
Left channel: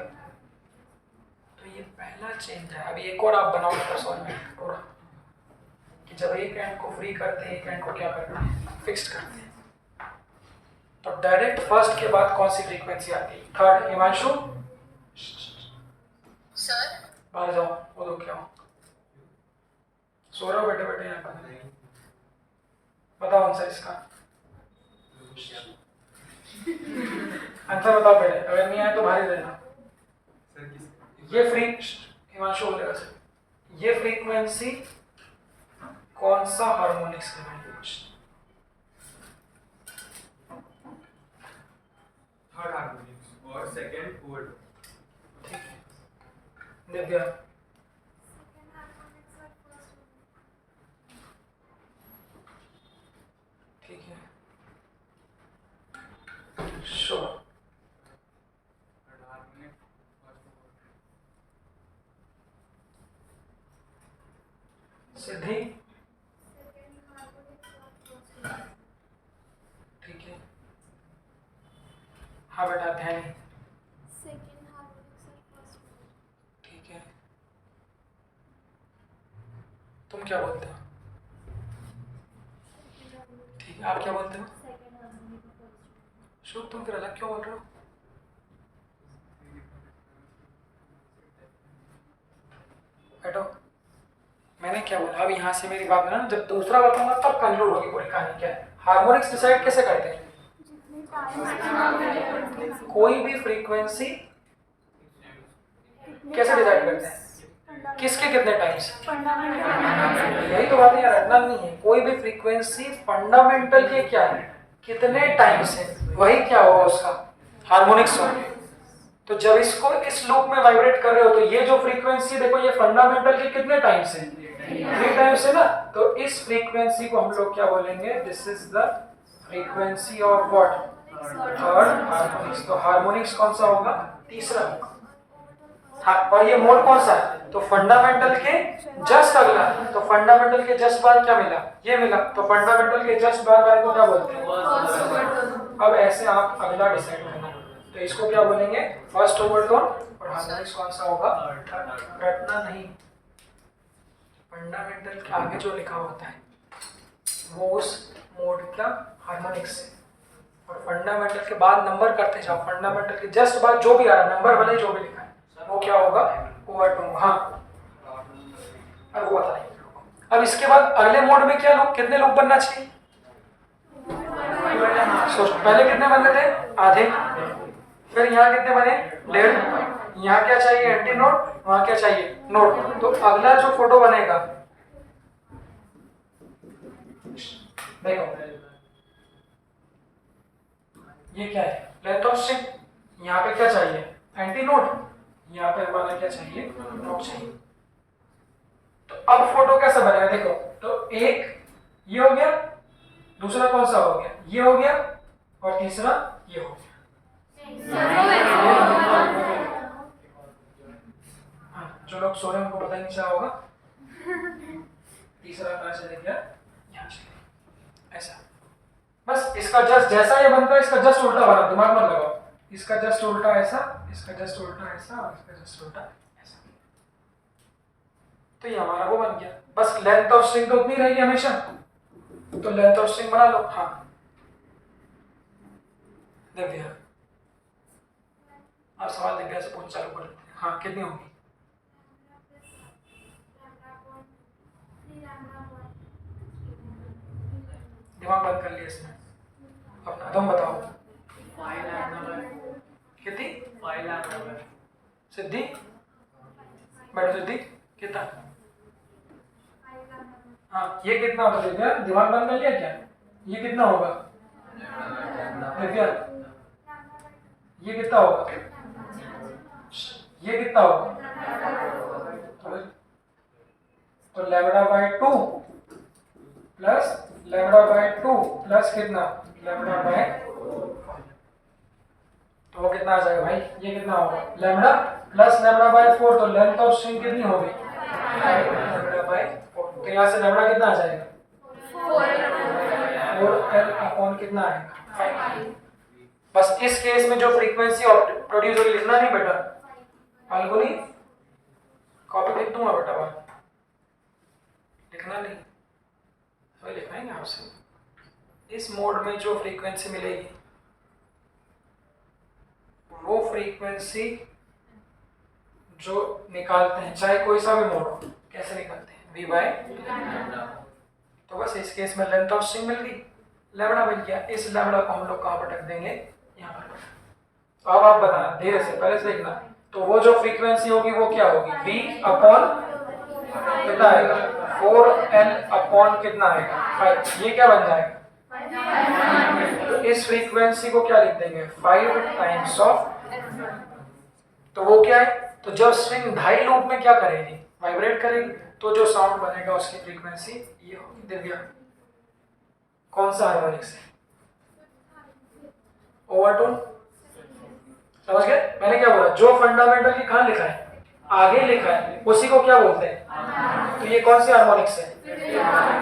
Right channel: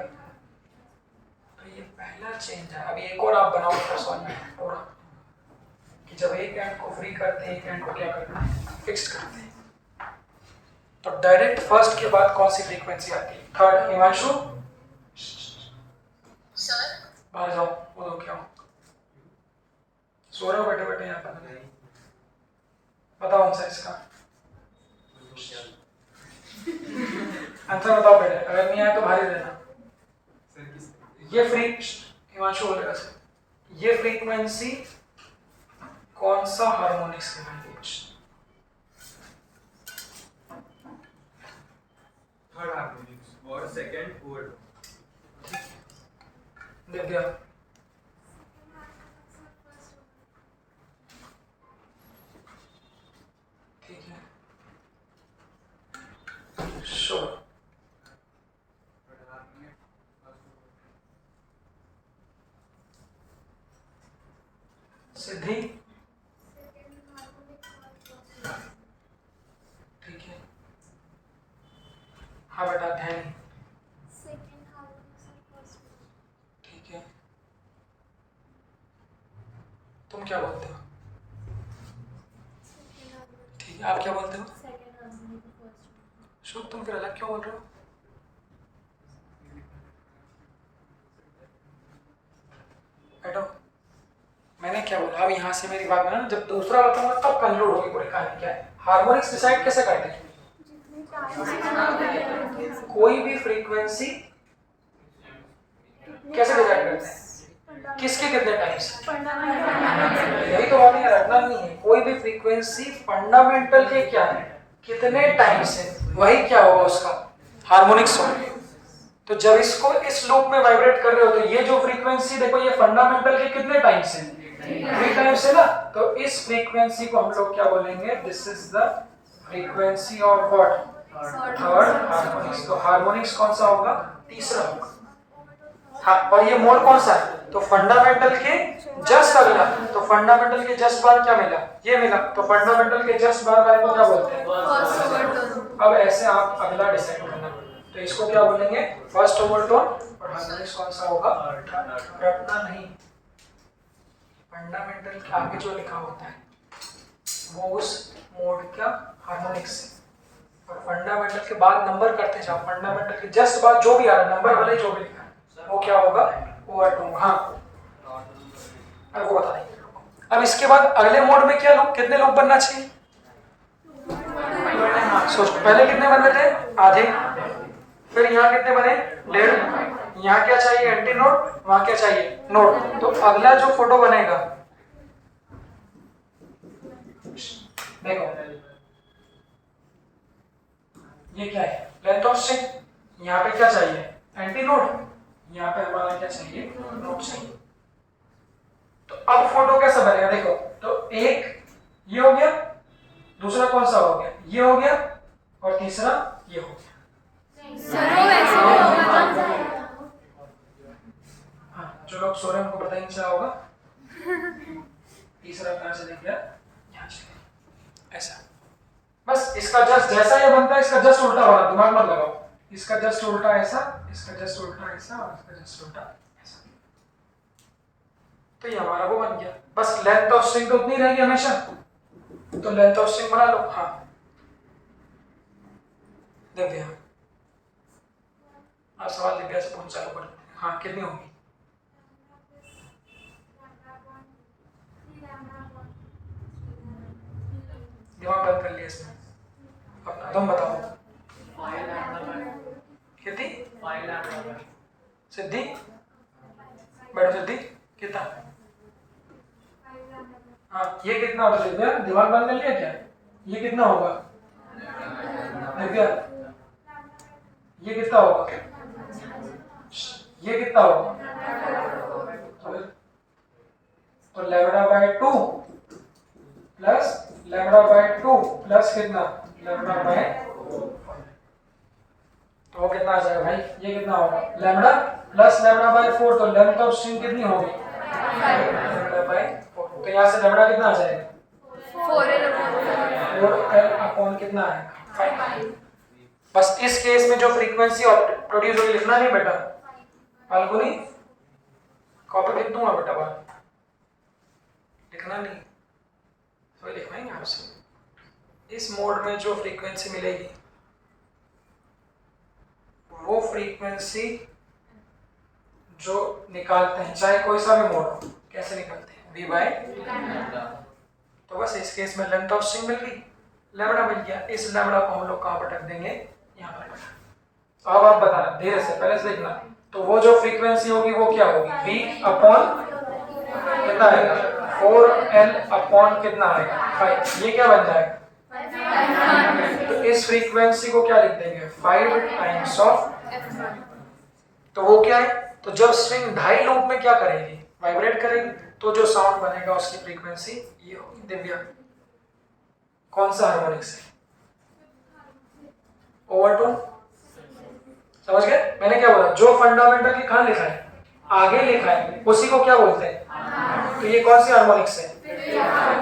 तो ये पहला चेंज है। अभी एक और आप बनाओ समझ में पूरा कि जब एक एंड को फ्री करते हैं एक एंड को क्या करते हैं? फिक्स्ड करते हैं। तो डायरेक्ट फर्स्ट के बाद कौन सी फ्रीक्वेंसी आती है? थर्ड। हिमांशु सर बाहर जाओ, वो दो क्या हो? सो रहे हो बैठे बैठे यहाँ पर? बताओ आंसर इसका। आंसर बताओ बेटे, अगर नहीं आया तो भारी रहना। ये हिमांशु बोलेगा सर, ये फ्रीक्वेंसी कौन सा हार्मोनिक्स कहलाती है? थर्ड हार्मोनिक्स और सेकंड फोर्थ। दिव्या ठीक है। शुभ सिद्धि ठीक है। हाँ बेटा ध्यान ठीक है। तुम क्या बोलते हो? ठीक है, आप क्या बोलते हो? शुभ तुम फिर अलग क्यों बोल रहे हो? बैठो। मैंने क्या बोला? अब यहाँ से मेरी बात में ना जब दूसरा बताऊंगा तब कंक्लूड होगी पूरी कहानी। क्या है हार्मोनिक्स डिसाइड कैसे करते हैं? कोई भी फ्रीक्वेंसी कैसे डिसाइड करते हैं? किसके कितने टाइम्स? यही तो बात है, रटना नहीं है। कोई भी फ्रीक्वेंसी फंडामेंटल के क्या है? कितने टाइम्स है, वही क्या होगा उसका हार्मोनिक्स होगा। तो जब इसको इस लूप में वाइब्रेट कर रहे हो तो ये जो फ्रीक्वेंसी देखो ये फंडामेंटल के कितने टाइम्स है? 3 टाइम्स है ना। तो इस फ्रीक्वेंसी को हम लोग क्या बोलेंगे? This is the frequency of what? Third harmonics. तो हार्मोनिक्स कौन सा होगा? तीसरा होगा। हाँ, और ये मोड कौन सा है? तो फंडामेंटल के जस्ट अगला। तो फंडामेंटल के जस्ट बाद क्या मिला? ये मिला। तो फंडामेंटल के जस्ट बाद वाले को क्या बोलते हैं? अब ऐसे आप अगला डिसाइड करना। तो इसको क्या बोलेंगे? First overtone. और हार्मोनिक्स कौन सा होगा? रटना नहीं। फंडामेंटल के आगे जो लिखा होता है वो उस मोड का हार्मोनिक्स है। और फंडामेंटल के बाद नंबर करते जाओ। फंडामेंटल के जस्ट बाद जो भी आ रहा है नंबर भले जो भी लिखा है वो क्या होगा? ओवरटोन। हाँ, अब वो बता देंगे। अब इसके बाद अगले मोड में क्या लूप, कितने लूप बनना चाहिए? सोच, पहले कितने बनने थे? आधे। फिर यहाँ कितने बने? 1.5। यहाँ क्या चाहिए? Anti node. वहां क्या चाहिए? नोड। तो अगला जो फोटो बनेगा देखो ये क्या है? Length of string. यहाँ पे क्या चाहिए? Anti node. यहाँ पे हमारा क्या चाहिए? नोड चाहिए। तो अब फोटो कैसा बनेगा देखो। तो एक ये हो गया, दूसरा कौन सा हो गया? ये हो गया, और तीसरा ये हो गया। हाँ, जो लोग सो रहे हैं उनको पता ही नहीं चला होगा। तीसरा कहां से गया? यहाँ से। ऐसा बस इसका जस्ट जैसा ये बनता है इसका जस्ट उल्टा वाला दिमाग मत लगाओ। इसका जस्ट उल्टा ऐसा, इसका जस्ट उल्टा ऐसा, और इसका जस्ट उल्टा ऐसा। तो ये हमारा वो बन गया। बस लेंथ ऑफ स्ट्रिंग तो उतनी रहेगी हमेशा। तो लेंथ ऑफ स्ट्रिंग बना लो। हाँ दिव्या, आप सवाल दिव्या से पूछ चालू कर लेते हैं। हाँ, कितनी होगी? दिमाग बंद कर लिया इसने अपना। तुम बताओ कितनी? सिद्धि बैठो। सिद्धि कितना? हाँ, ये कितना होगा दिव्या? दिमाग बंद कर लिया क्या? ये कितना होगा दिव्या? ये कितना होगा? ये कितना होगा? तो lambda by 2 plus lambda by 2 plus कितना लैम्बडा बाय 5। तो वो कितना आ जाएगा भाई, ये कितना होगा लैम्बडा प्लस लैम्बडा बाय 4, तो लेंथ ऑफ स्ट्रिंग कितनी होगी लैम्बडा बाय 4। तो यहाँ से लैम्बडा कितना आ जाएगा 4L अपॉन कितना आएगा 5। बस इस केस में जो फ्रीक्वेंसी प्रोड्यूस होगी लिखना नहीं बेटा, फाल्गुनी कॉपी लिख दूंगा बेटा, बात लिखना नहीं, वही लिखवाएंगे आपसे। इस मोड में जो फ्रीक्वेंसी मिलेगी वो फ्रीक्वेंसी जो निकालते हैं, चाहे कोई सा भी मोड हो, कैसे निकालते हैं v बाय। तो बस इस केस में लेंथ ऑफ स्ट्रिंग मिल गई, लैम्बडा मिल गया। इस लैम्बडा को हम लोग कहाँ पर रख देंगे, यहाँ पर। तो अब आप बताना धीरे से, पहले से देखना। तो वो जो फ्रीक्वेंसी होगी वो क्या होगी v अपॉन कितना आएगा 4L अपॉन कितना आएगा 5। ये क्या बन जाएगा, तो इस फ्रीक्वेंसी को क्या लिख देंगे 5 टाइम्स ऑफ। तो वो क्या है, तो जब स्ट्रिंग ढाई लूप में क्या करेगी वाइब्रेट करेगी, तो जो साउंड बनेगा उसकी फ्रीक्वेंसी ये होगी। दिव्या कौन सा हार्मोनिक्स है, ओवरटोन, समझ गए मैंने क्या बोला, जो फंडामेंटल की कहाँ लिखा है आगे लिखा है उसी को क्या बोलते हैं। तो ये कौन सी हार्मोनिक्स है,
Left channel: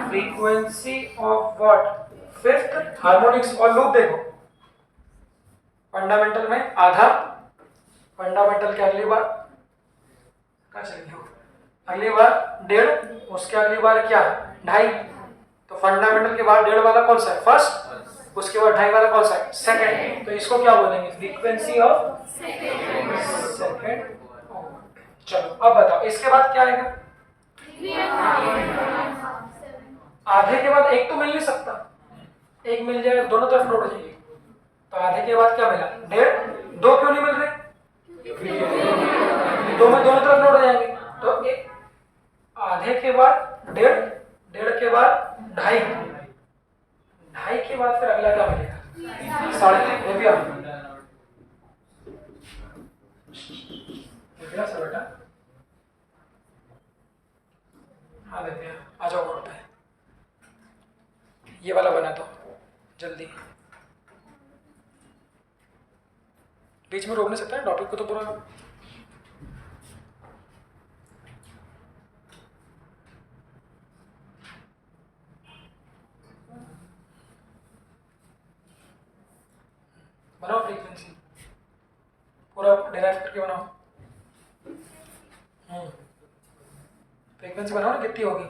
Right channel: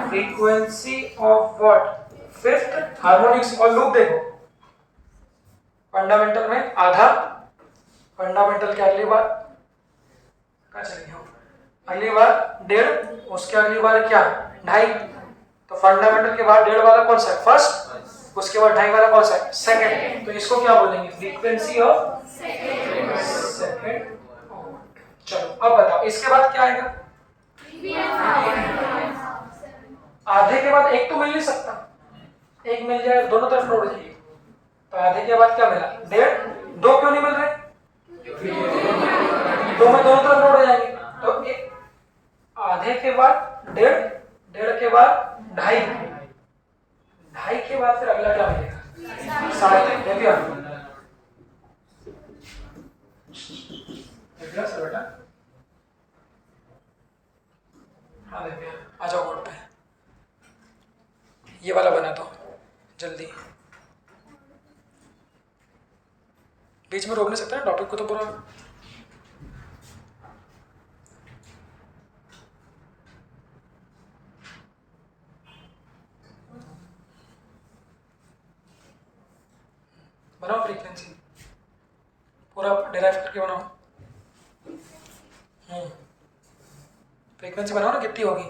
frequency of what fifth harmonics. और लूप देखो, फंडामेंटल में आधा, फंडामेंटल के अगली बार कहाँ चले गए, अगली बार 1.5, उसके अगली बार क्या 2.5। तो फंडामेंटल के बाद 1.5 वाला कौन सा है फर्स्ट, उसके बाद 2.5 वाला कौन सा है सेकंड। तो इसको क्या बोलेंगे फ्रीक्वेंसी ऑफ सेकंड। चलो अब बताओ इसके बाद क्या आएगा, आधे के बाद एक तो मिल नहीं सकता, एक मिल जाए दोनों तरफ नोट हो जाएगी। तो आधे के बाद क्या मिला 1.5, 2 क्यों नहीं मिल रहे, दो में दोनों तरफ नोट हो जाएंगे। तो एक आधे के बाद 1.5, 1.5 के बाद 2.5, 2.5 के बाद फिर अगला क्या मिलेगा 3.5। दिव्या सर बेटा, हाँ दिव्या आ जाओ बोर्ड पे, ये वाला बना दो जल्दी, बीच में रोक नहीं सकता है टॉपिक को तो पूरा। बनाओ फ्रीक्वेंसी पूरा डिराइव करके बनाओ। फ्रीक्वेंसी बनाओ ना, कितनी होगी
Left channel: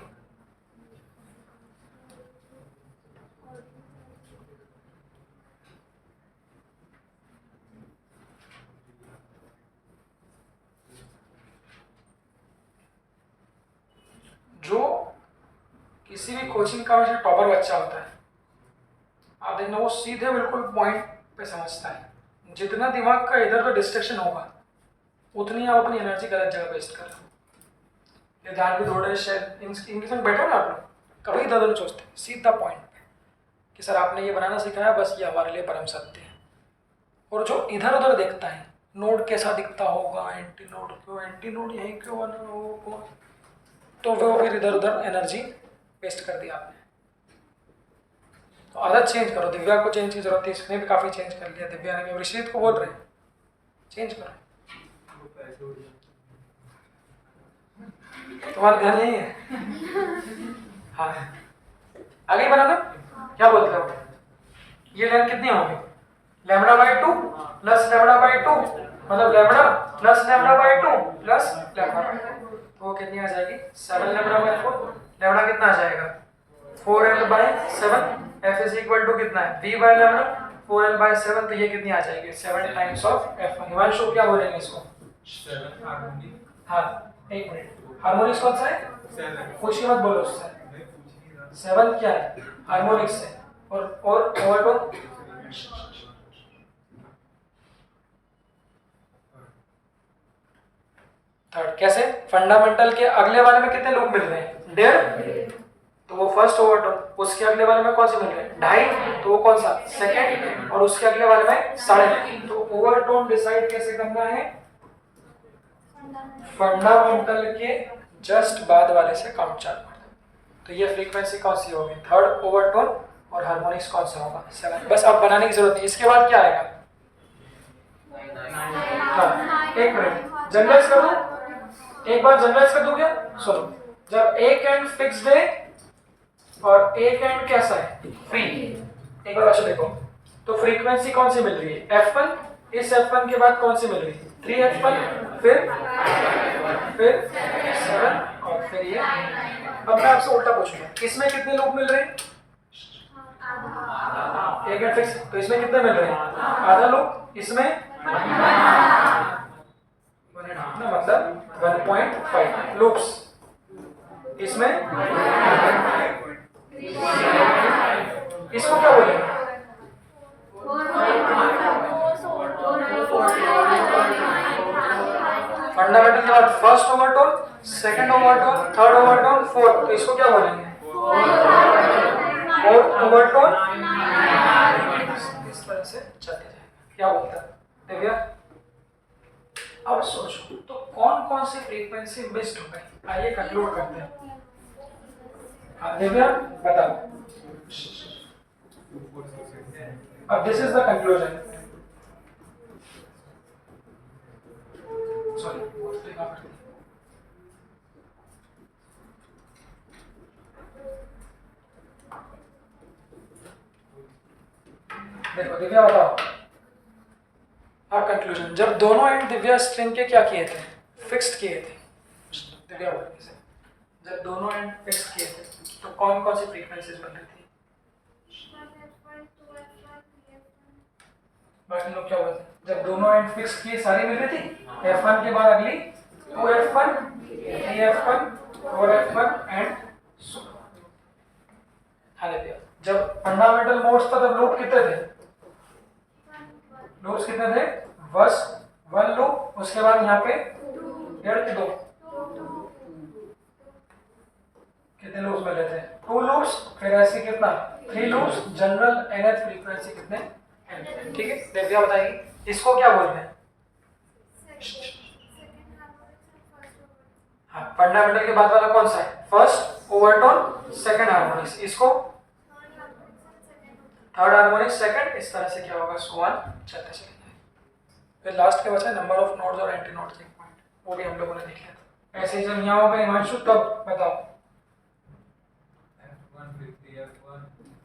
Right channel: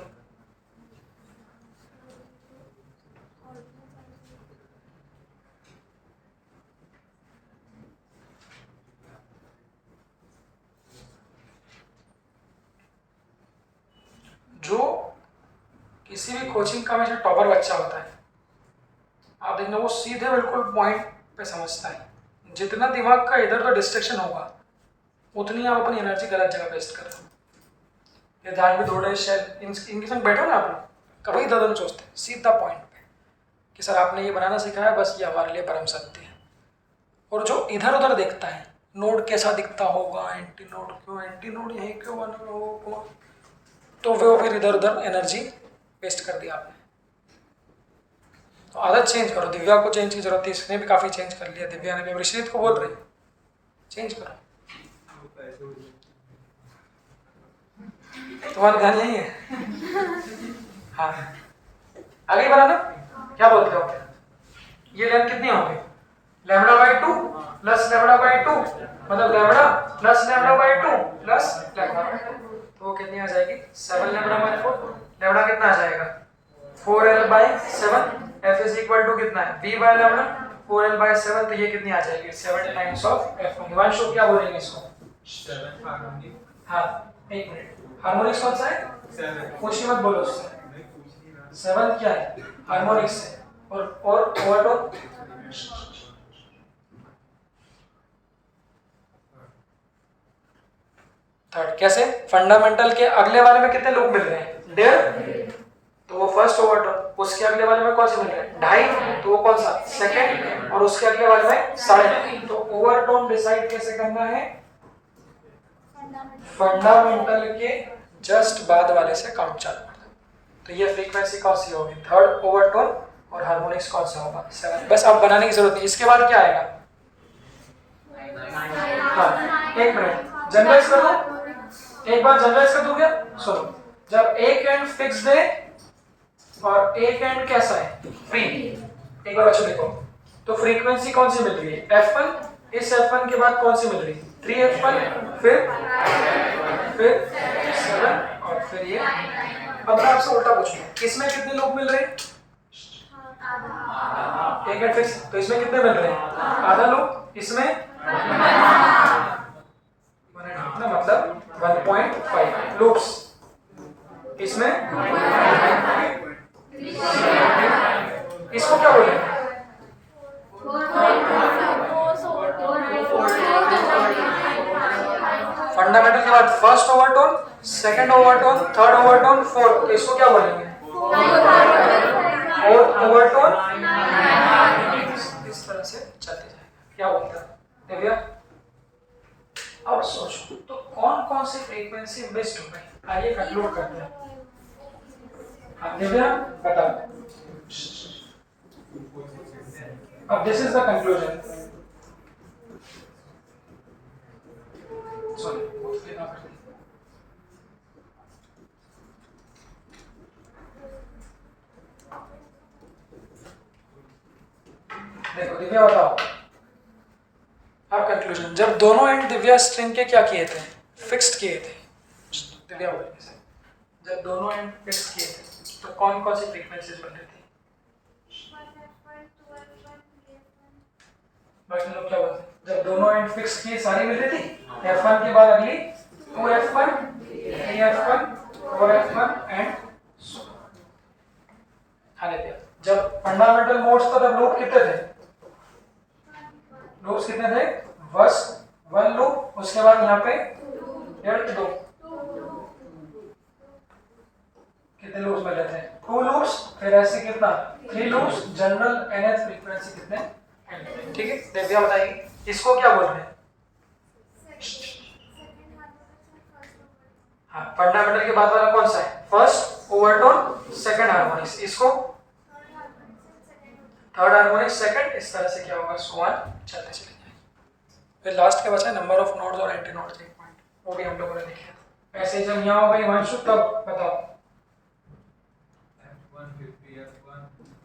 जो किसी भी कोचिंग का जो टॉपर बच्चा होता है, आप देखना वो सीधे बिल्कुल पॉइंट पे समझता है। जितना दिमाग का इधर तो डिस्ट्रैक्शन होगा उतनी आप अपनी एनर्जी गलत जगह वेस्ट कर रहे हो। ये ध्यान भी थोड़े शायद इनके संग बैठो ना आप लोग, कभी इधर उधर सोचते हैं, सीधा पॉइंट पे कि सर आपने ये बनाना सिखाया, बस ये हमारे लिए परम सत्य है। और जो इधर उधर देखता है नोड कैसा दिखता होगा, एंटी नोड क्यों, एंटी नोड यहीं क्यों बना हो, तो वो फिर इधर उधर एनर्जी वेस्ट कर दिया आपने। तो आदत चेंज करो, दिव्या को चेंज की जरूरत है, इसने भी काफ़ी चेंज कर लिया, दिव्या ने भी। ऋषित को बोल रहे हैं चेंज करो, तुम्हारा ध्यान नहीं है। हाँ आगे बनाना, क्या बोलते हो, ये लेंथ कितनी होगी lambda by 2 plus lambda by 2, मतलब lambda plus lambda by 2 plus lambda by 2, तो वो कितनी आ जाएगी 7 लैम्बडा बाय 4। लैम्बडा कितना आ जाएगा 4L by 7, F is equal to कितना है V bye lambda 4L by 7, तो ये कितनी आ जाएगी 7 टाइम्स ऑफ F। हिमांशु क्या बोलेंगे इसको, 7 हार्मोनिक, हाँ एक मिनट, हार्मोनिक्स कौन सा है 7 कुछ ही मत बोलो उससे, नहीं पूछ नहीं रहा, 7 क्या है हार्मोनिक्स है। और ओवरटोन थर्ड। कैसे, फंडामेंटल के अगले वाले में कितने लूप मिल रहे हैं 1.5, तो वो फर्स्ट ओवरटोन। उसके अगले वाले में कौन से मिल रहे हैं 2.5, तो वो कौन सा सेकंड। और उसके अगले वाले में 3.5। तो ओवरटोन डिसाइड कैसे करना है, फंडामेंटल के जस्ट बाद वाले से काउंट चालू करना। तो ये फ्रीक्वेंसी कौन सी होगी, थर्ड ओवरटोन, और हार्मोनिक्स कौन सा होगा, 7। बस अब बनाने की जरूरत नहीं। इसके बाद क्या आएगा, हाँ एक मिनट जनरलाइज कर दूं, एक बार जनरलाइज कर दूं क्या, सुनो, जब एक एंड फिक्स्ड है और एक एंड कैसा है, फ्री, एक बार अच्छा देखो, तो फ्रीक्वेंसी कौन सी मिल रही है, F1, इस F1 के बाद कौन सी मिल रही है, 3F1, फिर 7 और फिर ये। अब मैं आपसे उल्टा पूछूंगा, इसमें कितने लूप मिल रहे हैं, एक एंड फिक्स, तो इसमें कितने मिल रहे हैं, आधा लूप, इसमें 1.5 ना, मतलब 1.5 लूप्स, इसमें इसको क्या बोलेंगे, फंडामेंटल के बाद first overtone, second overtone, third overtone, fourth, तो इसको क्या बोलेंगे, फोर्थ ओवरटोन। इस तरह से चलते जाए, क्या बोलते हैं दिव्या। अब सोचो तो कौन कौन सी फ्रीक्वेंसी मिस्ड हो गई, आइए कंक्लूड करते हैं। हाँ दिव्या बताओ, अब this is the conclusion, sorry देखो दिव्या बताओ, अब कंक्लूजन, जब दोनों एंड दिव्या स्ट्रिंग के क्या किए थे, फिक्स्ड किए थे, दिव्या बोलिए, जब दोनों एंड फिक्स्ड किए थे तो कौन कौन सी फ्रीक्वेंसीज बन रही थी, बाकी लोग क्या बोलते हैं, जब दोनों एंड फिक्स किए सारी मिल रही थी, F1 के बाद अगली 2F1, 3F1, 4F1 एंड जब फंडामेंटल मोड्स था तब लूप कितने थे, लूप्स कितने थे, फर्स्ट 1 लूप, उसके बाद यहाँ पे 2 कितने लूप्स मिले थे, 2 लूप्स, फिर ऐसे कितना 3 लूप्स, जनरल nth फ्रीक्वेंसी कितने, ठीक है। दिव्या बताइए इसको क्या बोल रहे हैं, हाँ फंडामेंटल के बाद वाला कौन सा है, फर्स्ट ओवरटोन, सेकंड हार्मोनिक्स, इसको थर्ड हार्मोनिक्स, सेकंड, इस तरह से क्या होगा, सुवन चलते चले जाएंगे। फिर लास्ट के बचा नंबर ऑफ नोड्स और एंटी नोड्स के पॉइंट, वो भी हम लोगों ने देखे थे। ऐसे ही जब यहाँ हो गए हिमांशु, तब बताओ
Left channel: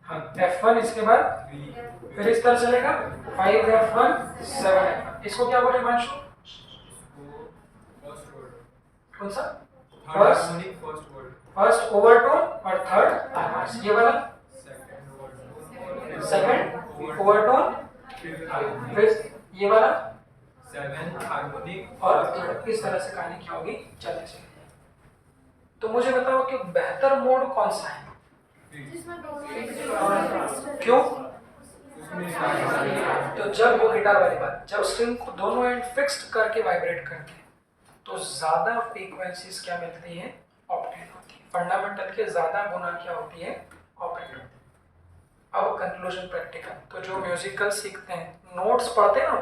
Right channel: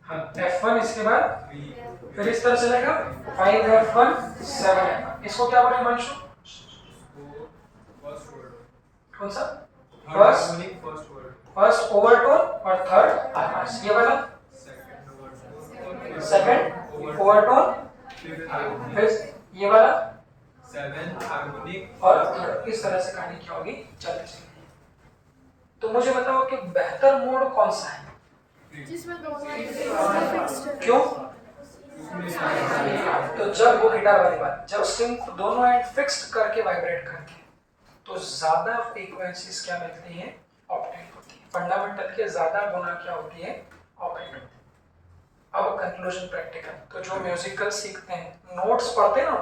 हाँ F1, इसके बाद फिर इस तरह चलेगा 5F1, 7F1, इसको क्या बोले हिमांशु, कौन सा, फर्स्ट ओवरटोन और थर्ड हार्मोनिक्स, ये वाला सेकंड ओवरटोन, फिर ये वाला 7 हार्मोनिक, और इस तरह से कहानी क्या होगी, चलते चलेंगे। तो मुझे बताओ कि बेहतर मोड कौन सा है, क्यों, तो जब वो गिटार वाली बात, जब स्ट्रिंग को दोनों एंड फिक्स्ड करके वाइब्रेट करते हैं तो ज्यादा फ्रीक्वेंसीज क्या मिलती है, ऑपरेट होती है, फंडामेंटल के ज्यादा गुना क्या होती है, ऑपरेट होती है। अब कंक्लूजन प्रैक्टिकल, तो जो म्यूजिकल सीखते हैं, नोट्स पढ़ते हैं ना,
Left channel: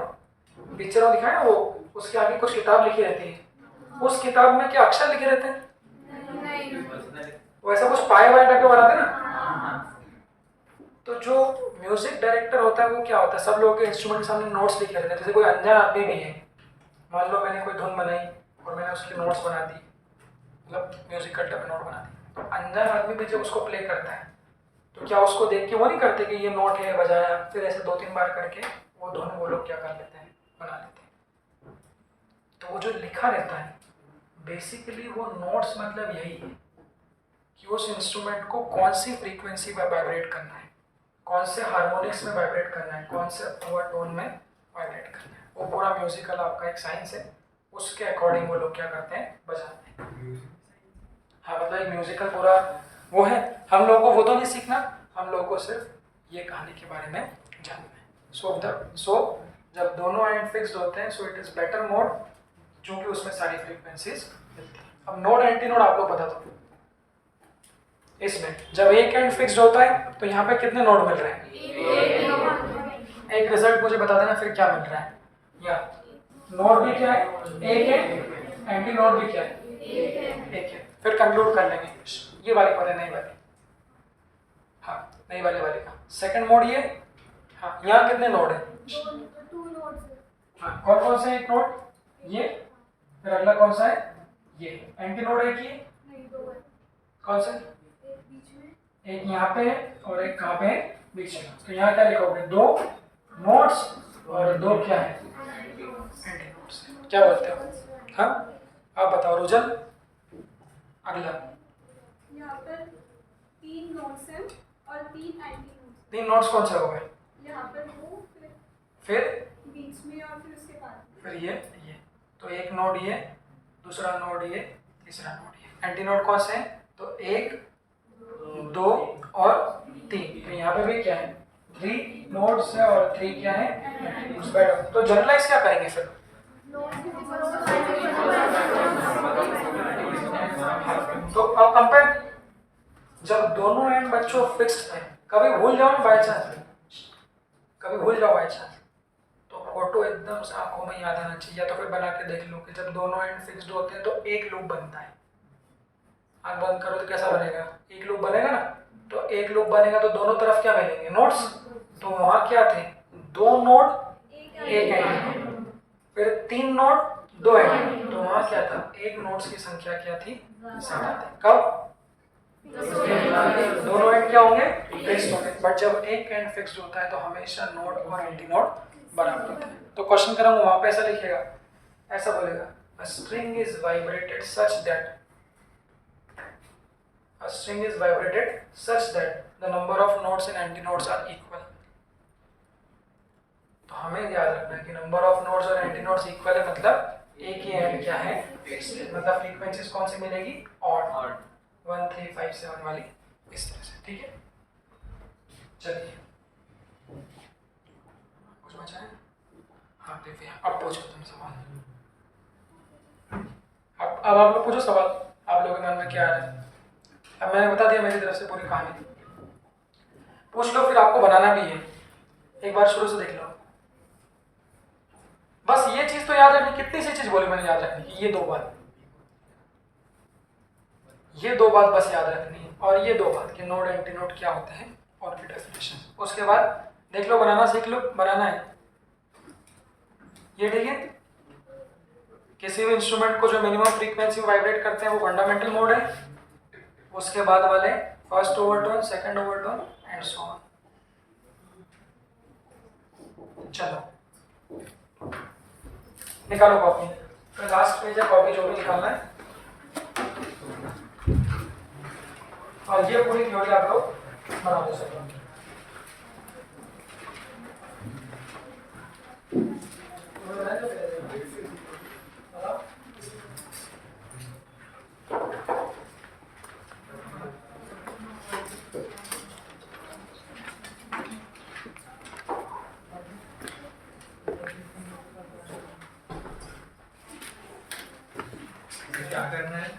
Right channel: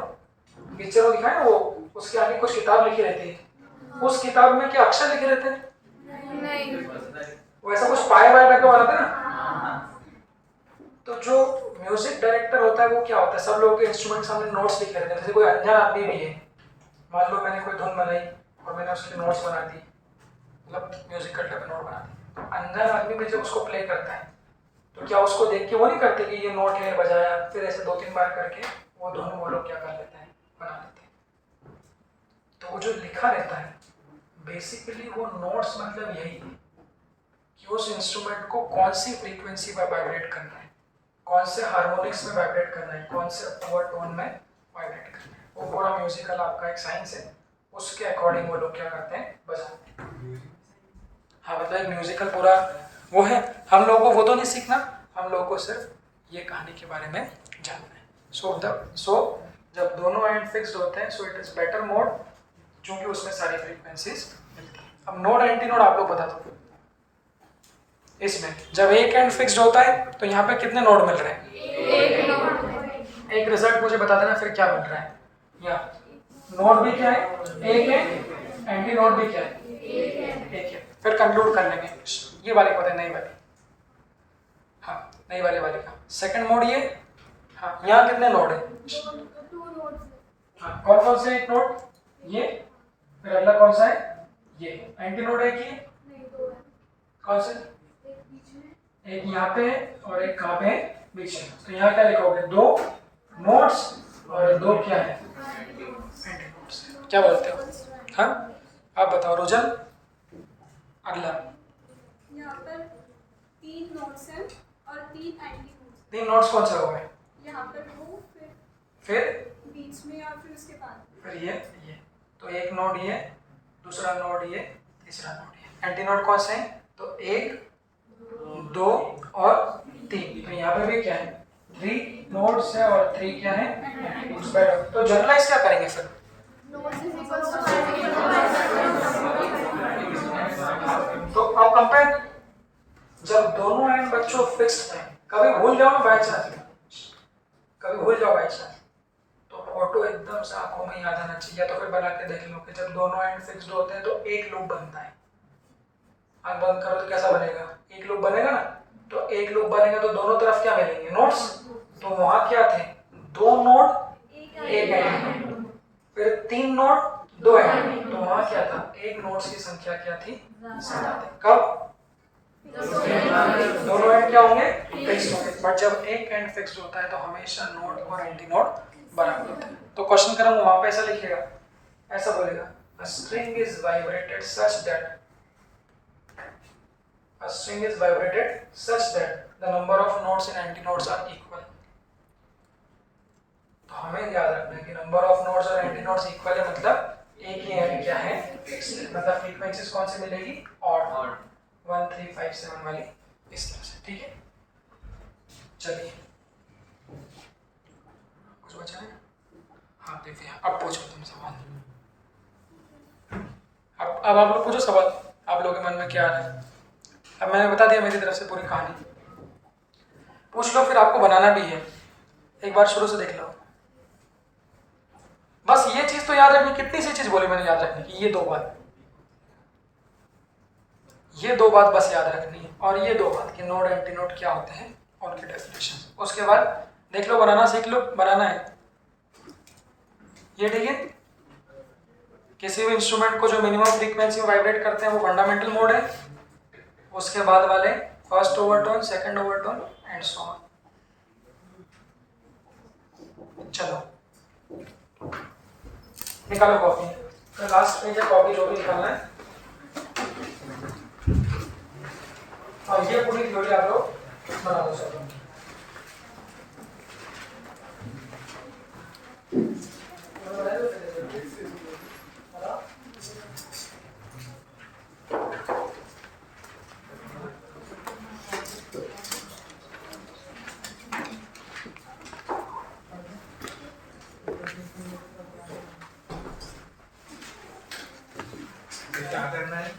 पिक्चर में दिखाए वो, उसके आगे कुछ किताब लिखी रहती है, उस किताब में क्या अक्षर लिखे रहते हैं, वैसा कुछ पाए वाए करके बनाते हैं ना। तो जो म्यूजिक डायरेक्टर होता है वो क्या होता है, सब लोगों के इंस्ट्रूमेंट के सामने नोट्स लिखे रहते हैं। जैसे कोई अनजान आदमी भी है, मान लो मैंने कोई धुन बनाई और मैंने उसकी नोट्स बना दी, मतलब म्यूजिकल टाइप नोट बना दी, तो अनजान आदमी भी जब उसको प्ले करता है तो क्या उसको देख के वो नहीं करते कि ये नोट है, बजाया, फिर ऐसे 2-3 बार करके वो धुन वो लोग क्या कर लेते हैं, बना लेते हैं। तो वो जो लिखा रहता है बेसिकली वो नोट्स मतलब यही है कि उस इंस्ट्रूमेंट को कौन सी फ्रीक्वेंसी पर वाइब्रेट करना है, कौन से हार्मोनिक्स में वाइब्रेट करना है, कौन से ओवरटोन में वाइब्रेट करना है। वो पूरा म्यूजिकल आपका एक साइंस है, उसके अकॉर्डिंग वो लोग क्या करते हैं, बजाते हैं। हाँ मतलब एक म्यूजिकल पूरा वो है। हम लोगों को वो तो नहीं सीखना, हम लोगों को सिर्फ ये कहानी के बारे में जानना है। सो जब दोनों एंड फिक्स्ड होते हैं, so it is better mode, क्योंकि उसमें सारी फ्रीक्वेंसीज मिलती हैं। अब नोड एंटी नोड आप लोग बता दो, इसमें जब एक एंड फिक्स्ड होता है तो यहाँ पे कितने नोड मिल रहे हैं, एक रिजल्ट मुझे बता देना फिर क्या मिल रहा है। या नोड भी क्या है, एक है, एंटी नोड भी क्या है, एक है। फिर कंक्लूड कर लेंगे, ये वाले को नई वाली, हाँ नई वाले का। सेकंड मोड ये, हाँ यहाँ कितने नोड है? 2 नोड्स है। हाँ कौन कौन से? एक नोड ये, फिर अगला कौन सा है? ये। एंटी नोड है कि नहीं 2 है। कौन से? एक बीच में, एक यहाँ पे है और एक कहाँ पे है? बीच में। तो यहाँ क्या लिखोगे? 2 नोड्स और 2 क्या है? Anti nodes. क्या बोलते हो? हाँ आप बताओ रुजन। अगला यहाँ पर 3 नोड्स हैं और 3 एंटी नोड्स। 3 नोड्स कौन से हो गए? यहाँ पर वो, फिर बीच में और फिर उसके बाद। फिर ये। तो एक नोड ये, दूसरा नोड ये, तीसरा नोड ये। एंटी नोड कौन से हैं? तो 1, 2 और 3। तो यहाँ पे भी क्या है? 3 नोड्स है और 3 क्या है? Anti nodes. बैठो। तो जनरलाइज क्या करेंगे सर? तो अब कंपेयर, जब दोनों एंड बच्चों फिक्स्ड हैं, कभी भूल जाओ ना बाई चांस, कभी भूल जाओ बाई चांस, तो फोटो एकदम से आंखों में याद आना चाहिए। या तो फिर बना के देख लो कि जब दोनों एंड फिक्स्ड होते हैं तो एक लूप बनता है। आंख बंद करो तो कैसा बनेगा? एक लूप बनेगा ना। तो एक लूप बनेगा तो दोनों तरफ क्या मिलेंगे? नोड्स। तो वहां क्या थे? 2 नोड एक एंड, फिर 3 नोड 2 एंड। तो वहां क्या था? एक नोड्स की संख्या क्या थी? 7 थी। कब? दोनों एंड क्या होंगे? फिक्स्ड होंगे। बट जब एक एंड फिक्स्ड होता है तो हमेशा नोड और एंटी नोड बराबर होते हैं। तो क्वेश्चन करूंगा वहां पे ऐसा लिखेगा, ऐसा बोलेगा, a string is vibrated such that the number of nodes and antinodes are equal। तो हमें याद रखना है कि नंबर ऑफ नोड्स और एंटीनोड्स इक्वल है, मतलब एक ही एंड क्या है? फिक्स्ड है। मतलब फ्रीक्वेंसीज कौन सी मिलेगी? ऑड, 1 3 5 7 वाली, इस तरह से। ठीक है, चलिए कुछ बचा है? हाँ देखिए, अब पूछो तुम सवाल। अब आप लोग पूछो सवाल, आप लोगों के मन में क्या आ रहा है। अब मैंने बता दिया मेरी तरफ से पूरी कहानी, पूछ लो। फिर आपको बनाना भी है, एक बार शुरू से देख लो। बस ये चीज तो याद रखनी। कितनी सी चीज बोली मैंने याद रखने की? ये 2 बात, ये 2 बात बस याद रखनी है। और ये 2 बात कि नोड एंटी नोड क्या होते हैं और उनकी डेफिनेशन। उसके बाद देख लो, बनाना सीख लो। बनाना है ये, ठीक है। किसी भी इंस्ट्रूमेंट को जो मिनिमम फ्रीक्वेंसी में वाइब्रेट करते हैं वो फंडामेंटल मोड है। उसके बाद वाले first overtone, second overtone and so on. चलो निकालो कॉपी। तो लास्ट पेज है, कॉपी जो भी निकालना है। और ये पूरी थ्योरी आप लोग बना दो सर। क्या करना है?